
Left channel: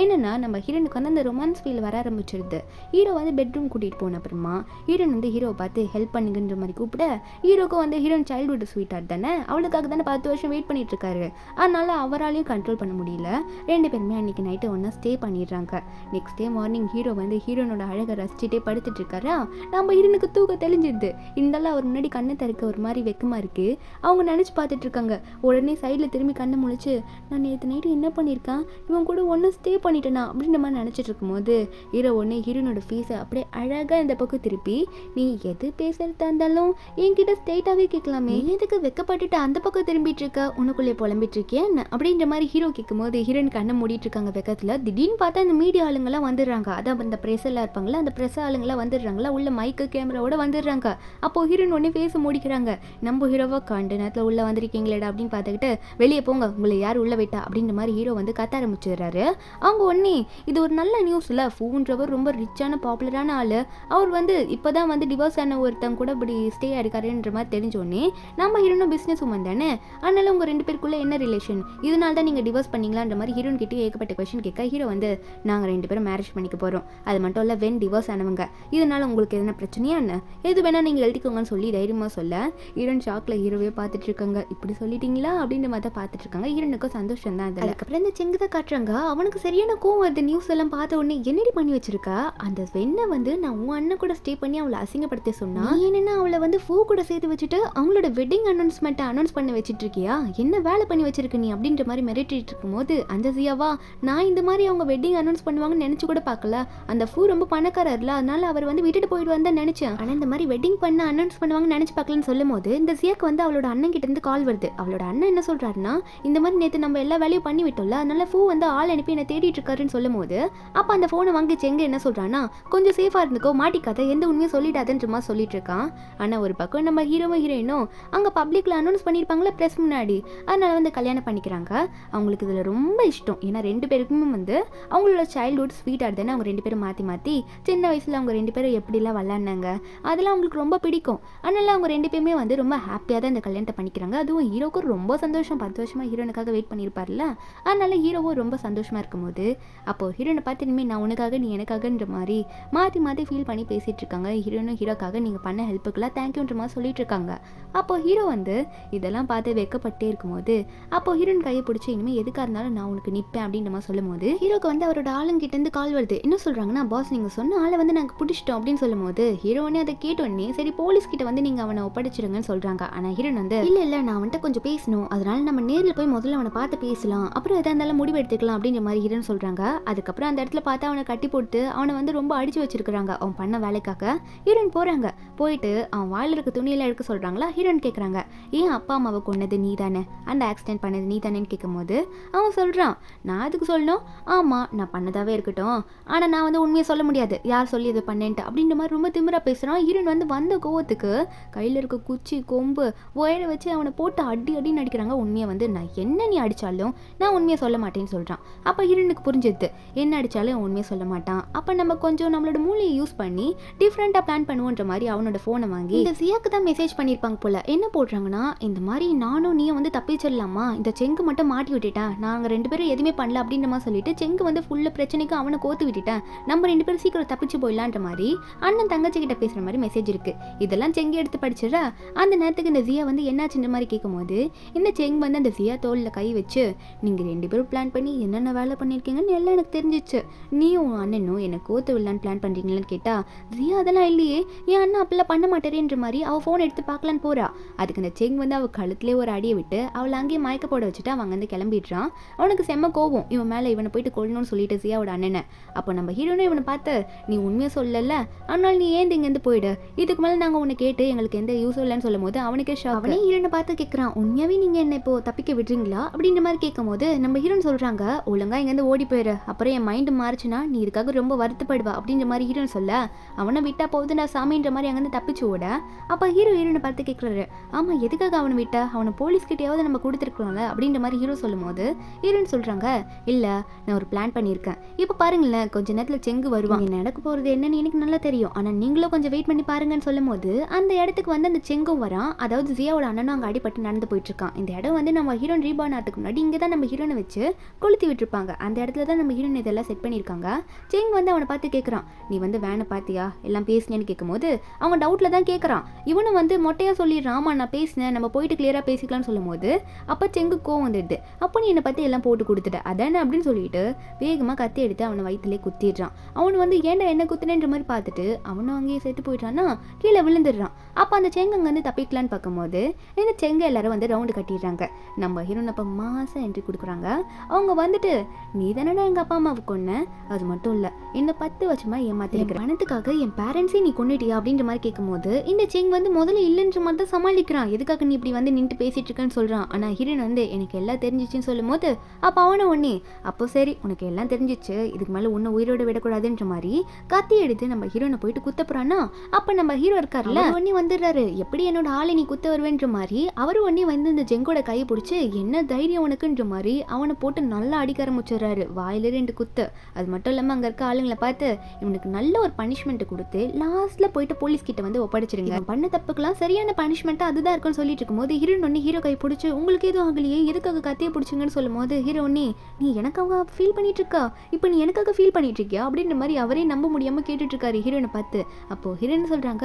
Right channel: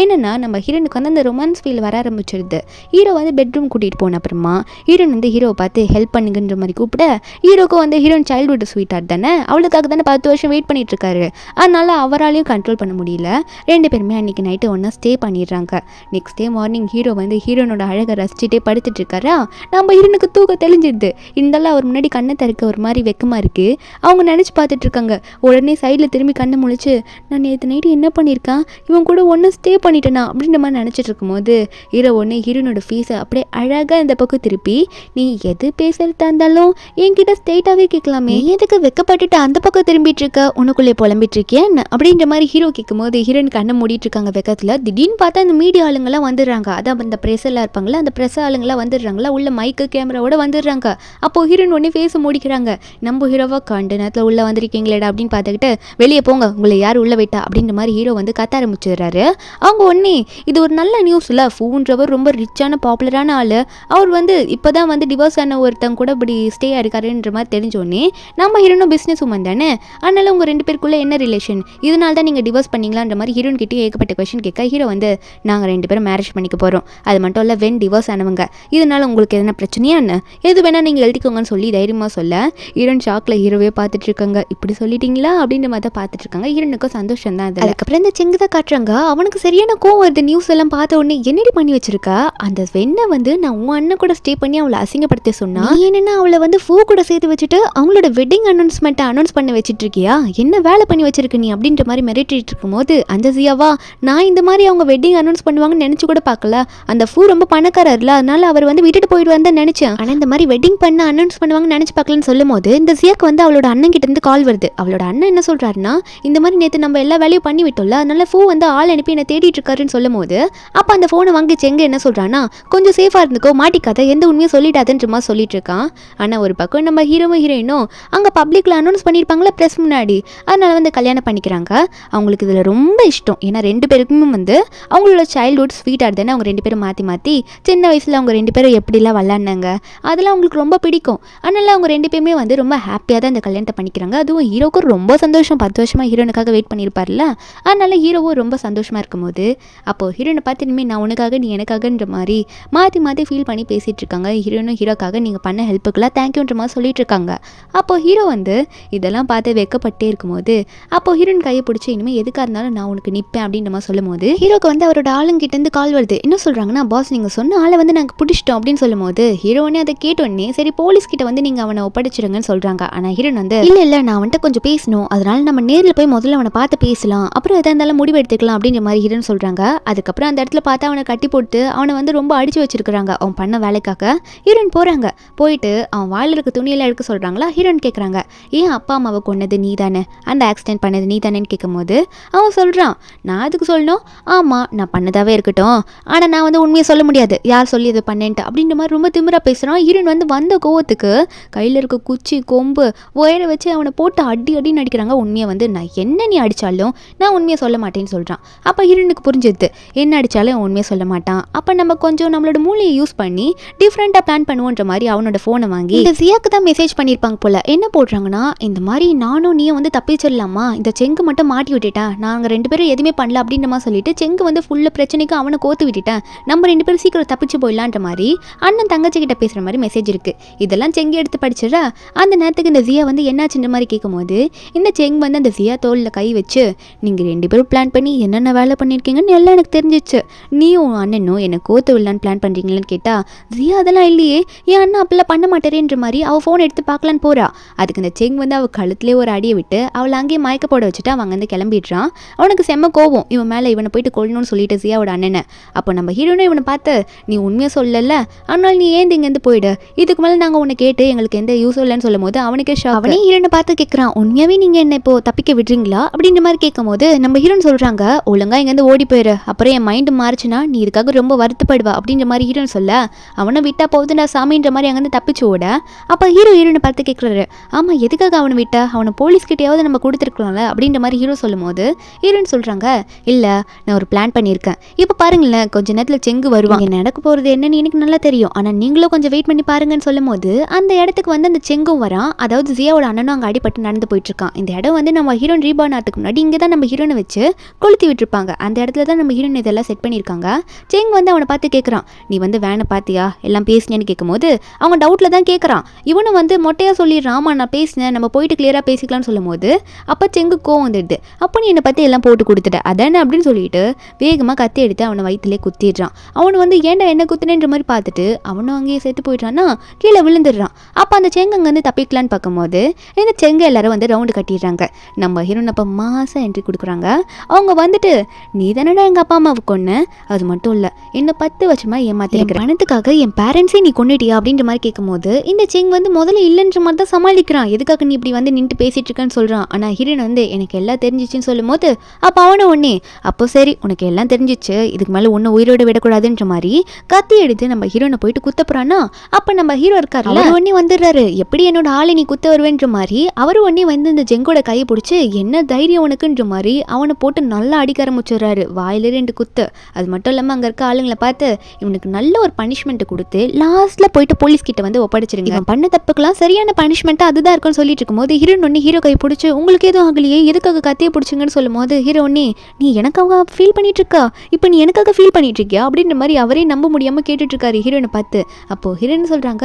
என்னன்னா நம்ம ஹீரோனுக்கு வந்து அந்த ரொமான்ஸ் ஃபீல் வர ஆரம்பிச்சிருது. ஹீரோ வந்து பெட்ரூம் கூட்டிகிட்டு போன அப்புறமா ஹீரோன் வந்து ஹீரோவை பார்த்து ஹெல்ப் பண்ணுங்கன்ற மாதிரி கூப்பிட ஹீரோக்கும் வந்து ஹீரோன் சைல்ட்ஹுட் ஸ்வீட் ஆர்ட் தானே, அவளுக்காக தானே 10 வருஷம் வெயிட் பண்ணிட்டு இருக்காரு. அதனால அவராலையும் கண்ட்ரோல் பண்ண முடியல. 2 பேருமே அன்றைக்கி நைட்டு ஒன்றா ஸ்டே பண்ணிடுறாங்க. நெக்ஸ்ட் டே மார்னிங் ஹீரோ வந்து ஹீரோனோட அழகை ரசிச்சுட்டே படுத்துட்டு இருக்காரா. நம்ம ஹீரோனுக்கு தூக்க தெளிஞ்சிடுது. இருந்தாலும் அவர் முன்னாடி கண்ணை திறக்க ஒரு மாதிரி வெக்கமாக இருக்குது. அவங்க நினச்சி பார்த்துட்டு இருக்காங்க. உடனே சைடில் திரும்பி கண்ணை முழிச்சு நான் நேற்று நைட்டு என்ன பண்ணியிருக்கேன், இவன் கூட ஒன்று ஸ்டே பண்ணிட்டேனா அப்படின்ற மாதிரி நினச்சிட்டு இருக்கும்போது ஹீரோ ஒன்று ஹீரோனோட ஃபீஸை அப்படியே அழகாக இந்த பக்கம் திருப்பி நீ எது பேசுறதா இருந்தாலும் என்கிட்ட ஸ்ட்ரெயிட்டாகவே கேட்கலாமே, எதுக்கு வெக்கப்பட்டுட்டு அந்த பக்கம் திரும்பிட்டு இருக்க, உனக்குள்ளே புலம்பிட்டு இருக்கேன் அப்படின்ற மாதிரி ஹீரோ கேட்கும்போது ஹீரோயின் கண்ணை மூடிட்டு இருக்காங்க வெக்கத்தில். திடீர்னு பார்த்தா அந்த மீடியா ஆளுங்கெல்லாம் வந்துடுறாங்க. அதான் அந்த ப்ரெஸ் எல்லாம் இருப்பாங்களா, அந்த ப்ரெஸ் ஆளுங்கெல்லாம் வந்துடுறாங்களா, உள்ள மைக்கு கேமராவோட வந்துடுறாங்க. அப்போது ஹீரோயின் உடனே ஃபேஸை மூடிக்கிறாங்க. நம்ம ஹீரோவா கண்டு நேரத்தில் உள்ளே வந்திருக்கீங்களேடா அப்படின்னு பார்த்துக்கிட்டு வெளியே போங்க உங்களை யார் உள்ளே விட்டா அப்படின்ற மாதிரி ஹீரோ வந்து கத்த ஆரம்பிச்சிடுறாரு. அவங்க ஒன்னே இது ஒரு நல்ல நியூஸ் இல்லை, ஃபூன்றவர் ரொம்ப ரிச்சான பாப்புலரான ஆள், அவர் வந்து இப்போ தான் வந்து டிவோர்ஸ் ஆன ஒருத்தங்க கூட இப்படி ஸ்டே ஆயிருக்காருன்ற மாதிரி தெரிஞ்சோடனே நம்ம ஹீரோனும் பிஸ்னஸ் உமன் தானே, அதனால உங்கள் 2 பேருக்குள்ளே என்ன ரிலேஷன், இதனால தான் நீங்கள் டிவோர்ஸ் பண்ணிங்களான்ற மாதிரி ஹீரோன் கிட்டே ஏகப்பட்ட கொஸ்டின் கேட்க ஹீரோ வந்து நாங்கள் 2 பேரும் மேரேஜ் பண்ணிக்க போகிறோம், அது மட்டும் இல்லை வென் டிவோர்ஸ் ஆனவங்க, இதனால உங்களுக்கு எதனா பிரச்சனையா என்ன, எது வேணால் நீங்கள் எழுதிக்கோங்கன்னு சொல்லி தைரியமாக சொல்ல ஹீரோன் ஷாக்கில் ஹீரோவே பார்த்துட்டு இருக்காங்க. இப்படி சொல்லிட்டீங்களா அப்படின்ற மாதிரி தான் பார்த்துட்டு இருக்காங்க. ஹீரோனுக்கும் சந்தோஷம் தான். அதுக்கப்புறம் இந்த செங்கு தான் காட்டுறாங்க. அவனுக்கு சரியான கோவம் வருது. நியூஸ் எல்லாம் பார்த்த உடனே என்னடி பண்ணி வச்சிருக்கா, அந்த வெண்ணை வந்து நான் உன் அண்ணன் கூட ஸ்டே பண்ணி அவளை அசிங்கப்படுத்த சொன்னா என்னன்னா அவளை வந்து ஃபூ கூட சேர்த்து வச்சுட்டு அவங்களோட வெட்டிங் அனௌன்ஸ்மெண்ட்டை அனௌன்ஸ் பண்ண வச்சுட்டு இருக்கியா, என்ன வேலை பண்ணி வச்சிருக்க நீ அப்படின்ற மாதிரி மிரட்டிட்டு இருக்கும்போது அந்த ஜியாவா நான் இந்த மாதிரி அவங்க வெட்டிங் அனௌன்ஸ் பண்ணுவாங்கன்னு நினைச்சு கூட பார்க்கல, அந்த ஃபூ ரொம்ப பணக்காரர்ல அதனால அவர் வந்து விட்டுட்டு போயிடுவான்னு தான் நினைச்சேன், ஆனால் இந்த மாதிரி வெட்டிங் பண்ண அனௌன்ஸ் பண்ணுவாங்கன்னு நினைச்சு பார்க்கலன்னு சொல்லும் போது இந்த ஜியாக்கு வந்து அவளோட அண்ணன் கிட்ட இருந்து கால் வருது. அவளோட அண்ணன் என்ன சொல்றாருன்னா இந்த மாதிரி நேற்று நம்ம எல்லா வேலையும் பண்ணி விட்டோம்ல, அதனால ஃபூ வந்து ஆள் அனுப்பி என்ன தேடிட்டு இருக்காருன்னு சொல்லும் போது அப்போ அந்த ஃபோனை வாங்கி செங்க என்ன சொல்றான்னா கொஞ்சம் சேஃபாக இருந்துக்கோ, மாட்டிக்காத, எந்த உண்மையும் சொல்லிட்டாதுன்ற மாதிரி சொல்லிட்டு இருக்கான். ஆனால் ஒரு பக்கம் நம்ம ஹீரோயினும் அங்கே பப்ளிக்கில் அனௌன்ஸ் பண்ணியிருப்பாங்களா ப்ரெஸ் முன்னாடி, அதனால வந்து கல்யாணம் பண்ணிக்கிறாங்க. அவங்களுக்கு இதில் ரொம்ப இஷ்டம். ஏன்னா 2 பேருக்குமே வந்து அவங்களோட சைல்ட்ஹுட் ஸ்வீட் ஆட் தானே, அவங்க 2 பேரும் மாற்றி சின்ன வயசில் அவங்க 2 பேரும் எப்படிலாம் விளாட்னாங்க அதெல்லாம் அவங்களுக்கு ரொம்ப பிடிக்கும். அதனால அவங்க 2 பேருமே வந்து ரொம்ப ஹாப்பியாக தான் இந்த கல்யாணத்தை பண்ணிக்கிறாங்க. அதுவும் ஹீரோக்கும் ரொம்ப சந்தோஷம். 10 வருஷமாக ஹீரோனுக்காக வெயிட் பண்ணியிருப்பார்ல, அதனால ஹீரோவும் ரொம்ப சந்தோஷமாக இருக்கும்போது அப்போது ஹீரோனை பார்த்து இனிமேல் நான் உனக்காக நீ எனக்காகன்ற மாதிரி மாற்றி ஃபீல் பண்ணி பேசிகிட்டு இருக்காங்க. ஹீரோனும் ஹீரோக்காக நீங்கள் பண்ண ஹெல்ப்புக்கெல்லாம் தேங்க்யூன்ற மாதிரி சொல்லிட்டு இருக்காங்க. அப்போது ஹீரோ வந்து இதெல்லாம் பார்த்து வெக்கப்பட்டே இருக்கும்போது அப்போது ஹீரோன் கையை பிடிச்சி இனிமேல் எதுக்காக இருந்தாலும் நான் உனக்கு நிற்பேன் அப்படின்ற மாதிரி சொல்லும் போது ஹீரோக்கு வந்து அவரோட ஆளுங்கிட்டேருந்து கால் வருது. என்ன சொல்கிறாங்கன்னா பாஸ் நீங்கள் சொன்ன ஆளை வந்து நாங்கள் பிடிச்சிட்டோம் அப்படின்னு சொல்லும் போது ஹீரோனே அதை கேட்டோடனே சரி போலீஸ் கிட்ட வந்து நீங்கள் அவனை ஒப்படைச்சிருங்கன்னு சொல்கிறாங்க. ஆனால் ஹீரோன் வந்து இல்லை நான் வந்துட்டு கொஞ்சம் பேசணும், அதனால நம்ம நேரில் போய் முதல்ல அவனை பார்த்து பேசலாம், அப்புறம் எதாக இருந்தாலும் முடிவு எடுத்துக்கலாம் அப்படின்ற மாதிரி ஹீரோன் சொல்கிறாங்க. அதுக்கப்புறம் அந்த இடத்துல பார்த்து அவனை கட்டி போட்டு அவனை வந்து ரொம்ப அடிச்சு வச்சிருக்கிறாங்க அவன் பண்ண வேலைக்காக. ஹீரோயின் போகிறாங்க. போயிட்டு அவன் வாயில் இருக்க துணியெல்லாம் எடுக்க சொல்கிறாங்களா. ஹீரோயின் கேட்குறாங்க ஏன் அப்பா அம்மாவை கொன்னது நீ தானே, அந்த ஆக்சிடென்ட் பண்ணது நீ தானேன்னு கேட்கும்போது அவன் சொல்கிறான் நான் அதுக்கு சொல்லணும், ஆமாம் நான் பண்ணதாகவே இருக்கட்டும், ஆனால் நான் வந்து உண்மையை சொல்ல முடியாது யார் சொல்லி அதை பண்ணேன்ட்டு அப்படின்ற மாதிரி ரொம்ப திமிரா பேசுகிறான். ஹீரோயின் வந்து வந்த கோவத்துக்கு கையில் இருக்க குச்சி கொம்பு ஒயரை வச்சு அவனை போட்டு அடின்னு அடிக்கிறாங்க. உண்மையை வந்து நான் என்ன நீ அடித்தாலும் நான் உண்மையை சொல்ல மாட்டேன்னு சொல்கிறான். அப்போ ஹீரோனுக்கு புரிஞ்சுது என்ன அடித்தாலும் உண்மையை சொல்ல மாட்டான், அப்போ நம்ம கொஞ்சம் நம்மளோட மூளையை யூஸ் பண்ணி டிஃப்ரெண்ட்டாக பிளான் பண்ணுவோன்ற மாதிரி அவனோட ஃபோனை வாங்கி இந்த ஜியாக்கு தான் மெசேஜ் பண்ணியிருப்பாங்க போல. என்ன போடுறாங்கன்னா இந்த மாதிரி நானும் நீயும் வந்து தப்பிச்சிடலாமா, இந்த செங்கு மட்டும் மாட்டி விட்டுட்டேன், நாங்கள் 2 பேரும் எதுவுமே பண்ணல அப்படின்ற மாதிரி சொல்லிட்டு செங்கு வந்து ஃபுல்லாக பிரச்சனைக்கு அவனை கோத்து விட்டுட்டேன், நம்ம 2 பேரும் சீக்கிரம் தப்பிச்சு போயிடலான்ற மாதிரி அண்ணன் தங்கச்சி கிட்ட பேசுகிற மாதிரி மெசேஜ் இருக்குது. இதெல்லாம் செங்கு எடுத்து படிச்சிடா. அந்த நேரத்துக்கு இந்த ஜியா வந்து என்னாச்சுன்ற மாதிரி கேட்கும்போது இந்த செங் வந்து அந்த ஜியா தோளில் கை வச்சு நீங்கள் 2 பேரும் பிளான் பண்ணி என்னென்ன வேலை பண்ணியிருக்கீங்கன்னு எல்லாம் எனக்கு தெரிஞ்சிச்சு, நீயும் அண்ணனும் என்னை கோத்து விடலான்னு பிளான் பண்ணுறீங்களான்னு கேட்டால் ஜியா அதெல்லாம் இல்லையே, என் அண்ணன் அப்பெல்லாம் பண்ண மாட்டேறேன்ற மாதிரி அவள் ஃபோன் எடுத்து பார்க்கலான்னு போகிறா. அதுக்கு இந்த செங் வந்து அவள் கழுத்துலேயே ஒரு அடியை விட்டு அவளை அங்கேயே மயக்க போட வச்சுட்டு அவங்க வந்து கிளம்பிடுறான். இருக்கான். அவனுக்கு செம்ம கோவம் இவன் மேலே, இவனை போயிட்டு கொள்ளணும்னு சொல்லிட்டு ஜியாவோட அண்ணனை. அப்போ நம்ம ஹீரோனும் இவனை பார்த்து, நீ உண்மையாக சொல்லல, ஆனால் நீ ஏன் இங்கேருந்து போயிடு, இதுக்கு மேலே நாங்கள் உன்னை கேட்டு எங்களுக்கு எந்த யூஸ் இல்லைன்னு சொல்லும் போது அவனுக்கே ஷாக். அவனே ஹீரோனை பார்த்து கேட்குறான், உண்மையாகவே நீங்கள் என்ன இப்போ தப்பிக்க விடுறீங்களா அப்படின்ற மாதிரி கேட்கும் போது நம்ம ஹீரோன் சொல்கிறாங்க, ஒழுங்கா இங்கேருந்து ஓடி போயிரு, அப்புறம் என் மைண்டு மாறிச்சுன்னா நீ இதுக்காக ரொம்ப வருத்தப்படுவா அப்படின்ற மாதிரி ஹீரோன் சொல்ல, அவனை விட்டா போகுதுடா சாமின்ற மாதிரி அங்கேருந்து தப்பிச்சு ஓட. அப்போ ஹீரோனை பார்த்து கேட்குறாரு, ஆமாம் எதுக்காக அவனை விட்டா, அவனை போலீஸ்கிட்டையாவது நம்ம கொடுத்துருக்கலாம்ல அப்படின்ற மாதிரி ஹீரோ சொல்லும் போது ஹீரோன்னு சொல்கிறாங்க, இல்லை நான் ஒரு பிளான் பண்ணியிருக்கேன், இப்போ பாருங்களேன் கொஞ்ச நேரத்தில் செங்கு வருவாங்க, நடக்க போகிறது என்னன்னு எனக்கு நல்லா தெரியும், ஆனால் நீங்களும் கொஞ்சம் வெயிட் பண்ணி பாருங்கன்னு சொல்லும் போது அந்த இடத்துக்கு வந்து அந்த செங்கும் வரான். அதாவது ஜியாவோட அண்ணனும் அங்கே அடிபட்டு நடந்து போயிட்டு இருக்கான். இந்த இடம் வந்து நம்ம ஹீரோன் ரீபார்ன் ஆகிறதுக்கு முன்னாடி இங்கே தான் நம்ம ஹீரோனை வச்சு கொளுத்தி விட்டுருப்பாங்க. அந்த இடத்துல தான் நம்ம ஹீரோன் இதெல்லாம் செட் பண்ணியிருக்காங்க. செங் வந்து அவனை பார்த்து கேட்குறான், நீ வந்து வேனை பார்த்தியா எல்லாம் பேசினேன்னு கேட்கும் போது அவன் டவுட்டில் தான் கேட்குறான். இவனும் வந்து மொட்டையாக சொல்லிடுறான், ஆமாம் நான் பேசினேன், நம்ம போயிட்டு கிளியராக பேசிக்கலாம்னு சொல்லும் போது அப்போ செங்கு கோவம் வந்துடுது. அப்போ நீ என்னை பற்றி எல்லாம் போட்டு கொடுத்துட்ட அதானே அப்படின்னு சொல்லிட்டு வேகமாக கத்தி எடுத்து அவனை வயிற்றுலேயே குத்திடுறான். அவனு வந்து ஏன்டா என்ன குத்துனேன்ற மாதிரி பார்த்துட்டு அவனும் அங்கேயே செத்து போயிட்டான்னா கீழே விழுந்துடுறான். அப்போ அந்த செங்கு அங்கேருந்து தப்பிக்கலான்னு பார்க்கும்போது இந்த செங்கு எல்லாரும் வந்து ரவுண்டு கட்டிடுறாங்க. நம்ம ஹீரோன் அப்போ மாசம் என்ட்ரி கொடுக்குறாங்க. அவங்க வந்துட்டு, நீ தானடா எங்கள் அப்பா அம்மாவை கொன்ன, அது மட்டும் இல்லை என்ன 10 வருஷமா ஏமாத்திருக்கிற, பணத்துக்காக என் பேரண்ட்ஸே நீ கொண்டுட்டியா அப்படின்ற மாதிரி கேட்கும்போது இந்த செங் வந்து முதல்ல இல்லைன்ற மாதிரி தான் சமாளிக்கிறான். எதுக்காக நீ இப்படி வந்து நின்று பேசிட்டு இருக்கன்னு சொல்கிறான். ஆனால் ஹீரோன் வந்து எனக்கு எல்லாம் தெரிஞ்சிச்சுன்னு சொல்லும் போது அப்போ அவனை ஒன்னே, அப்போ சரி உனக்கு எல்லாம் தெரிஞ்சிச்சு, இதுக்கு மேலே ஒன்று உயிரோட விடக்கூடாதுன்ற மாதிரி கத்தி எடுத்து நம்ம ஹீரோனை போயிட்டு குத்த போறான்னா அப்போ நம்ம ஹீரோ இருக்காருல்ல ஒன்னே வந்துடுறாரு. எப்படி என்னோட ஆளை நீ குத்த வருவேன்ற மாதிரி அவரு ஒன்னே வந்து இந்த ஜெங்கோட கையை பிடிச்சி என்ன தைரியம் உனக்குன்ற மாதிரி அவனை போட்டு நல்லா அடிக்க ஆரம்பிச்சிடுறாரு. வாயில 2 குத்து. அது மட்டும் இல்லாமல் அங்கே இருக்க ஆளுங்களை பார்த்து இவனுக்கு நல்ல ஒரு பனிஷ்மெண்ட் கொடுத்து லாஸ்ட்ல போயிட்டு போலீஸ் கிட்ட வந்து ஒப்படைச்சிருங்க, இவன் பண்ண தப்புக்கெல்லாம் சரியான பனிஷ்மெண்ட்டாக அதுதான் இருக்குன்னு சொல்லிட்டு இருக்கும்போது ஹீரோன் ஒன்னே ஹீரோ கை பிடிச்சி உங்களுக்கு எதுவும் ஆகலையே எதுக்காக கத்தியை பிடிச்சிங்கன்னு சொல்லும் போது ஹீரோ ஒன்னே, நீ எனக்காக ஃபீல் பண்ணிட்டு இருக்கா, இப்போ நீ எனக்காக ஃபீல் பண்ணிட்டு இருக்கியா அப்படின்ற மாதிரி அவரே நம்ப முடியாமல் கேட்டுட்டு இருக்காரு ஹீரோனை பார்த்து. அப்போ ஹீரோன்னு சொல்றாங்க,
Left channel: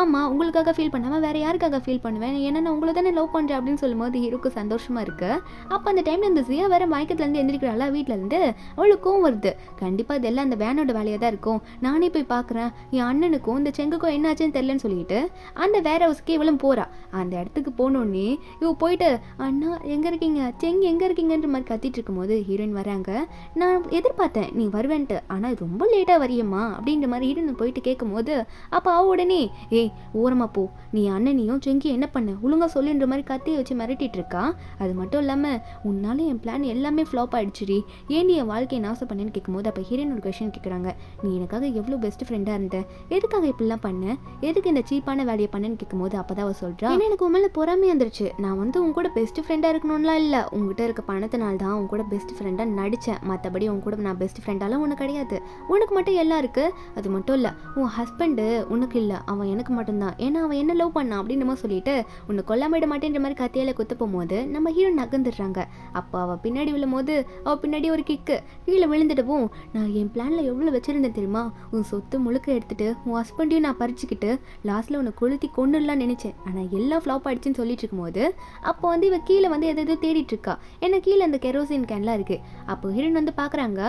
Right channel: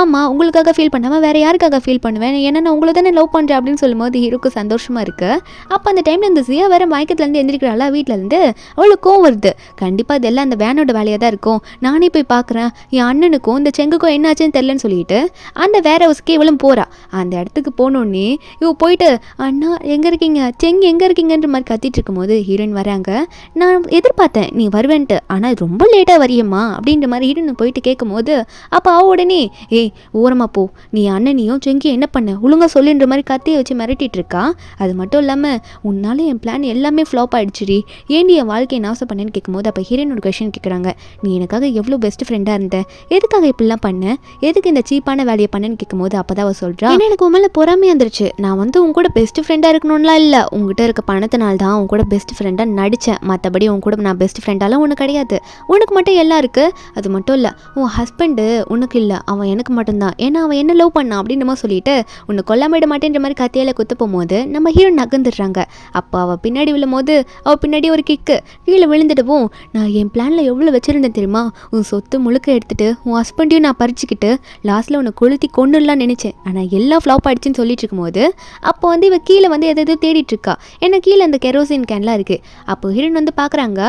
ஆமா உங்களுக்காக ஃபீல் பண்ணாமல் வேற யாருக்காக ஃபீல் பண்ணுவேன், ஏன்னா நான் உங்களை தானே லவ் பண்ணுறேன் அப்படின்னு சொல்லும்போது ஹீரோக்கு சந்தோஷமா இருக்கு. அப்போ அந்த டைம்ல இந்த ஜியா வேற மயக்கத்துலேருந்து எந்திரிக்கிறாளா வீட்டிலேருந்து, அவளுக்கு கோவம் வருது. கண்டிப்பாக இதெல்லாம் அந்த வேனோட வேலையாக தான் இருக்கும், நானே போய் பார்க்குறேன் என் அண்ணனுக்கும் இந்த செங்குக்கும் என்னாச்சுன்னு தெரியலன்னு சொல்லிட்டு அந்த வேற ஹவுஸ்க்கே இவளும் போறா. அந்த இடத்துக்கு போனோடனே இவ போயிட்டு, அண்ணா எங்கே இருக்கீங்க, செங்கு எங்கே இருக்கீங்கன்ற மாதிரி கத்திட்டு இருக்கும்போது ஹீரோயின் வராங்க. நான் எதிர்பார்த்தேன் நீ வருவேன்ட்டு, ஆனால் ரொம்ப லேட்டாக வரியம்மா அப்படின்ற மாதிரி ஹீரோயின் போயிட்டு கேட்கும்போது அப்போ அவ உடனே, ஏய் ஓரமா போ, நீ அண்ணனையும் செங்கியும் என்ன பண்ண ஒழுங்கா சொல்லுன்ற மாதிரி கத்தியை வச்சு மிரட்டிட்டு இருக்கா. அது மட்டும் இல்லாமல் உன்னால என் பிளான் எல்லாமே ஃப்ளாப் ஆயிடுச்சுடி, ஏன்டி என் வாழ்க்கையை நாசம் பண்ணேன்னு கேட்கும்போது அப்போ ஹீரோயின் ஒரு கொஷின் கேட்குறாங்க, நீ எனக்காக எவ்வளோ பெஸ்ட் ஃப்ரெண்டாக இருந்த, எதுக்காக இப்படிலாம் பண்ண, எதுக்கு இந்த சீப்பான வேலையை பண்ணேன்னு கேட்கும்போது அப்போ தான் அவள் சொல்கிறா, ஏன்னா எனக்கு உண்மையில பொறாமையாக இருந்துருச்சு, நான் வந்து உங்க கூட பெஸ்ட் ஃப்ரெண்டாக இருக்கணும்லாம் இல்லை, உங்ககிட்ட இருக்க பணத்தினால தான் உங்க கூட பெஸ்ட் ஃப்ரெண்டாக நடித்தேன், மற்றபடி உங்க கூட நான் பெஸ்ட் ஃப்ரெண்டாலாம் ஒன்று கிடையாது, உனக்கு மட்டும் எல்லாம் இருக்குது, அது மட்டும் இல்லை உன் ஹஸ்பண்டு உனக்கு இல்லை, அவன் எனக்கு மட்டும்தான், ஏன்னா அவன் என்ன லவ் பண்ணான் அப்படின்ற மாதிரி சொல்லிட்டு உன்னை கொல்லாம மாட்டேன்ற மாதிரி கத்தியால் குத்த போகும்போது நம்ம ஹீரோ நகர்ந்துடுறாங்க. அப்போ அவள் பின்னாடி விழும் போது அவள் பின்னாடி ஒரு கிக்கு கீழே விழுந்துடுவோம். நான் என் பிளானில் எவ்வளோ வச்சுருந்தேன் தெரியுமா, உன் சொத்து முழுக்க எடுத்துட்டு உன் ஹஸ்பண்டையும் நான் பறிச்சுக்கிட்டு லாஸ்ட்டில் உன்னை கொளுத்தி கொண்டுலாம் நினச்சேன், ஆனால் எல்லாம் ஃப்ளாப் ஆகிடுச்சின்னு சொல்லிட்டு இருக்கும்போது அப்போ வந்து இவள் கீழே வந்து எதாவது தேடிட்டு இருக்கா. ஏன்னா கீழே அந்த கெரோசின் கேன்லாம் இருக்குது. அப்போ ஹீரோன் வந்து பார்க்குறாங்க.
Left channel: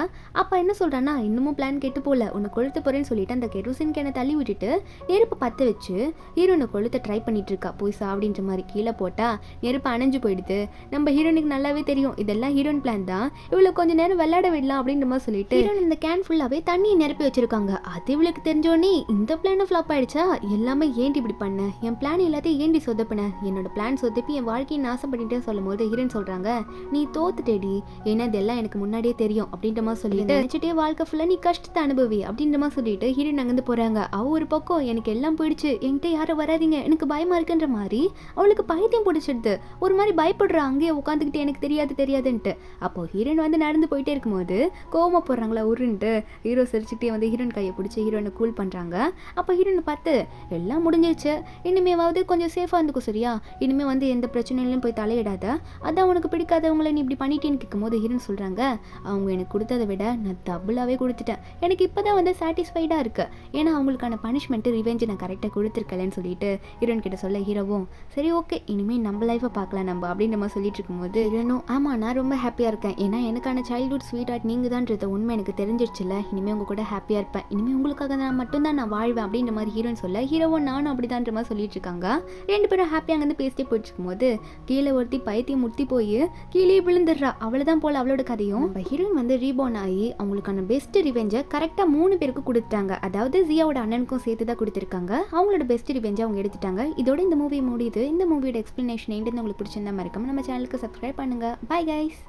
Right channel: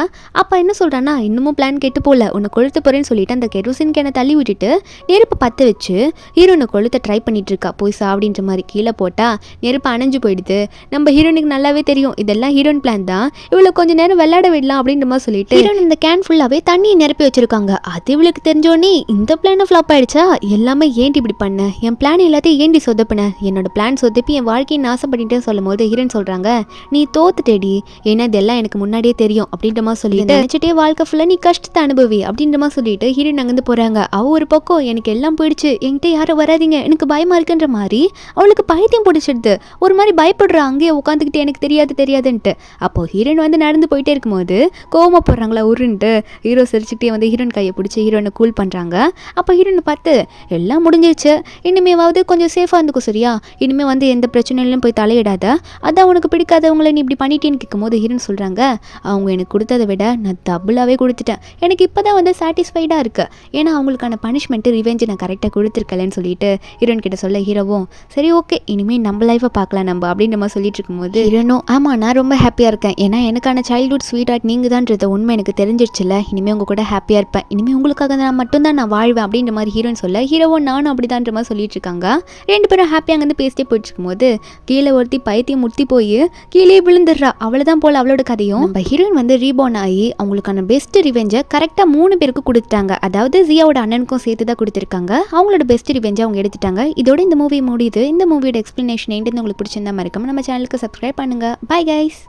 அப்போ என்ன சொல்கிறான்னா, இன்னமும் பிளான் கெட்டு போகல, உன்னை கொளுத்து போகிறேன்னு சொல்லிட்டு அந்த கெரோசின் கேனை தள்ளி விட்டுட்டு நெருப்பு பற்ற வச்சு ஹீரோனை கொளுத்த ட்ரை பண்ணிட்டு இருக்கா. போய் சாப்பிடின்ற மாதிரி கீழே போட்டால் நெருப்பு அணைஞ்சு போயிடுது. நம்ம ஹீரோனுக்கு நல்லாவே தெரியும் இதெல்லாம் ஹீரோன் பிளான் தான், இவ்வளோ கொஞ்சம் நேரம் விளையாட விடலாம் அப்படின்ற மாதிரி சொல்லிட்டு ஹீரோன் இந்த கேன் ஃபுல்லாகவே தண்ணியை நிரப்பி வச்சிருக்காங்க. அது இவளுக்கு தெரிஞ்சோடனே இந்த பிளான் ஃப்ளாப் ஆயிடுச்சா, எல்லாமே ஏன்டி இப்படி பண்ண, என் பிளான் எல்லாத்தையும் ஏன்டி சொதப்பின, என்னோட பிளான் சொதப்பி என் வாழ்க்கையை நாசம் பண்ணிட்டே சொல்லும் போது ஹீரோன் சொல்கிறாங்க, நீ தோத்துட்டேடி, ஏன்னா இதெல்லாம் எனக்கு முன்னாடியே தெரியும் அப்படின்ற மாதிரி சொல்லிட்டு நினச்சிட்டே வாழ்க்கை ஃபுல்லாக நீ கஷ்டத்தை அனுபவி அப்படின்ற மாதிரி சொல்லிட்டு ஹீரோன் அங்கேருந்து போகிறாங்க. அவள் ஒரு பக்கம் எனக்கு எல்லாம் போயிடுச்சு, என்கிட்ட யாரும் வராதிங்க, எனக்கு பயமாக இருக்குன்ற மாதிரி அவளுக்கு பைத்தியம் பிடிச்சிடுது. ஒரு மாதிரி பயப்படுறா அங்கேயே உட்காந்துக்கிட்டு எனக்கு தெரியாதுன்ட்டு. அப்போ ஹீரோயின் வந்து நடந்து போயிட்டே இருக்கும்போது கோவமாக போடுறாங்களா உருன்ட்டு ஹீரோ சிரிச்சுக்கிட்டே வந்து ஹீரோயின் கையை பிடிச்சி ஹீரோயினை கூல் பண்ணுறாங்க. அப்போ ஹீரோயினை பார்த்து எல்லாம் முடிஞ்சிருச்சு, இனிமேவாவது கொஞ்சம் சேஃபாக இருந்துக்கும் சரியா, இனிமேல் வந்து எந்த பிரச்சனையிலும் போய் தலையிடாத, அதான் உனக்கு பிடிக்காதவங்களை நீ இப்படி பண்ணிட்டேன்னு கேட்கும்போது ஹீரோயின் சொல்கிறாங்க, அவங்க எனக்கு கொடுத்ததை விட நான் டபுளாகவே கொடுத்துட்டேன், எனக்கு இப்போ தான் வந்து சாட்டிஸ்ஃபைடாக இருக்குது, ஏன்னா அவங்களுக்கான பனிஷ்மெண்ட்டு ரிவெஞ்சு நான் கரெக்டாக கொடுத்துருக்கலன்னு சொல்லிட்டு ஹீரோயின் கிட்ட சொல்ல ஹீரோவும் சரி ஓகே இனிமேல் நம்ம லைஃப்பை பார்க்கலாம் நம்ம அப்படின்ற மாதிரி சொல்லிட்டு இருக்கும்போது ஹீரோனும் ஆமாம் நான் ரொம்ப ஹாப்பியாக இருக்கேன், ஏன்னா எனக்கான சைல்ட்ஹுட் ஸ்வீட் ஹார்ட் நீங்கள் தான்ன்றத உண்மை எனக்கு தெரிஞ்சிருச்சுல, இனிமேல் உங்கள் கூட ஹாப்பியாக இருப்பேன், இனிமேல் உங்களுக்காக நான் மட்டும்தான் நான் வாழ்வேன் அப்படின்ற மாதிரி ஹீரோயின் சொல்ல ஹீரோவும் நானும் அப்படிதான்ற மாதிரி சொல்லிட்டு இருக்காங்க. 2 பேரும் ஹாப்பியாக அங்கேருந்து பேசிட்டே போயிட்டு இருக்கும்போது கீழே ஒருத்தி பைத்தியம் முத்தி போய் கீழே விழுந்துடுறா. அவ்வளவுதான் போல அவளோட கதையும். நம்ம ஹீரோயின் வந்து ரீபோர்ன் ஆகி அவங்களுக்கான பெஸ்ட் ரிவெஞ்சை கரெக்டா 3 பேருக்கு கொடுத்துட்டாங்க. அதாவது ஜியாவோட அண்ணனுக்கும் சேர்த்து தான் கொடுத்துருக்காங்க. அவங்களோட பெஸ்ட் ரிவெஞ்சை அவங்க எடுத்துட்டாங்க. இதோட இந்த மூவி முடியுது. இந்த மூவியோட எக்ஸ்பிளனேஷன் உங்களுக்கு பிடிச்சிருந்தா மறக்காம நம்ம சேனலுக்கு சப்ஸ்கிரைப் பண்ணுங்க. Bye guys.